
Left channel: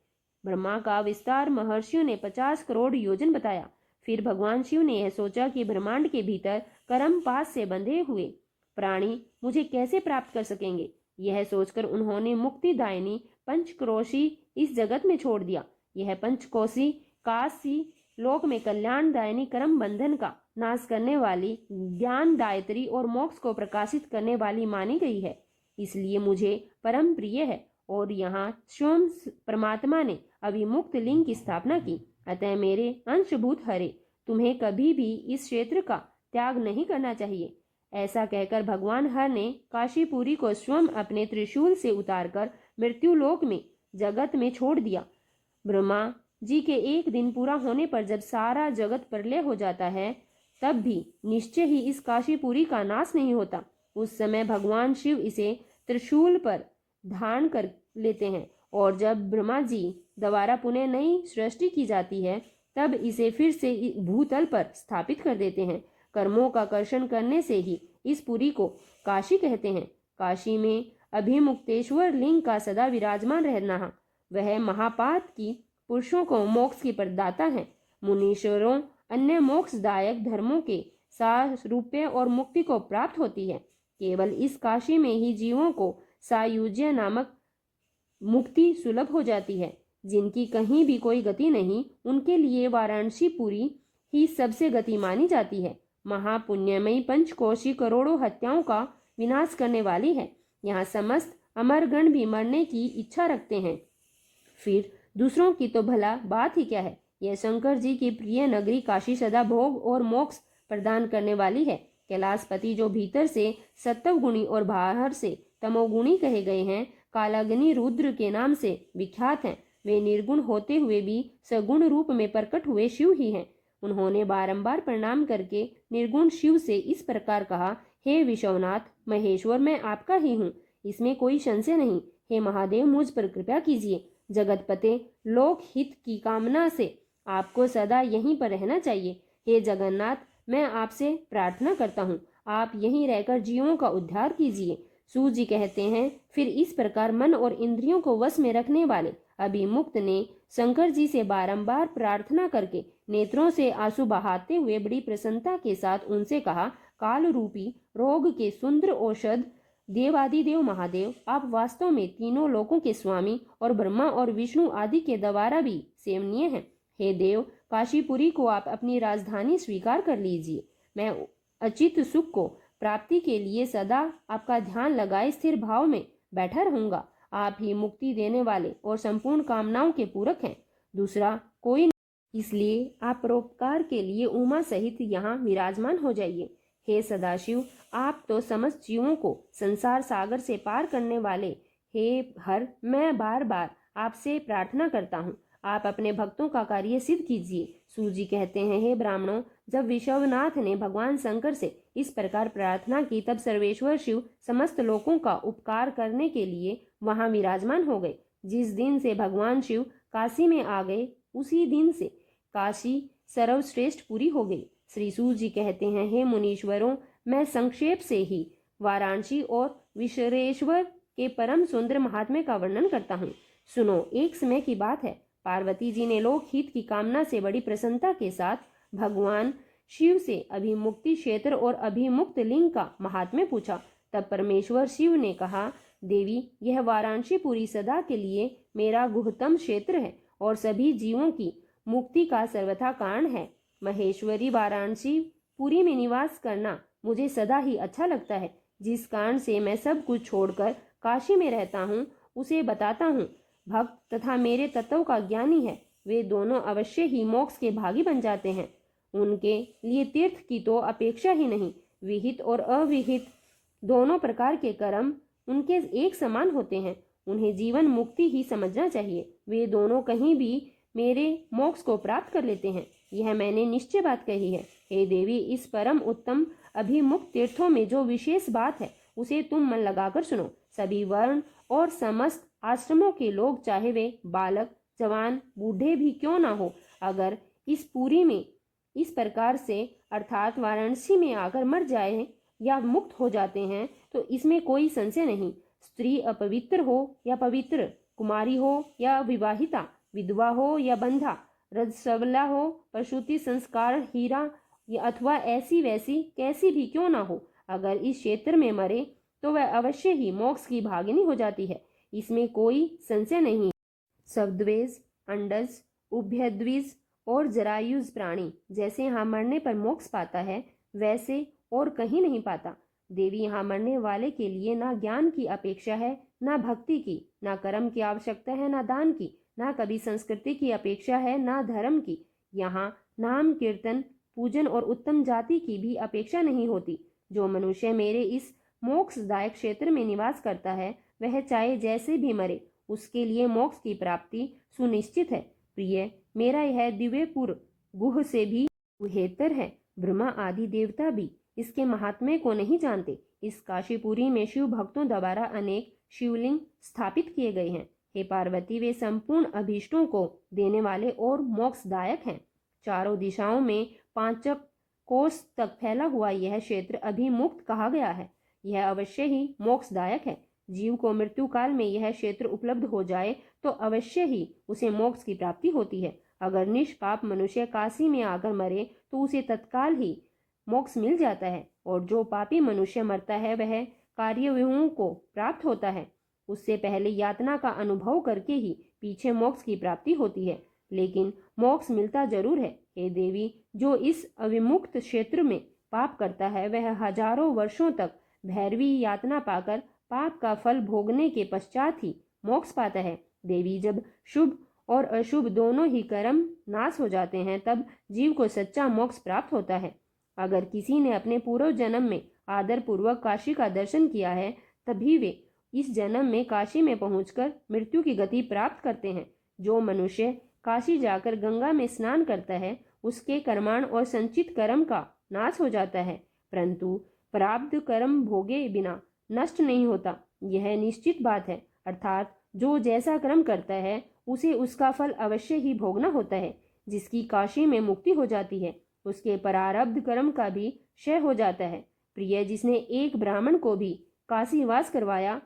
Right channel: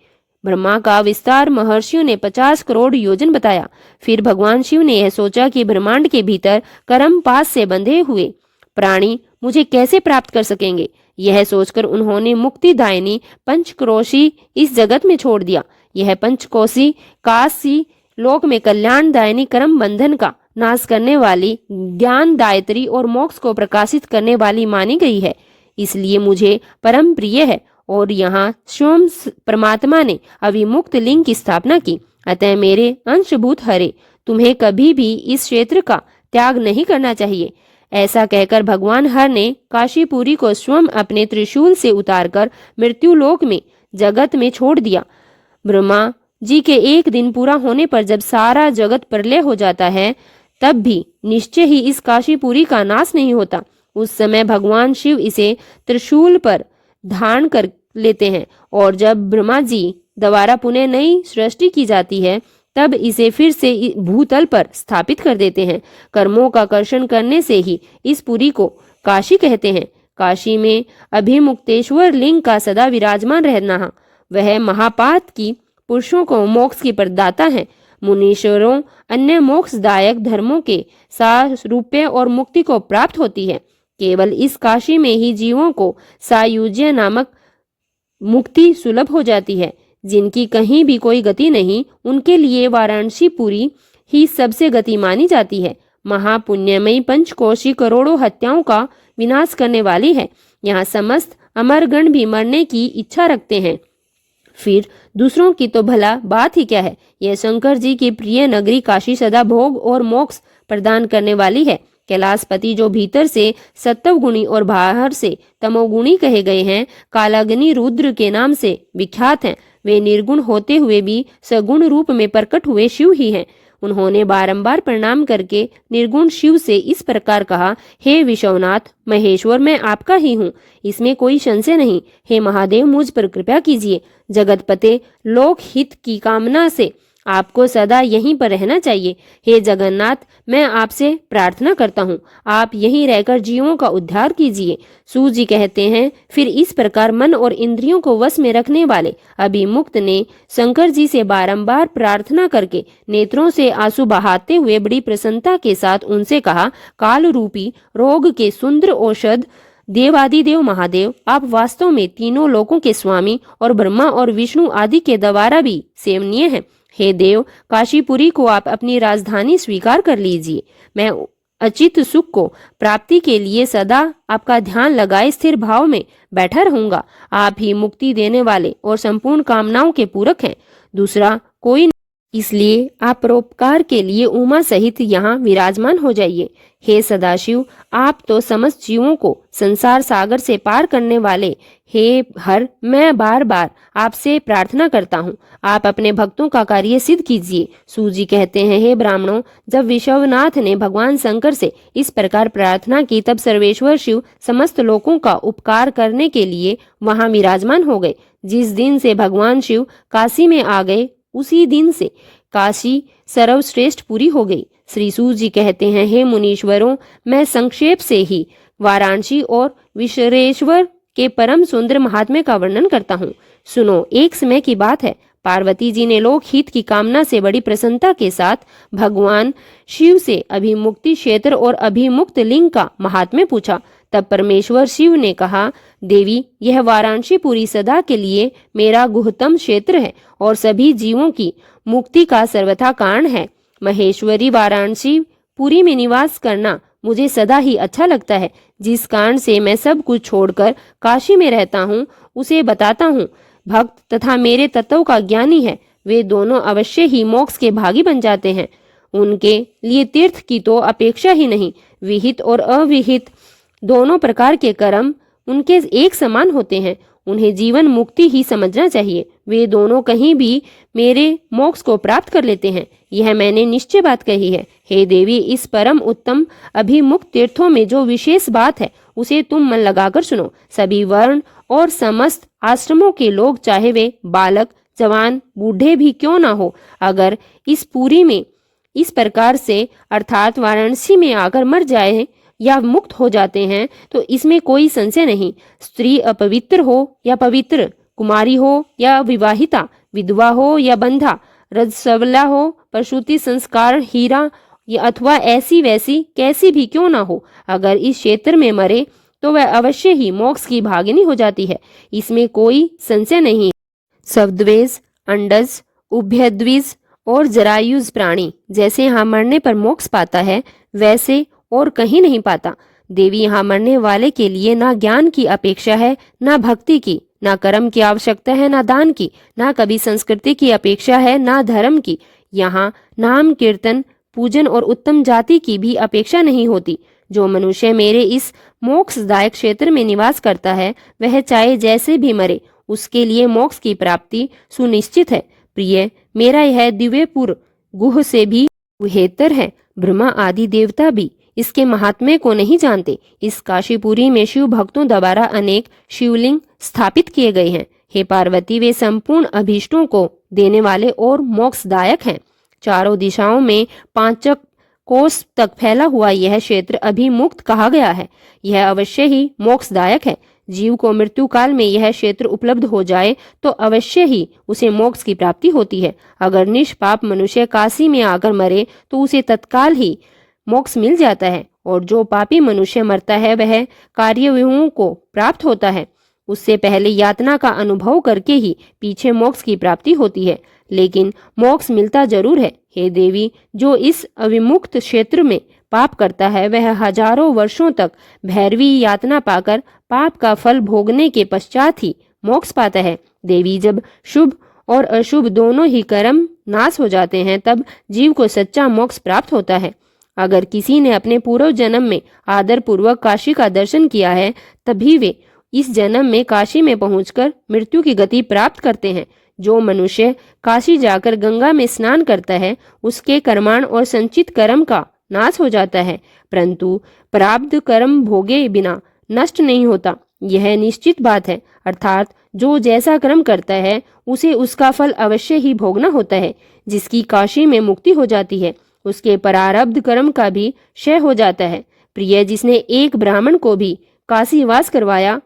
ब्रह्मा का विस्तार महर्षियों ने 50 करोड़ योजन बताया। फिर भगवान शिव ने यह सोचा कि ब्रह्मांड के भीतर कर्म पास से बंधे हुए प्राणी मुझे कैसे प्राप्त कर सकेंगे। यह सोचकर उन्होंने मुक्तिदायिनी पंचक्रोशी इस जगत में छोड़ दिया। यह पंचकोशी काशी लोक में कल्याणदायिनी कर्म बंधन का नाश करने वाली, ज्ञानदायत्री और मोक्ष को प्रकाशित करने वाली मानी गई है, इसलिए मुझे परम प्रिय है। और यहाँ स्वयं परमात्मा ने अविमुक्त लिंग की स्थापना की। अतः मेरे अंशभूत हरे, तुम्हें कभी भी इस क्षेत्र का त्याग नहीं करना चाहिए। ऐसा कहकर भगवान हर ने काशीपुरी को स्वयं अपने त्रिशूल से उतारकर मृत्युलोक में जगत में छोड़ दिया। ब्रह्मा जी के एक दिन पूरा होने पर जब सारा जगत प्रलय हो जाता है, तब भी निश्चय ही इस काशीपुरी का नाश नहीं होता। उस समय भगवान शिव इसे त्रिशूल पर धारण कर लेते हैं, और जब ब्रह्मा जी द्वारा पुनः नई सृष्टि की जाती है, तब इसे फिर से भूतल पर स्थापित कर देते हैं। कर्मों का कर्षण करने से ही इस पुरी को काशी कहते हैं। काशी में अभिमुक्तेश्वर लिंग का सदा विराजमान रहना, वह महापात की पुरुषों को मोक्ष की प्रदाता है। मुनीश्वरों, अन्य मोक्षदायक धर्मों के सारूप्य और मुक्ति को प्राप्त होती है। केवल इस काशी में ही जीवों को सायुज्य नामक मुक्ति सुलभ हो जाती है। जिनकी कहीं भी कोई गति नहीं, उनके लिए वाराणसी पुरी ही सबसे गति मानी जाती है। महापुण्यमयी पंचकोशी करोड़ों हत्याओं का विनाश करने वाली है। यहाँ समस्त अमरगण भी मरने की इच्छा रखते हैं, फिर दूसरों की तो भला बात ही क्या है। यह शंकर जी की प्रिय नगरी काशी सदा भोग और मोक्ष प्रदान करने वाली है। कैलाशपति जो भीतर से सत्वगुणी और बाहर से तमोगुणी कहे गए हैं, कालाग्नि रुद्र के नाम से विख्यात हैं, वे निर्गुण होते हुए भी सगुण रूप में प्रकट हुए शिव ही हैं। उन्होंने बारंबार प्रणाम करके निर्गुण शिव से इस प्रकार कहा, हे विश्वनाथ महेश्वर, मैं आपका ही हूँ, इसमें कोई संशय नहीं। हे महादेव, मुझ पर कृपा कीजिए। जगतपते, लोक हित की कामना से आपको सदा यहीं पर रहना चाहिए। हे जगन्नाथ, मैं आपसे प्रार्थना करता हूँ, आप यहीं रहकर जीवों का उद्धार कीजिए। सूत जी कहते हैं, फिर इस प्रकार मन और इंद्रियों को वश में रखने वाले अभिमुक्त ने शंकर जी से बारंबार प्रार्थना करके नेत्रों से आंसू बहाते हुए बड़ी प्रसन्नता के साथ उनसे कहा, काल रूपी रोग के सुंदर औषध देवादिदेव महादेव, आप वास्तव में तीनों लोकों के स्वामी और ब्रह्मा और विष्णु आदि के द्वारा भी सेवनीय हैं। हे देव, काशीपुरी को आप अपनी राजधानी स्वीकार कर लीजिए। मैं अचित सुख को प्राप्ति के लिए सदा आपका ध्यान लगाए स्थिर भाव में बैठा रहूंगा। आप ही मुक्ति देने वाले और संपूर्ण कामनाओं के पूरक हैं, दूसरा कोई नहीं। इसलिए आप परोपकार के लिए उमा सहित यहाँ विराजमान हो जाइए। हे सदाशिव, आप तो समस्त जीवों को संसार सागर से पार करने वाले, हे हर, मैं बार बार आपसे प्रार्थना करता हूँ, आप अपने भक्तों का कार्य सिद्ध कीजिए। सूजी कहते हैं, हे ब्राह्मणों, जब विश्वनाथ ने भगवान शंकर से इस प्रकार प्रार्थना की, तब सर्वेश्वर शिव समस्त लोगों का उपकार करने के लिए वहां विराजमान हो गए। जिस दिन से भगवान शिव काशी में आ गए, उसी दिन से काशी सर्वश्रेष्ठ पूरी हो गई। श्री सूत जी कहते हैं, हे मुनीश्वरों, मैं संक्षेप से ही वाराणसी और विश्वेश्वर के परम सुंदर महात्म्य का वर्णन करता हूँ। सुनो, एक समय की बात है, पार्वती जी ने लोक हित की कामना से बड़ी प्रसन्नता के साथ भगवान शिव से अभिमुक्ति क्षेत्र और अभिमुक्त लिंग का महात्म्य पूछा। तब परमेश्वर शिव ने कहा, देवी, यह वाराणसी पूरी सदा के लिए मेरा गुहतम क्षेत्र है और सभी जीवों की मुक्ति का सर्वथा कारण है। महेश्वरी वाराणसी पुरी में निवास करना मुझे सदा ही अच्छा लगता है। जिस कारण से मैं सब कुछ छोड़कर काशी में रहता हूँ, उसे बताता हूँ। भक्त तथा मेरे तत्व का ज्ञानी है, वे दोनों अवश्य ही मोक्ष के भागी बन जाते हैं। उनके लिए तीर्थ की तो अपेक्षा ही नहीं। विहित और अविहित दोनों प्रकार के कर्म उनके एक समान होते हैं। उन्हें जीवन मुक्ति ही समझना चाहिए। वे दोनों कहीं भी मेरे मोक्ष को प्राप्त कर लेते हैं, यह मैंने निश्चय बात कही है। हे देवी, इस परम उत्तम अभिमुक्त तीर्थों में जो विशेष बात है, उसे तुम मन लगाकर सुनो। सभी वर्ण और समस्त आश्रमों के लोग, चाहे वे बालक, जवान, बूढ़े भी क्यों ना हो, अगर इस पुरी में इस प्रकार से अर्थात वाराणसी में आकर मर जाए या मुक्त हो जाते हैं, तो इसमें कोई संशय नहीं। स्त्री अपवित्र हो या पवित्र, कुमारी हो या विवाहिता, विधवा हो या बंधा, रजस्वला हो, प्रसूति संस्कार हीरा या अथवा ऐसी वैसी कैसी भी क्यों ना हो, अगर इस क्षेत्र में मरे तो वह अवश्य ही मोक्ष की भागिनी हो जाती है, इसमें कोई संशय नहीं। सवद्वेज, अंडज, उभयद्विज और जरायुज प्राणी जैसे यहाँ मरने पर मोक्ष पाता है, वैसे और कहीं नहीं पाता। देवी, यहाँ मरने वाले के लिए ना ज्ञान की अपेक्षा है, ना भक्ति की, ना कर्म की आवश्यकता है, ना दान की, ना कभी संस्कृति की अपेक्षा है, ना धर्म की। यहाँ नाम कीर्तन, पूजन और उत्तम जाति की भी अपेक्षा नहीं होती। जो मनुष्य मेरे इस मोक्षदायक क्षेत्र में निवास करता है, वह चाहे जैसे भी मरे, उसके लिए मोक्ष की प्राप्ति सुनिश्चित है। प्रिय, मेरा यह दिव्यपुर गुह से भी गुहेतर है। ब्रह्मा आदि देवता भी इसके महात्म्य को नहीं जानते। इस काशीपुरी में शिव भक्तों द्वारा अनेक शिवलिंग स्थापित किए गए हैं। हे पार्वती, वे संपूर्ण अभीष्टों को देने वाले और मोक्षदायक हैं। चारों दिशाओं में 5 कोस तक फैला हुआ यह क्षेत्र अभिमुक्त कहा गया है। यह अवश्य ही मोक्षदायक है। जीव को मृत्यु काल में यह क्षेत्र उपलब्ध हो जाए तो अवश्य ही उसे मोक्ष की प्राप्ति होती है। अगर निष्पाप मनुष्य काशी में आकर मरे तो उसे तत्काल ही मोक्ष मिल जाता है, और जो पापी मनुष्य मरता है वह कार्यव्यूहों को प्राप्त होता है। उससे पहले यातना का अनुभव करके ही पीछे मोक्ष की प्राप्ति होती है, लेकिन मोक्ष मिलता जरूर है। हे देवी, जो इस अविमुक्त क्षेत्र में पाप करता है, वह हजारों वर्षों तक भैरवी यातना पाकर पाप का फल भोगने के पश्चात ही मोक्ष पाता है। देवी, जब शुभ और अशुभ दोनों ही कर्म नाश हो जाते हैं, तब जीव को सच्चा मोक्ष प्राप्त होता है। अगर किसी ने अपने पूर्व जन्म में आदर पूर्वक काशी का दर्शन किया है, तभी वे इस जन्म में काशी में पहुंचकर मृत्यु की गति प्राप्त करते हैं। जो मनुष्य काशी जाकर गंगा में स्नान करता है, उसके कर्माण और संचित कर्म का नाश हो जाता है, परंतु प्रारब्ध कर्म भोगे बिना नष्ट नहीं होता। यह निश्चित बात है। अर्थात जो जैसा कर्म करता है, उसे उसका फल अवश्य ही भोगना होता है। जिसकी काशी में मुक्ति हो जाती है, उसके प्रारब्ध कर्म का भी क्षय हो जाता है। प्रिय, जिसने एक ब्राह्मण को भी काशीवास करवाया,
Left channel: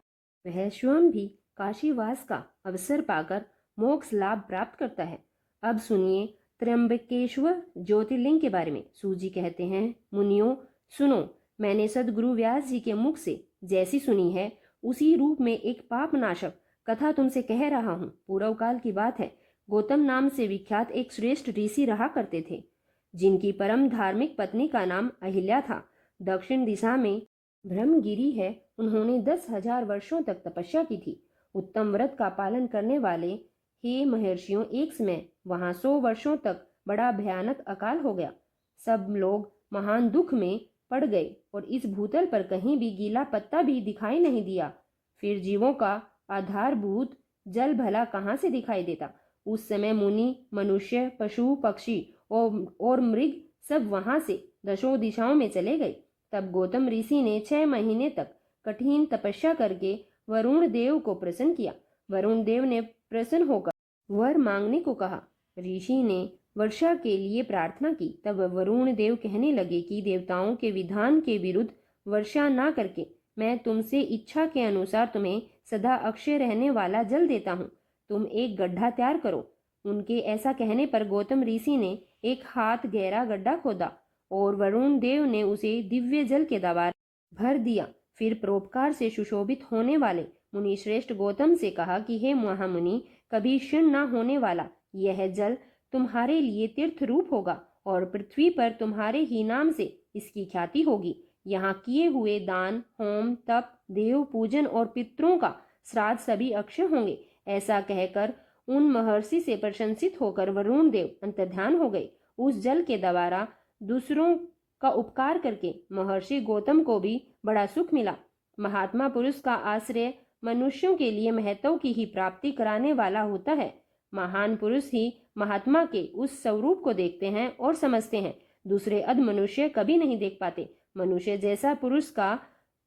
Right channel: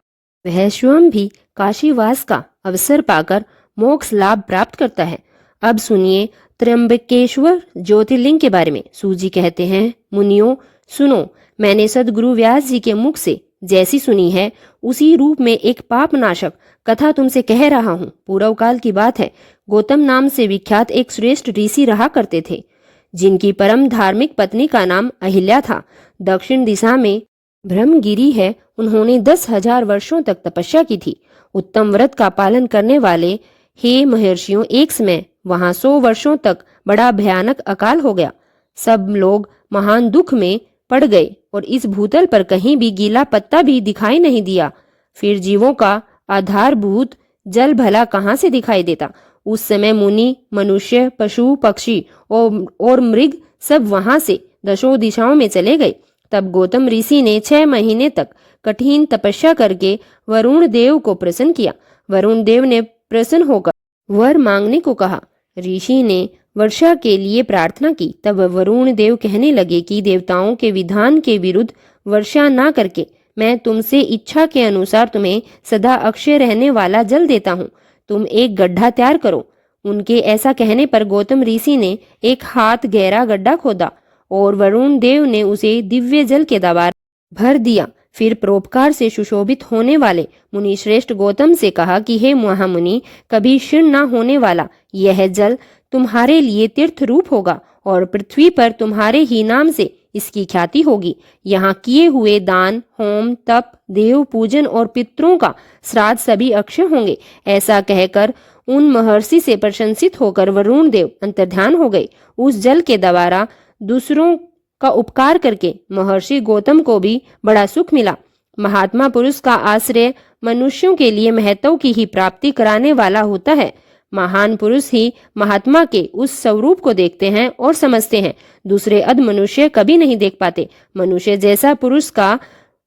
वह स्वयं भी काशीवास का अवसर पाकर मोक्ष लाभ प्राप्त करता है। अब सुनिए त्र्यंबकेश्वर ज्योतिर्लिंग के बारे में। सूजी कहते हैं, मुनियों सुनो, मैंने सदगुरु व्यास जी के मुख से जैसी सुनी है, उसी रूप में एक पाप नाशक कथा तुमसे कह रहा हूँ। पूर्व काल की बात है। गौतम नाम से विख्यात एक श्रेष्ठ ऋषि रहा करते थे, जिनकी परम धार्मिक पत्नी का नाम अहिल्या था। दक्षिण दिशा में ब्रह्मगिरी है। उन्होंने 10,000 वर्षों तक तपस्या की थी। उत्तम व्रत का पालन करने वाले हे महर्षियों, एक समय वहां 100 वर्षों तक बड़ा भयानक अकाल हो गया। सब लोग महान दुख में पड़ गए और इस भूतल पर कहीं भी गीला पत्ता भी दिखाई नहीं दिया। फिर जीवों का आधारभूत जल भला कहाँ से दिखाई देता। उस समय मुनि, मनुष्य, पशु, पक्षी और मृग सब वहां से दशों दिशाओं में चले गए। तब गौतम ऋषि ने 6 महीने तक कठिन तपस्या करके वरुण देव को प्रसन्न किया। वरुण देव ने प्रसन्न होकर वर मांगने को कहा। ऋषि ने वर्षा के लिए प्रार्थना की। तब वरुण देव कहने लगे कि देवताओं के विधान के विरुद्ध वर्षा ना करके मैं तुमसे इच्छा के अनुसार तुम्हें सदा अक्षय रहने वाला जल देता हूँ। तुम एक गड्ढा तैयार करो। उनके ऐसा कहने पर गौतम ऋषि ने एक हाथ गहरा गड्ढा खोदा और वरुण देव ने उसे दिव्य जल के द्वारा भर दिया। फिर परोपकार से सुशोभित होने वाले मुनि श्रेष्ठ गौतम से कहा कि हे महामुनि, कभी क्षीण न होने वाला यह जल तुम्हारे लिए तीर्थ रूप होगा और पृथ्वी पर तुम्हारे ही नाम से इसकी ख्याति होगी। यहाँ किए हुए दान, होम, तप, देव पूजन और पितरों का श्राद्ध सभी अक्षय होंगे। ऐसा कहकर उन महर्षि से प्रशंसित होकर वरुण देव अंतर्ध्यान हो गए। उस जल के द्वारा दूसरों का उपकार करके महर्षि गौतम को भी बड़ा सुख मिला। महात्मा पुरुष का आश्रय मनुष्यों के लिए महत्व की ही प्राप्ति कराने वाला होता है। महान पुरुष ही महात्मा के उस स्वरूप को देखते हैं और समझते हैं। दूसरे अध मनुष्य कभी नहीं देख पाते। मनुष्य जैसा पुरुष का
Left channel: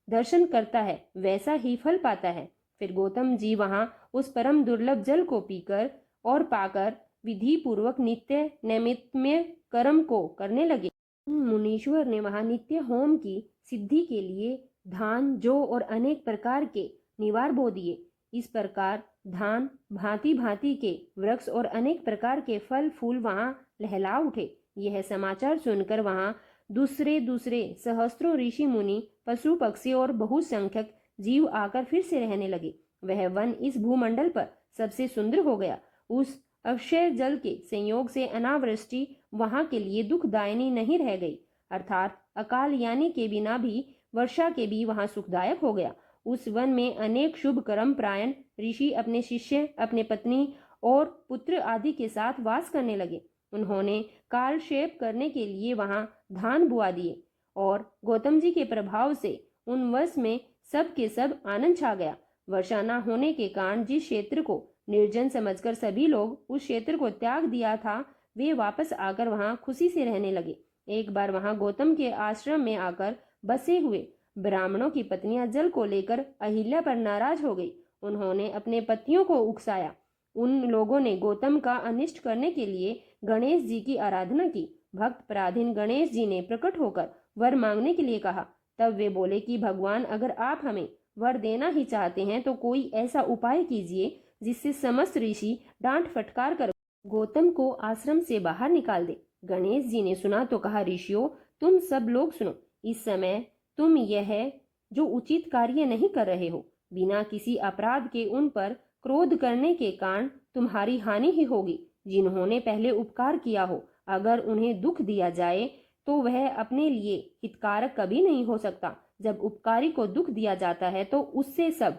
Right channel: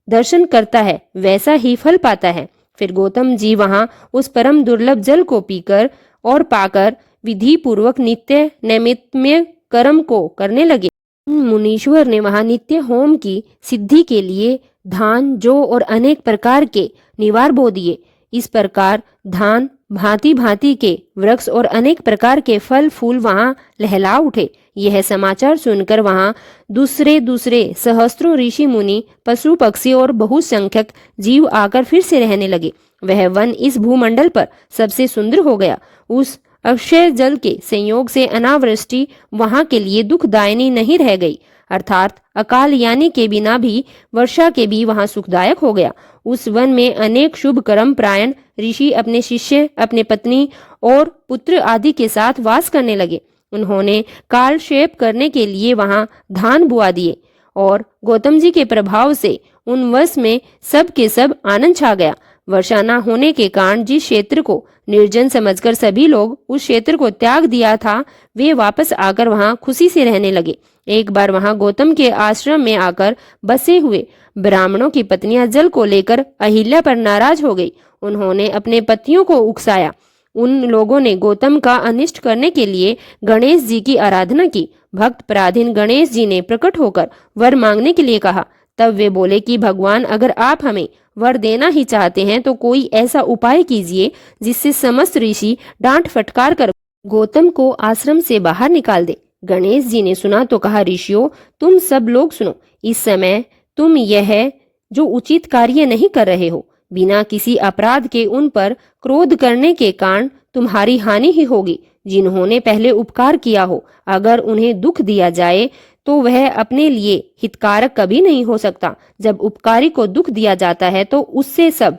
दर्शन करता है, वैसा ही फल पाता है। फिर गौतम जी वहां उस परम दुर्लभ जल को पीकर और पाकर विधि पूर्वक नित्य नैमित्म्य कर्म को करने लगे। मुनीश्वर ने वहां नित्य होम की सिद्धि के लिए धान, जौ और अनेक प्रकार के निवार बो दिए। इस प्रकार धान, भांति भांति के वृक्ष और अनेक प्रकार के फल फूल वहां लहला उठे। यह समाचार सुनकर वहां दूसरे दूसरे सहस्त्रों ऋषि मुनि, पशु पक्षी और बहुसंख्यक जीव आकर फिर से रहने लगे। वह वन इस भूमंडल पर सबसे सुंदर हो गया। उस अक्षय जल के संयोग से अनावृष्टि वहां के लिए दुखदायिनी नहीं रह गई। अर्थात अकाल यानी के बिना भी वर्षा के भी वहां सुखदायक हो गया। उस वन में अनेक शुभ कर्म प्रायण ऋषि अपने शिष्य, अपने पत्नी और पुत्र आदि के साथ वास करने लगे। उन्होंने कालक्षेप करने के लिए वहां धान बुआ दिए और गौतम जी के प्रभाव से उन वर्ष में सब के सब आनंद छा गया। वर्षा न होने के कारण जिस क्षेत्र को निर्जन समझकर सभी लोग उस क्षेत्र को त्याग दिया था, वे वापस आकर वहां खुशी से रहने लगे। एक बार वहां गौतम के आश्रम में आकर बसे हुए ब्राह्मणों की पत्नियां जल को लेकर अहिल्या पर नाराज हो गई। उन्होंने अपने पतियों को उकसाया। उन लोगों ने गौतम का अनिष्ट करने के लिए गणेश जी की आराधना की। भक्त पराधीन गणेश जी ने प्रकट होकर वर मांगने के लिए कहा। तब वे बोले कि भगवान, अगर आप हमें वर देना ही चाहते हैं तो कोई ऐसा उपाय कीजिए जिससे समस्त ऋषि डांट फटकार कर गौतम को आश्रम से बाहर निकाल दे। गणेश जी ने सुना तो कहा, ऋषियों, तुम सब लोग सुनो। इस समय तुम यह जो उचित कार्य नहीं कर रहे हो। बिना किसी अपराध के उन पर क्रोध करने के कारण तुम्हारी हानि ही होगी। जिन्होंने पहले उपकार किया हो, अगर उन्हें दुख दिया जाए तो वह अपने लिए हितकारक कभी नहीं हो सकता। जब उपकारी को दुख दिया जाता है तो उससे सब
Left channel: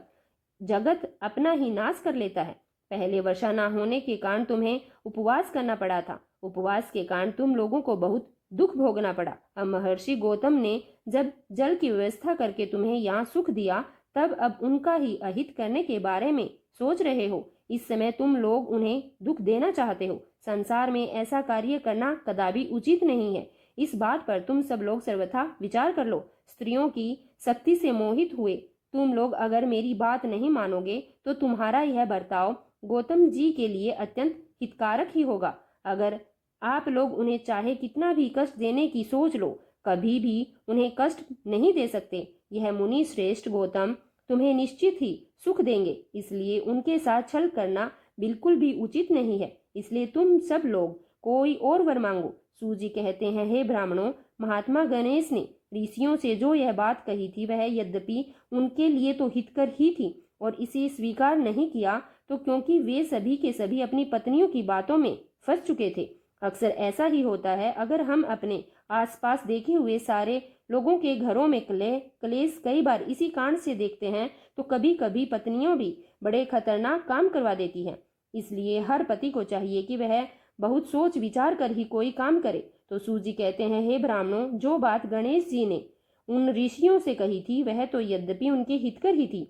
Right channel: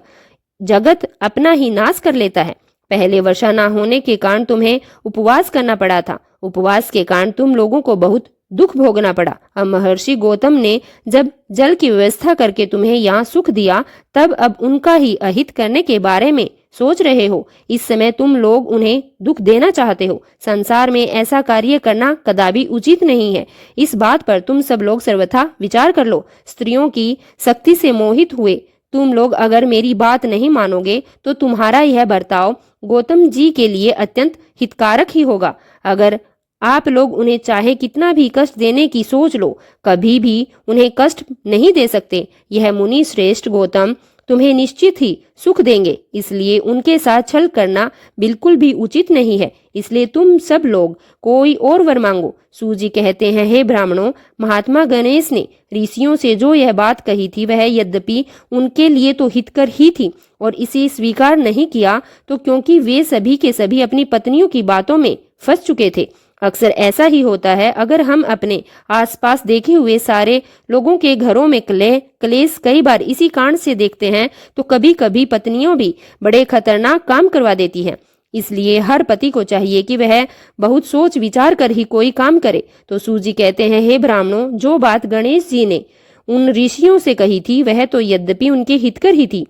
जगत अपना ही नाश कर लेता है। पहले वर्षा ना होने के कारण तुम्हें उपवास करना पड़ा था। उपवास के कारण तुम लोगों को बहुत दुख भोगना पड़ा। अब महर्षि गौतम ने जब जल की व्यवस्था करके तुम्हें यहाँ सुख दिया, तब अब उनका ही अहित करने के बारे में सोच रहे हो। इस समय तुम लोग उन्हें दुख देना चाहते हो। संसार में ऐसा कार्य करना कदापि उचित नहीं है। इस बात पर तुम सब लोग सर्वथा विचार कर लो। स्त्रियों की शक्ति से मोहित हुए तुम लोग अगर मेरी बात नहीं मानोगे तो तुम्हारा यह बर्ताव गौतम जी के लिए अत्यंत हितकारक ही होगा। अगर आप लोग उन्हें चाहे कितना भी कष्ट देने की सोच लो, कभी भी उन्हें कष्ट नहीं दे सकते। यह मुनि श्रेष्ठ गौतम तुम्हें निश्चित ही सुख देंगे, इसलिए उनके साथ छल करना बिल्कुल भी उचित नहीं है। इसलिए तुम सब लोग कोई और वर मांगो। सूजी कहते हैं, हे ब्राह्मणों, महात्मा गणेश ने ऋषियों से जो यह बात कही थी वह यद्यपि उनके लिए तो हितकर ही थी, और इसे स्वीकार नहीं किया तो क्योंकि वे सभी के सभी अपनी पत्नियों की बातों में फंस चुके थे। अक्सर ऐसा ही होता है। अगर हम अपने आसपास देखे हुए सारे लोगों के घरों में क्लेश कई बार इसी कारण से देखते हैं, तो कभी कभी पत्नियों भी बड़े खतरनाक काम करवा देती हैं। इसलिए हर पति को चाहिए कि वह बहुत सोच विचार कर ही कोई काम करे। तो सूजी कहते हैं, हे ब्राह्मणों, जो बात गणेश जी ने उन ऋषियों से कही थी वह तो यद्यपि उनके हितकर ही थी,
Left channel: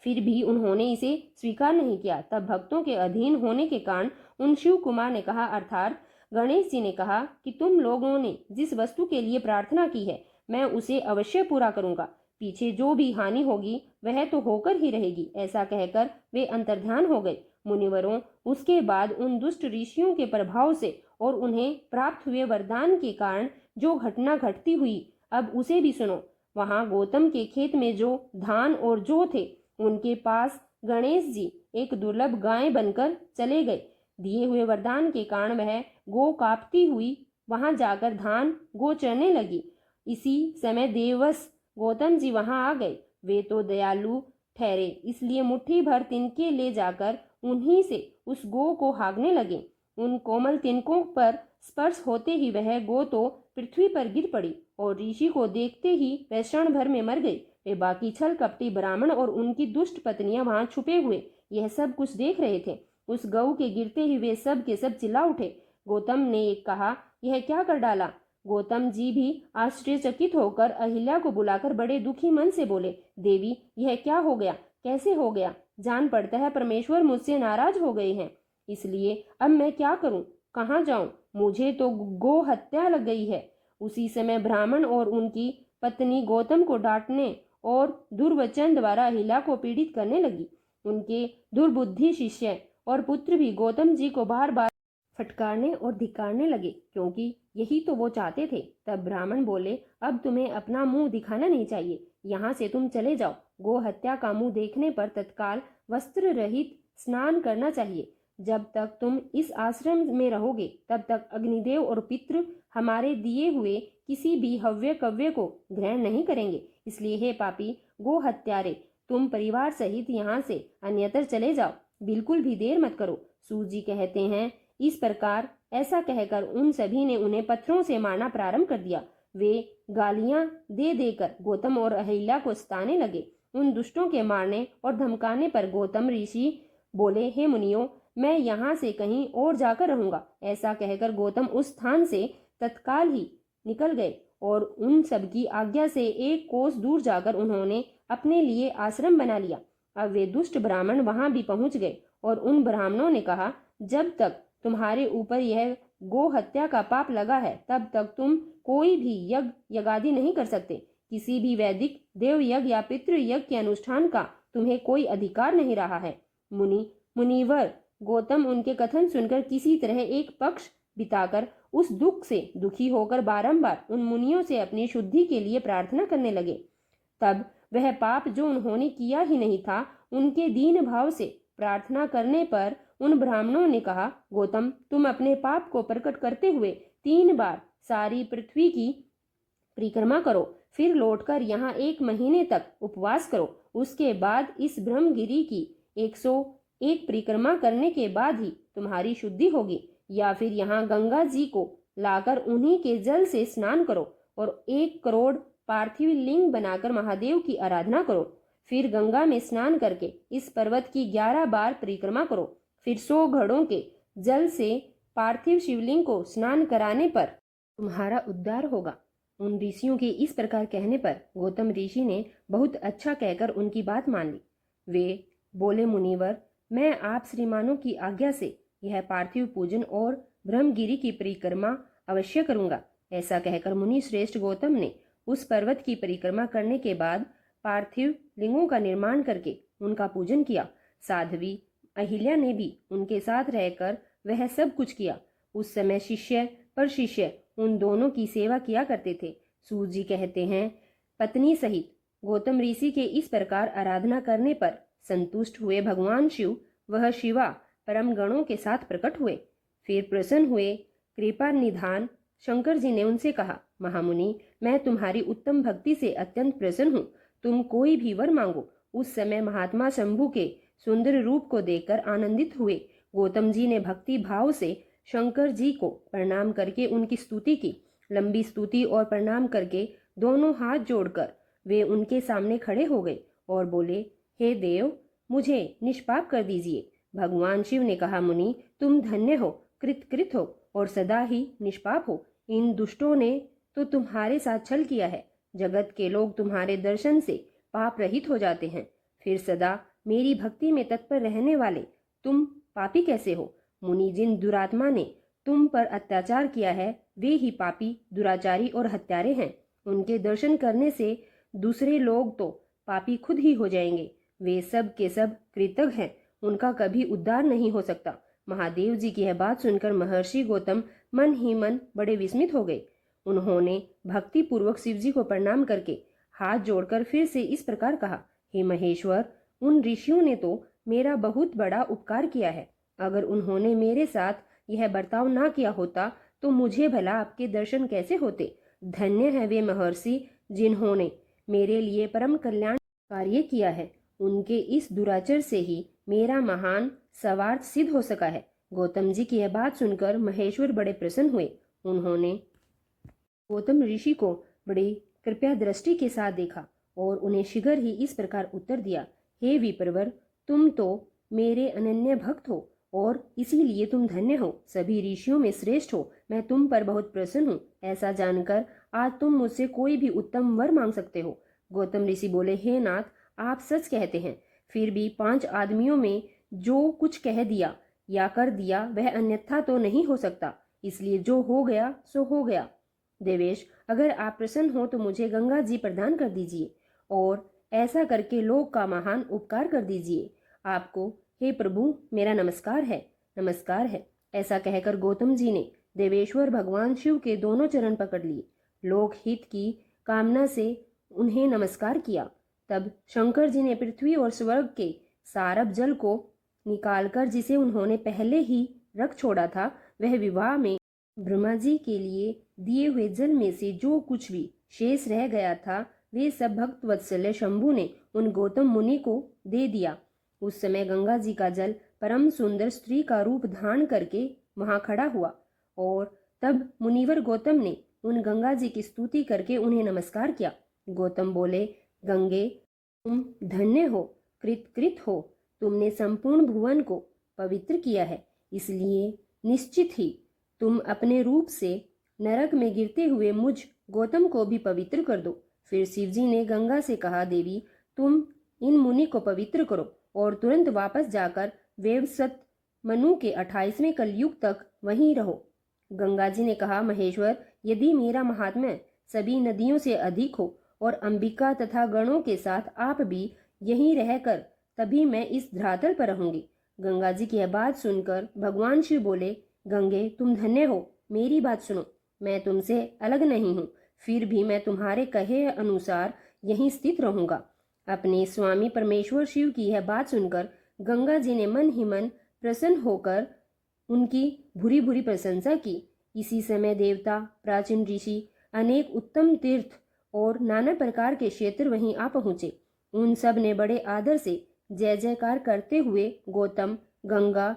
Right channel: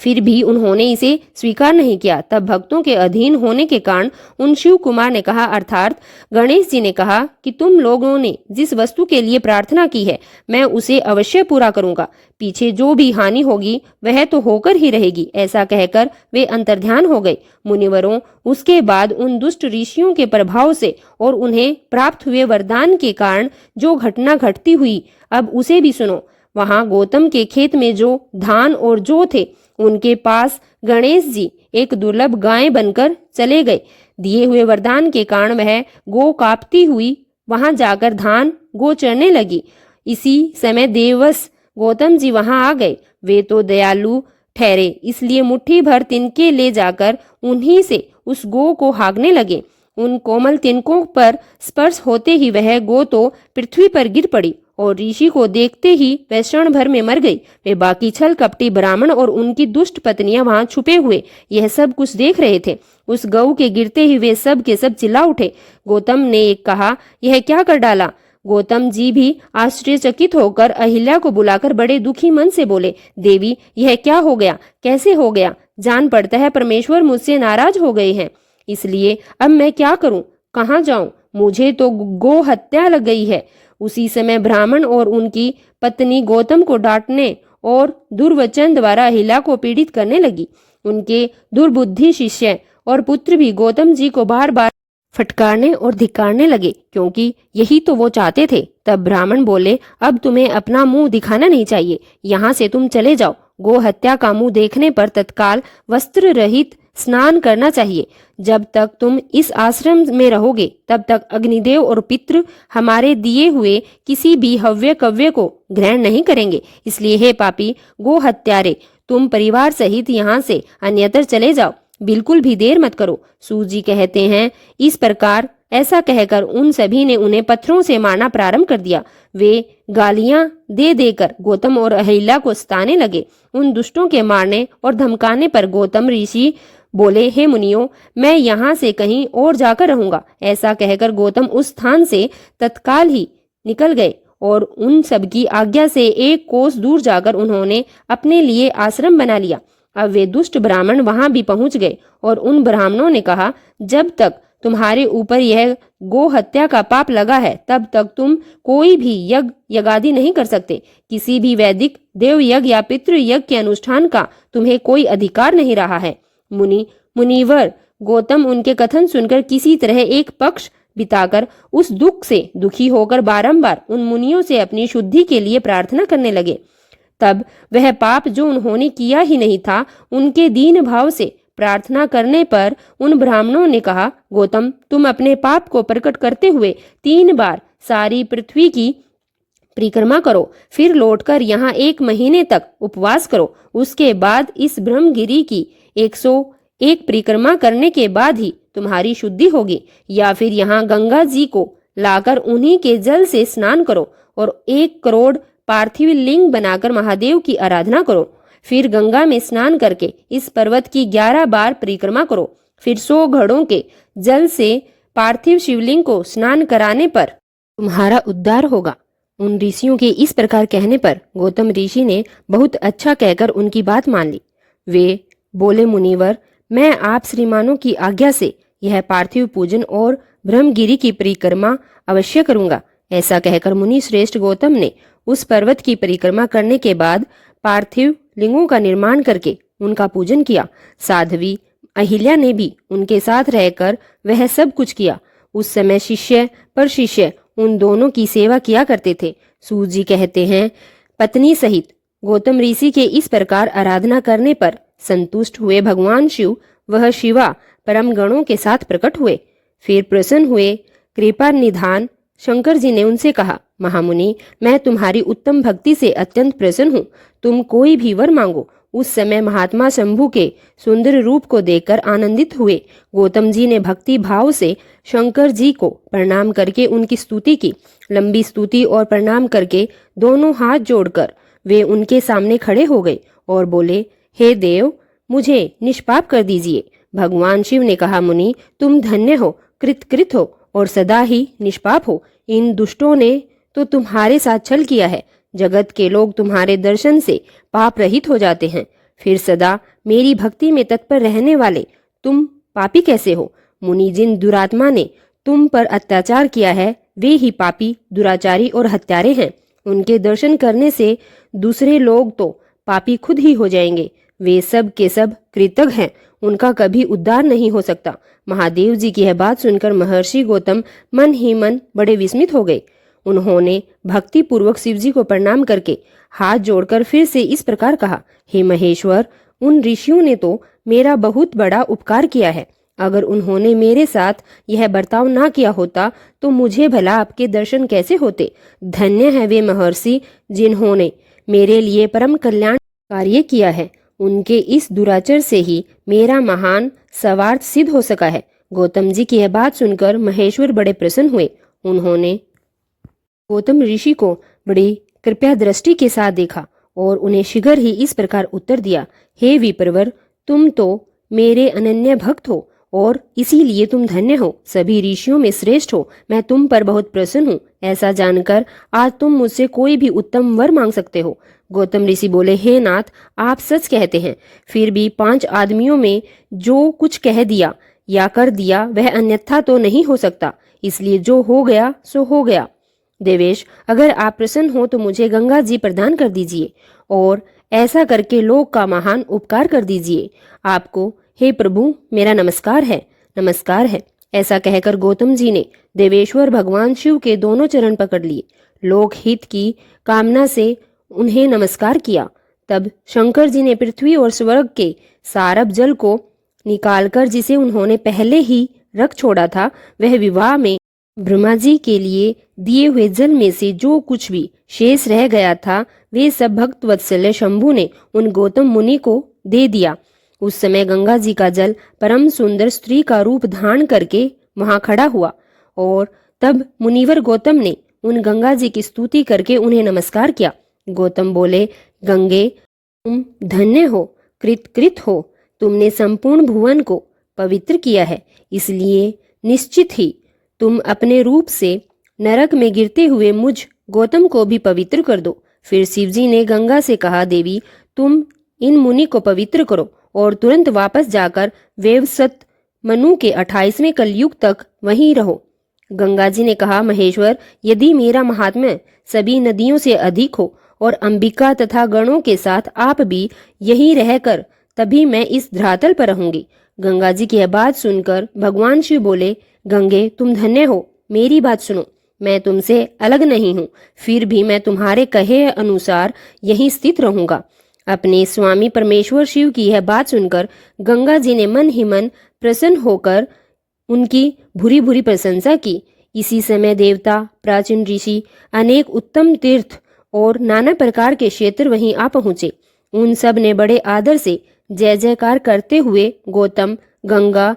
फिर भी उन्होंने इसे स्वीकार नहीं किया। तब भक्तों के अधीन होने के कारण उन शिव कुमार ने कहा, अर्थात गणेश जी ने कहा कि तुम लोगों ने जिस वस्तु के लिए प्रार्थना की है मैं उसे अवश्य पूरा करूंगा। पीछे जो भी हानि होगी वह तो होकर ही रहेगी। ऐसा कहकर वे अंतर्ध्यान हो गए। मुनिवरों, उसके बाद उन दुष्ट ऋषियों के प्रभाव से और उन्हें प्राप्त हुए वरदान के कारण जो घटना घटती हुई, अब उसे भी सुनो। वहां गौतम के खेत में जो धान और जौ थे, उनके पास गणेश जी एक दुर्लभ गाय बनकर चले गए। दिए हुए वरदान के कारण वह गौ कांपती हुई वहां जाकर धान गौ चरने लगी। इसी समय देववश गौतम जी वहां आ गए। वे तो दयालु ठहरे, इसलिए मुट्ठी भर तिनके ले जाकर उन्हीं से उस गौ को हाँकने लगे। उन कोमल तिनकों पर स्पर्श होते ही वह गौ तो पृथ्वी पर गिर पड़ी और ऋषि को देखते ही वह क्षण भर में मर गई। वे बाकी छल कपटी ब्राह्मण और उनकी दुष्ट पत्नियां वहां छुपे हुए यह सब कुछ देख रहे थे। उस गऊ के गिरते ही वे सब के सब चिल्ला उठे। गौतम ने एक कहा, यह क्या कर डाला? गौतम जी भी आश्चर्यचकित होकर अहिल्या को बुलाकर बड़े दुखी मन से बोले, देवी, यह क्या हो गया? कैसे हो गया? जान पड़ता है परमेश्वर मुझसे नाराज हो गए हैं। इसलिए अब मैं क्या करूं? कहाँ जाऊं? मुझे तो गो हत्या लग गई है। उसी समय ब्राह्मण और उनकी पत्नी गौतम को डांटने और दुर्वचन द्वारा अहिल्या को पीड़ित करने लगी। उनके दुर्बुद्धि शिष्य और पुत्र भी गौतम जी को बार बार फटकारने और धिक्कारने लगे, क्योंकि यही तो वो चाहते थे। तब ब्राह्मण बोले, अब तुम्हें अपना मुंह दिखाना नहीं चाहिए, यहाँ से तुम चले जाओ। गो हत्या का मुंह देखने पर तत्काल वस्त्र रहित स्नान करना चाहिए। जब तक तुम इस आश्रम में रहोगे तब तक अग्निदेव और पितृ हमारे दिए हुए किसी भी हव्य कव्य को ग्रहण नहीं करेंगे। इसलिए हे पापी गो हत्यारे, तुम परिवार सहित यहाँ से अन्यत्र चले जाओ, बिल्कुल भी देर मत करो। सूजी कहते हैं, इस प्रकार ऐसा कहकर उन सभी ने उन्हें पत्थरों से मारना प्रारंभ कर दिया। वे गालियां दे देकर गौतम और अहिल्या को सताने लगे। उन दुष्टों के मारने और धमकाने पर गौतम ऋषि बोले, हे मुनियों, मैं यहाँ से कहीं और जाकर रहूंगा। ऐसा कहकर गौतम उस स्थान से तत्काल ही निकल गए और उन सबकी आज्ञा से एक कोस दूर जाकर उन्होंने अपने लिए आश्रम बना लिया। अब वे दुष्ट ब्राह्मण वहां भी पहुंच गए और उन ब्राह्मणों ने कहा, जब तक तुम्हारे ऊपर यह गो हत्या का पाप लगा है तब तक तुम कोई भी यज्ञ यज्ञादि नहीं कर सकते। किसी भी वैदिक देव यज्ञ या पितृ यज्ञ के अनुष्ठान का तुम्हें कोई अधिकार नहीं रहा है। मुनिवर गौतम उनके कथन सुनकर किसी तरह एक पक्ष बिताकर उस दुख से दुखी होकर बारंबार उन मुनियों से अपनी शुद्धि के लिए प्रार्थना करने लगे। तब वह पाप जो उन्होंने किया ही नहीं था, उनके दीन भाव से प्रार्थना करने पर उन ब्राह्मणों ने कहा, गौतम, तुम अपने पाप को प्रकट करते हुए 3 बार सारी पृथ्वी की परिक्रमा करो, फिर लौटकर यहाँ 1 महीने तक उपवास करो। उसके बाद इस ब्रह्मगिरी की 101 परिक्रमा करने के बाद ही तुम्हारी शुद्धि होगी। या फिर यहाँ गंगा जी को लाकर उन्हीं के जल से स्नान करो और 1 करोड़ पार्थिव लिंग बनाकर महादेव की आराधना करो। फिर गंगा में स्नान करके इस पर्वत की 11 बार परिक्रमा करो। फिर 100 घड़ों के जल से पार्थिव शिवलिंग को स्नान कराने पर तुम्हारा उद्धार होगा। उन ऋषियों के इस प्रकार कहने पर गौतम ऋषि ने बहुत अच्छा कहकर उनकी बात मान ली। वे बोले, मुनिवर, मैं आप श्रीमानों की आज्ञा से यह पार्थिव पूजन और ब्रह्मगिरी की परिक्रमा अवश्य करूंगा। ऐसा कहकर मुनि श्रेष्ठ गौतम ने उस पर्वत की परिक्रमा करने के बाद पार्थिव लिंगों का निर्माण करके उनका पूजन किया। साध्वी अहिल्या ने भी उनके साथ रहकर वह सब कुछ किया। उस समय शिष्य पर शिष्य उन दोनों की सेवा किया करते थे। सूत जी कहते हैं, पत्नी सहित गौतम ऋषि के इस प्रकार आराधना करने पर संतुष्ट हुए भगवान शिव वह शिवा परम गणों के साथ प्रकट हुए। फिर प्रसन्न हुए कृपा निधान शंकर जी ने उनसे कहा, महामुनि, मैं तुम्हारी उत्तम भक्ति से अत्यंत प्रसन्न हूँ। तुम कोई भी वर मांगो। उस समय महात्मा शंभु के सुंदर रूप को देखकर आनंदित हुए गौतम जी ने भक्ति भाव से शंकर जी को प्रणाम करके उनकी स्तुति की। लंबी स्तुति और प्रणाम करके दोनों हाथ जोड़कर वे उनके सामने खड़े हो गए और बोले, हे देव, मुझे निष्पाप कर दीजिए। भगवान शिव ने कहा, मुनि, तुम धन्य हो, कृत हो और सदा ही निष्पाप हो। इन दुष्टों ने तो तुम्हारे साथ छल किया है। जगत के लोग तुम्हारे दर्शन से पाप रहित हो जाते हैं। फिर सदा मेरी भक्ति में तत्पर रहने वाले तुम पापी कैसे हो? मुनि, जिन दुरात्मा ने तुम पर अत्याचार किया है वे ही पापी, दुराचारी और हत्यारे हैं। उनके दर्शन करने से दूसरे लोग तो पापी खुद ही हो जाएंगे। वे सब के सब कृतज्ञ हैं, उनका कभी उद्धार नहीं हो सकता। महादेव जी की यह बात सुनकर महर्षि गौतम मन ही मन बड़े विस्मित हो गए। उन्होंने भक्ति पूर्वक शिव जी को प्रणाम करके हाथ जोड़कर फिर से इस प्रकार कहा, हे महेश्वर, उन ऋषियों ने तो मेरा बहुत बड़ा उपकार किया है। अगर उन्होंने मेरे साथ यह बर्ताव ना किया होता तो मुझे भला आपके दर्शन कैसे होते। धन्य है वे महर्षि जिन्होंने मेरे लिए परम कल्याण कार्य किया है। उनके इस दुराचर से ही मेरा महान स्वार्थ सिद्ध हो सका है। गौतम जी की यह बात सुनकर महेश्वर बड़े प्रसन्न हुए। उन्होंने गौतम ऋषि को बड़ी कृपया दृष्टि के साथ देखा और उन्हें शीघ्र ही इस प्रकार उत्तर दिया, हे विप्रवर, तुम तो मेरे अनन्य भक्त हो और इसीलिए तुम धन्य हो, सभी ऋषियों में श्रेष्ठ हो। मैं तुम पर बहुत प्रसन्न हूँ। ऐसा जानकर आज तुम मुझसे कोई भी उत्तम वर मांग सकते हो। गौतम ऋषि बोले, हे नाथ, आप सच कहते हैं। फिर भी 5 आदमियों में जो कुछ कह दिया या कर दिया वह अन्यथा तो नहीं हो सकता, इसलिए जो हो गया सो हो गया। देवेश, अगर आप प्रसन्न हो तो मुझे गंगा जी प्रदान कर दीजिए और ऐसा करके लोक का महान उपकार कर दीजिए। आपको हे प्रभु मेरा नमस्कार है, नमस्कार है। ऐसा कहकर गौतम जी ने देवेश्वर भगवान शिव के दोनों चरण पकड़ लिए। लोक हित की कामना से उन्हें नमस्कार किया। तब शंकर जी ने पृथ्वी और स्वर्ग के सारब जल को निकालकर, जिसे उन्होंने पहले ही रख छोड़ा था, वह विवाह में ब्रह्मा जी के लिए दिए हुए जल में से जो कुछ भी शेष रह गया था वे सब भक्त वत्सल्य शंभु ने उन गौतम मुनि को दे दिया। उस समय गंगा जी का जल परम सुंदर स्त्री का रूप धारण करके वहां खड़ा हुआ और तब मुनिवर गौतम ने उन गंगा जी की स्तुति करके उन्हें नमस्कार किया। गौतम बोले, गंगे, तुम धन्य हो, कृत हो। तुमने संपूर्ण भुवन को पवित्र किया है, इसलिए निश्चित ही तुम अपने रूप से नरक में गिरते हुए मुझ गौतम को भी पवित्र कर दो। फिर शिवजी ने गंगा से कहा, देवी, तुम इन मुनि को पवित्र करो और तुरंत वापस जाकर वेवसत मनु के 28वें कलयुग तक वहीं रहो। गंगा जी ने कहा, महेश्वर, यदि मेरा महात्म्य सभी नदियों से अधिक हो और अंबिका तथा गणों के साथ आप भी यहीं रहकर, तभी मैं इस धरातल पर रहूंगी। गंगा जी की यह बात सुनकर भगवान शिव बोले, गंगे, तुम धन्य हो, मेरी बात सुनो। मैं तुमसे अलग नहीं हूँ, फिर भी मैं तुम्हारे कहे अनुसार यहीं स्थित रहूंगा। अपने स्वामी परमेश्वर शिव की यह बात सुनकर गंगा जी ने मन ही मन प्रसन्न होकर उनकी भूरी भूरी प्रशंसा की। इसी समय देवता, प्राचीन ऋषि, अनेक उत्तम तीर्थ और नाना प्रकार के क्षेत्र वहीं आ पहुंचे। उन सब ने बड़े आदर से जय जयकार करते हुए गौतम, गंगा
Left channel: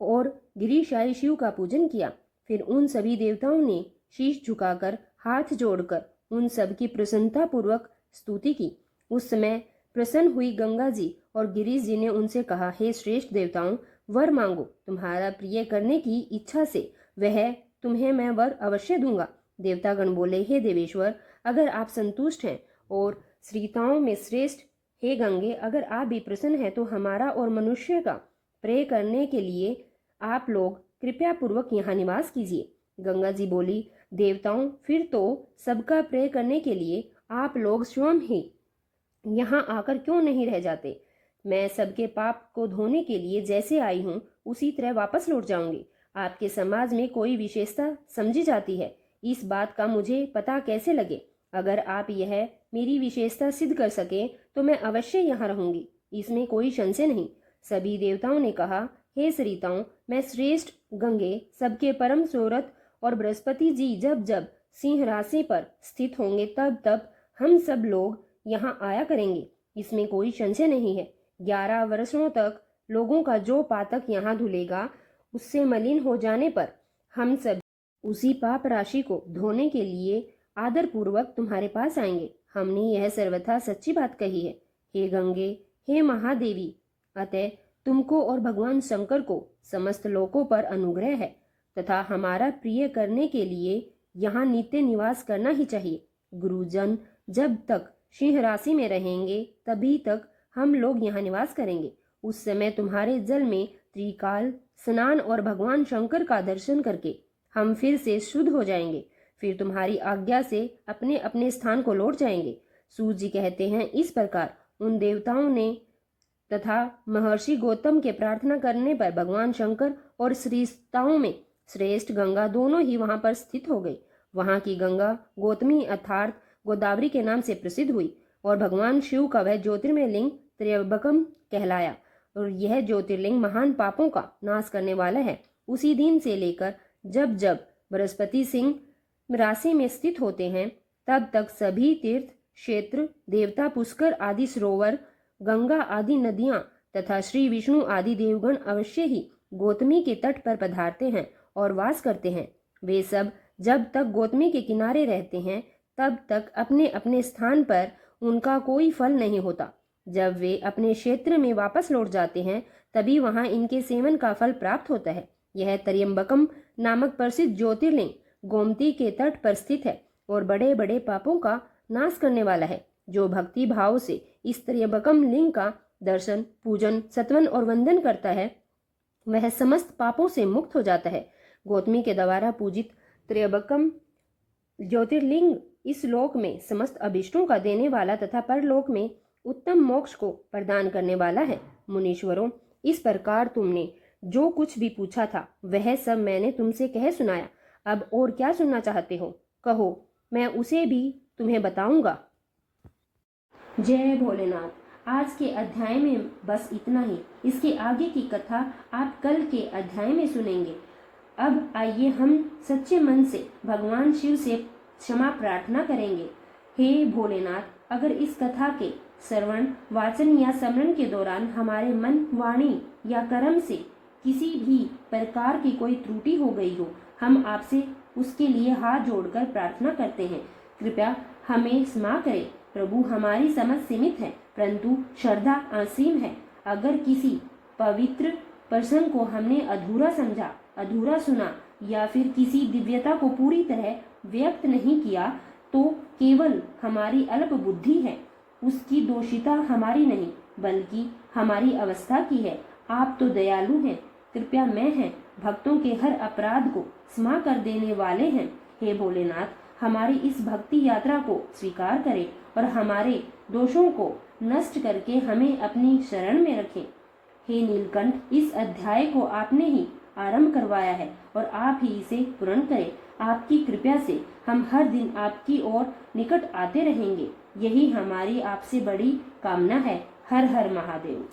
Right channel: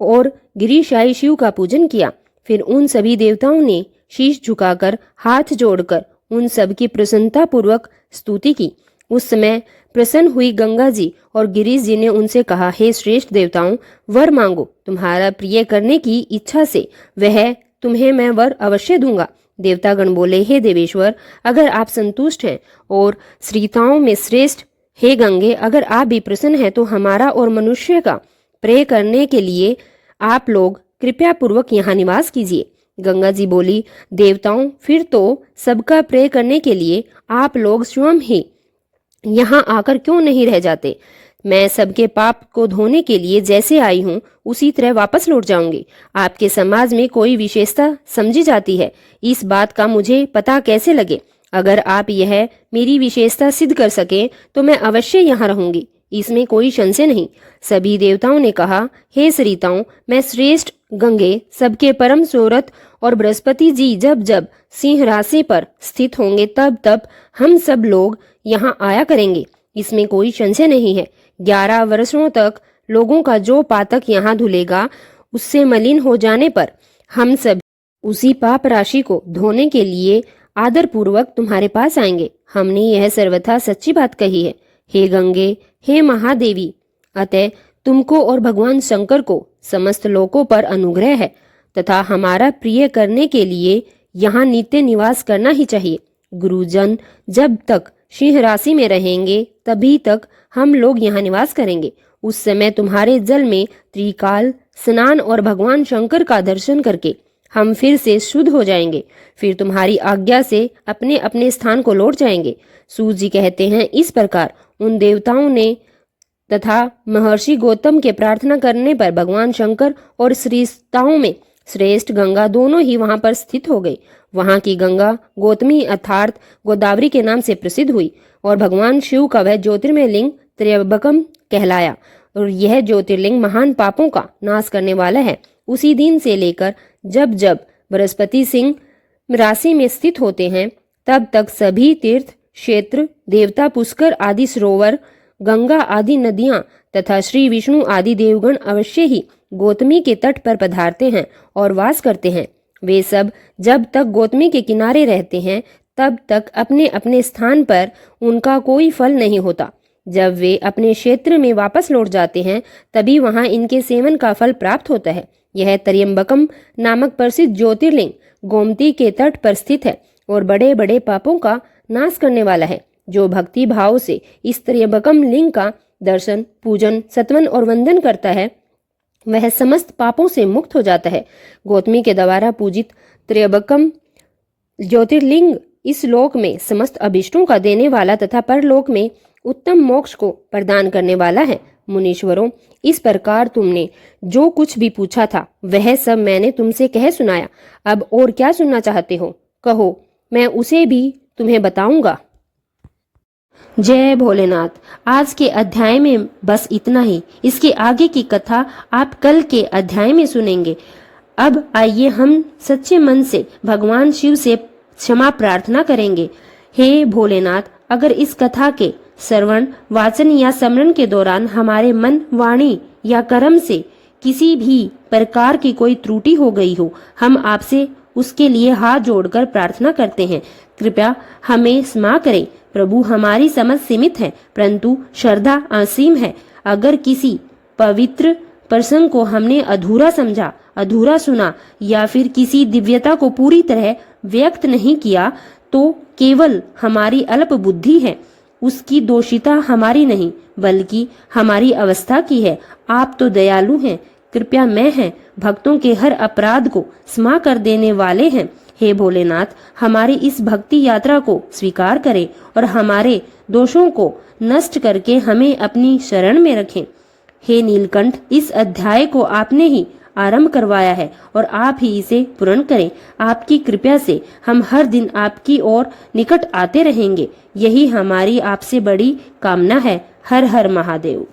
और गिरिशाई शिव का पूजन किया। फिर उन सभी देवताओं ने शीश झुकाकर हाथ जोड़कर उन सब की प्रसन्नता पूर्वक स्तुति की। उस समय प्रसन्न हुई गंगा जी और गिरीश जी ने उनसे कहा, हे श्रेष्ठ देवताओं, वर मांगो। तुम्हारा प्रिय करने की इच्छा से वह तुम्हें मैं वर अवश्य दूंगा। देवतागण बोले, हे देवेश्वर, अगर आप संतुष्ट हैं और श्रीताओं में श्रेष्ठ हे गंगे, अगर आप भी प्रसन्न हैं तो हमारा और मनुष्य का प्रेय करने के लिए आप लोग कृपया पूर्वक यहाँ निवास कीजिए। गंगा जी बोली, देवताओं, फिर तो सबका प्रेय करने के लिए आप लोग स्वयं ही यहाँ आकर क्यों नहीं रह जाते? मैं सबके पाप को धोने के लिए जैसे आई हूँ उसी तरह वापस लौट जाऊंगी। आपके समाज में कोई विशेषता समझी जाती है, इस बात का मुझे पता कैसे लगे? अगर आप यह मेरी विशेषता सिद्ध कर सकें तो मैं अवश्य यहाँ रहूंगी, इसमें कोई संशय नहीं। सभी देवताओं ने कहा, हे सरिताओं, मैं श्रेष्ठ गंगे, सबके परम सूरत और बृहस्पति जी जब जब सिंह राशि पर स्थित होंगे तब तब हम सब लोग यहाँ आया करेंगे, इसमें कोई संशय नहीं है। 11 वर्षों तक लोगों का जो पातक यहाँ धुलेगा उससे मलिन हो जाने पर हम सब उसी पाप राशि को धोने के लिए आदर पूर्वक तुम्हारे पास आएंगे। हमने यह सर्वथा सच्ची बात कही है। हे गंगे, हे महादेवी, अतः तुमको और भगवान शंकर को समस्त लोकों पर अनुग्रह है तथा हमारा प्रिय करने के लिए यहाँ नित्य निवास करना ही चाहिए। गुरुजन जब तक सिंह राशि में रहेंगे तभी तक हम लोग यहाँ निवास करेंगे। उस समय तुम्हारे जल में त्रिकाल स्नान और भगवान शंकर का दर्शन करके हम फिर से शुद्ध हो जाएंगे, फिर तुम्हारी आज्ञा से अपने अपने स्थान को लौट जाएंगे। सूत जी कहते हैं, इस प्रकार उन देवताओं ने तथा महर्षि गौतम के प्रार्थना करने पर भगवान शंकर और श्रेष्ठताओं में श्रेष्ठ गंगा दोनों ही वहां पर स्थित हो गई। वहां की गंगा गौतमी अर्थात गोदावरी के नाम से प्रसिद्ध हुई और भगवान शिव का वह ज्योतिर्मय लिंग त्र्यंबकम कहलाया और यह ज्योतिर्लिंग महान पापों का नाश करने वाला है। उसी दिन से लेकर जब जब बृहस्पति सिंह राशि में स्थित होते हैं तब तक सभी तीर्थ क्षेत्र, देवता पुष्कर आदि सरोवर, गंगा आदि नदियां तथा श्री विष्णु आदि देवगण अवश्य ही गौतमी के तट पर पधारते हैं और वास करते हैं। वे सब जब तक गौतमी के किनारे रहते हैं तब तक अपने अपने स्थान पर उनका कोई फल नहीं होता। जब वे अपने क्षेत्र में वापस लौट जाते हैं तभी वहां इनके सेवन का फल प्राप्त होता है। यह त्र्यंबकम नामक प्रसिद्ध ज्योतिर्लिंग गोमती के तट पर स्थित है और बड़े बड़े पापों का नाश करने वाला है। जो भक्ति भाव से इस त्र्यंबकम लिंग का दर्शन, पूजन, सत्वन और वंदन करता है वह समस्त पापों से मुक्त हो जाता है। गौतमी के द्वारा पूजित त्र्यंबकम ज्योतिर्लिंग इस लोक में समस्त अभिष्टों का देने वाला तथा परलोक में उत्तम मोक्ष को प्रदान करने वाला है। मुनीश्वरों, इस प्रकार तुमने जो कुछ भी पूछा था वह सब मैंने तुमसे कह सुनाया। अब और क्या सुनना चाहते हो कहो, मैं उसे भी तुम्हें बताऊंगा। जय भोलेनाथ। आज के अध्याय में बस इतना ही। इसके आगे की कथा आप कल के अध्याय में सुनेंगे। अब आइए हम सच्चे मन से भगवान शिव से क्षमा प्रार्थना करेंगे। हे भोलेनाथ, अगर इस कथा के श्रवण, वाचन या स्मरण के दौरान हमारे मन, वाणी या कर्म से किसी भी प्रकार की कोई त्रुटि हो गई हो, हम आपसे उसके लिए हाथ जोड़कर प्रार्थना करते हैं। कृपया हमें क्षमा करें। प्रभु, हमारी समझ सीमित है परंतु श्रद्धा असीम है। अगर किसी पवित्र प्रसंग को हमने अधूरा समझा, अधूरा सुना या फिर किसी दिव्यता को पूरी तरह व्यक्त नहीं किया तो केवल हमारी अल्प बुद्धि है। उसकी दोषिता हमारी नहीं बल्कि हमारी अवस्था की है। आप तो दयालु हैं, कृपया मैं हैं, भक्तों के हर अपराध को क्षमा कर देने वाले हैं। हे भोलेनाथ, हमारी इस भक्ति यात्रा को स्वीकार करें और हमारे दोषों को नष्ट करके हमें अपनी शरण में रखें। हे नीलकंठ, इस अध्याय को आपने ही आरंभ करवाया है और आप ही इसे पूर्ण करें। आपकी कृपा से हम हर दिन आपकी ओर निकट आते रहेंगे। यही हमारी आपसे बड़ी कामना है। हर हर महादेव।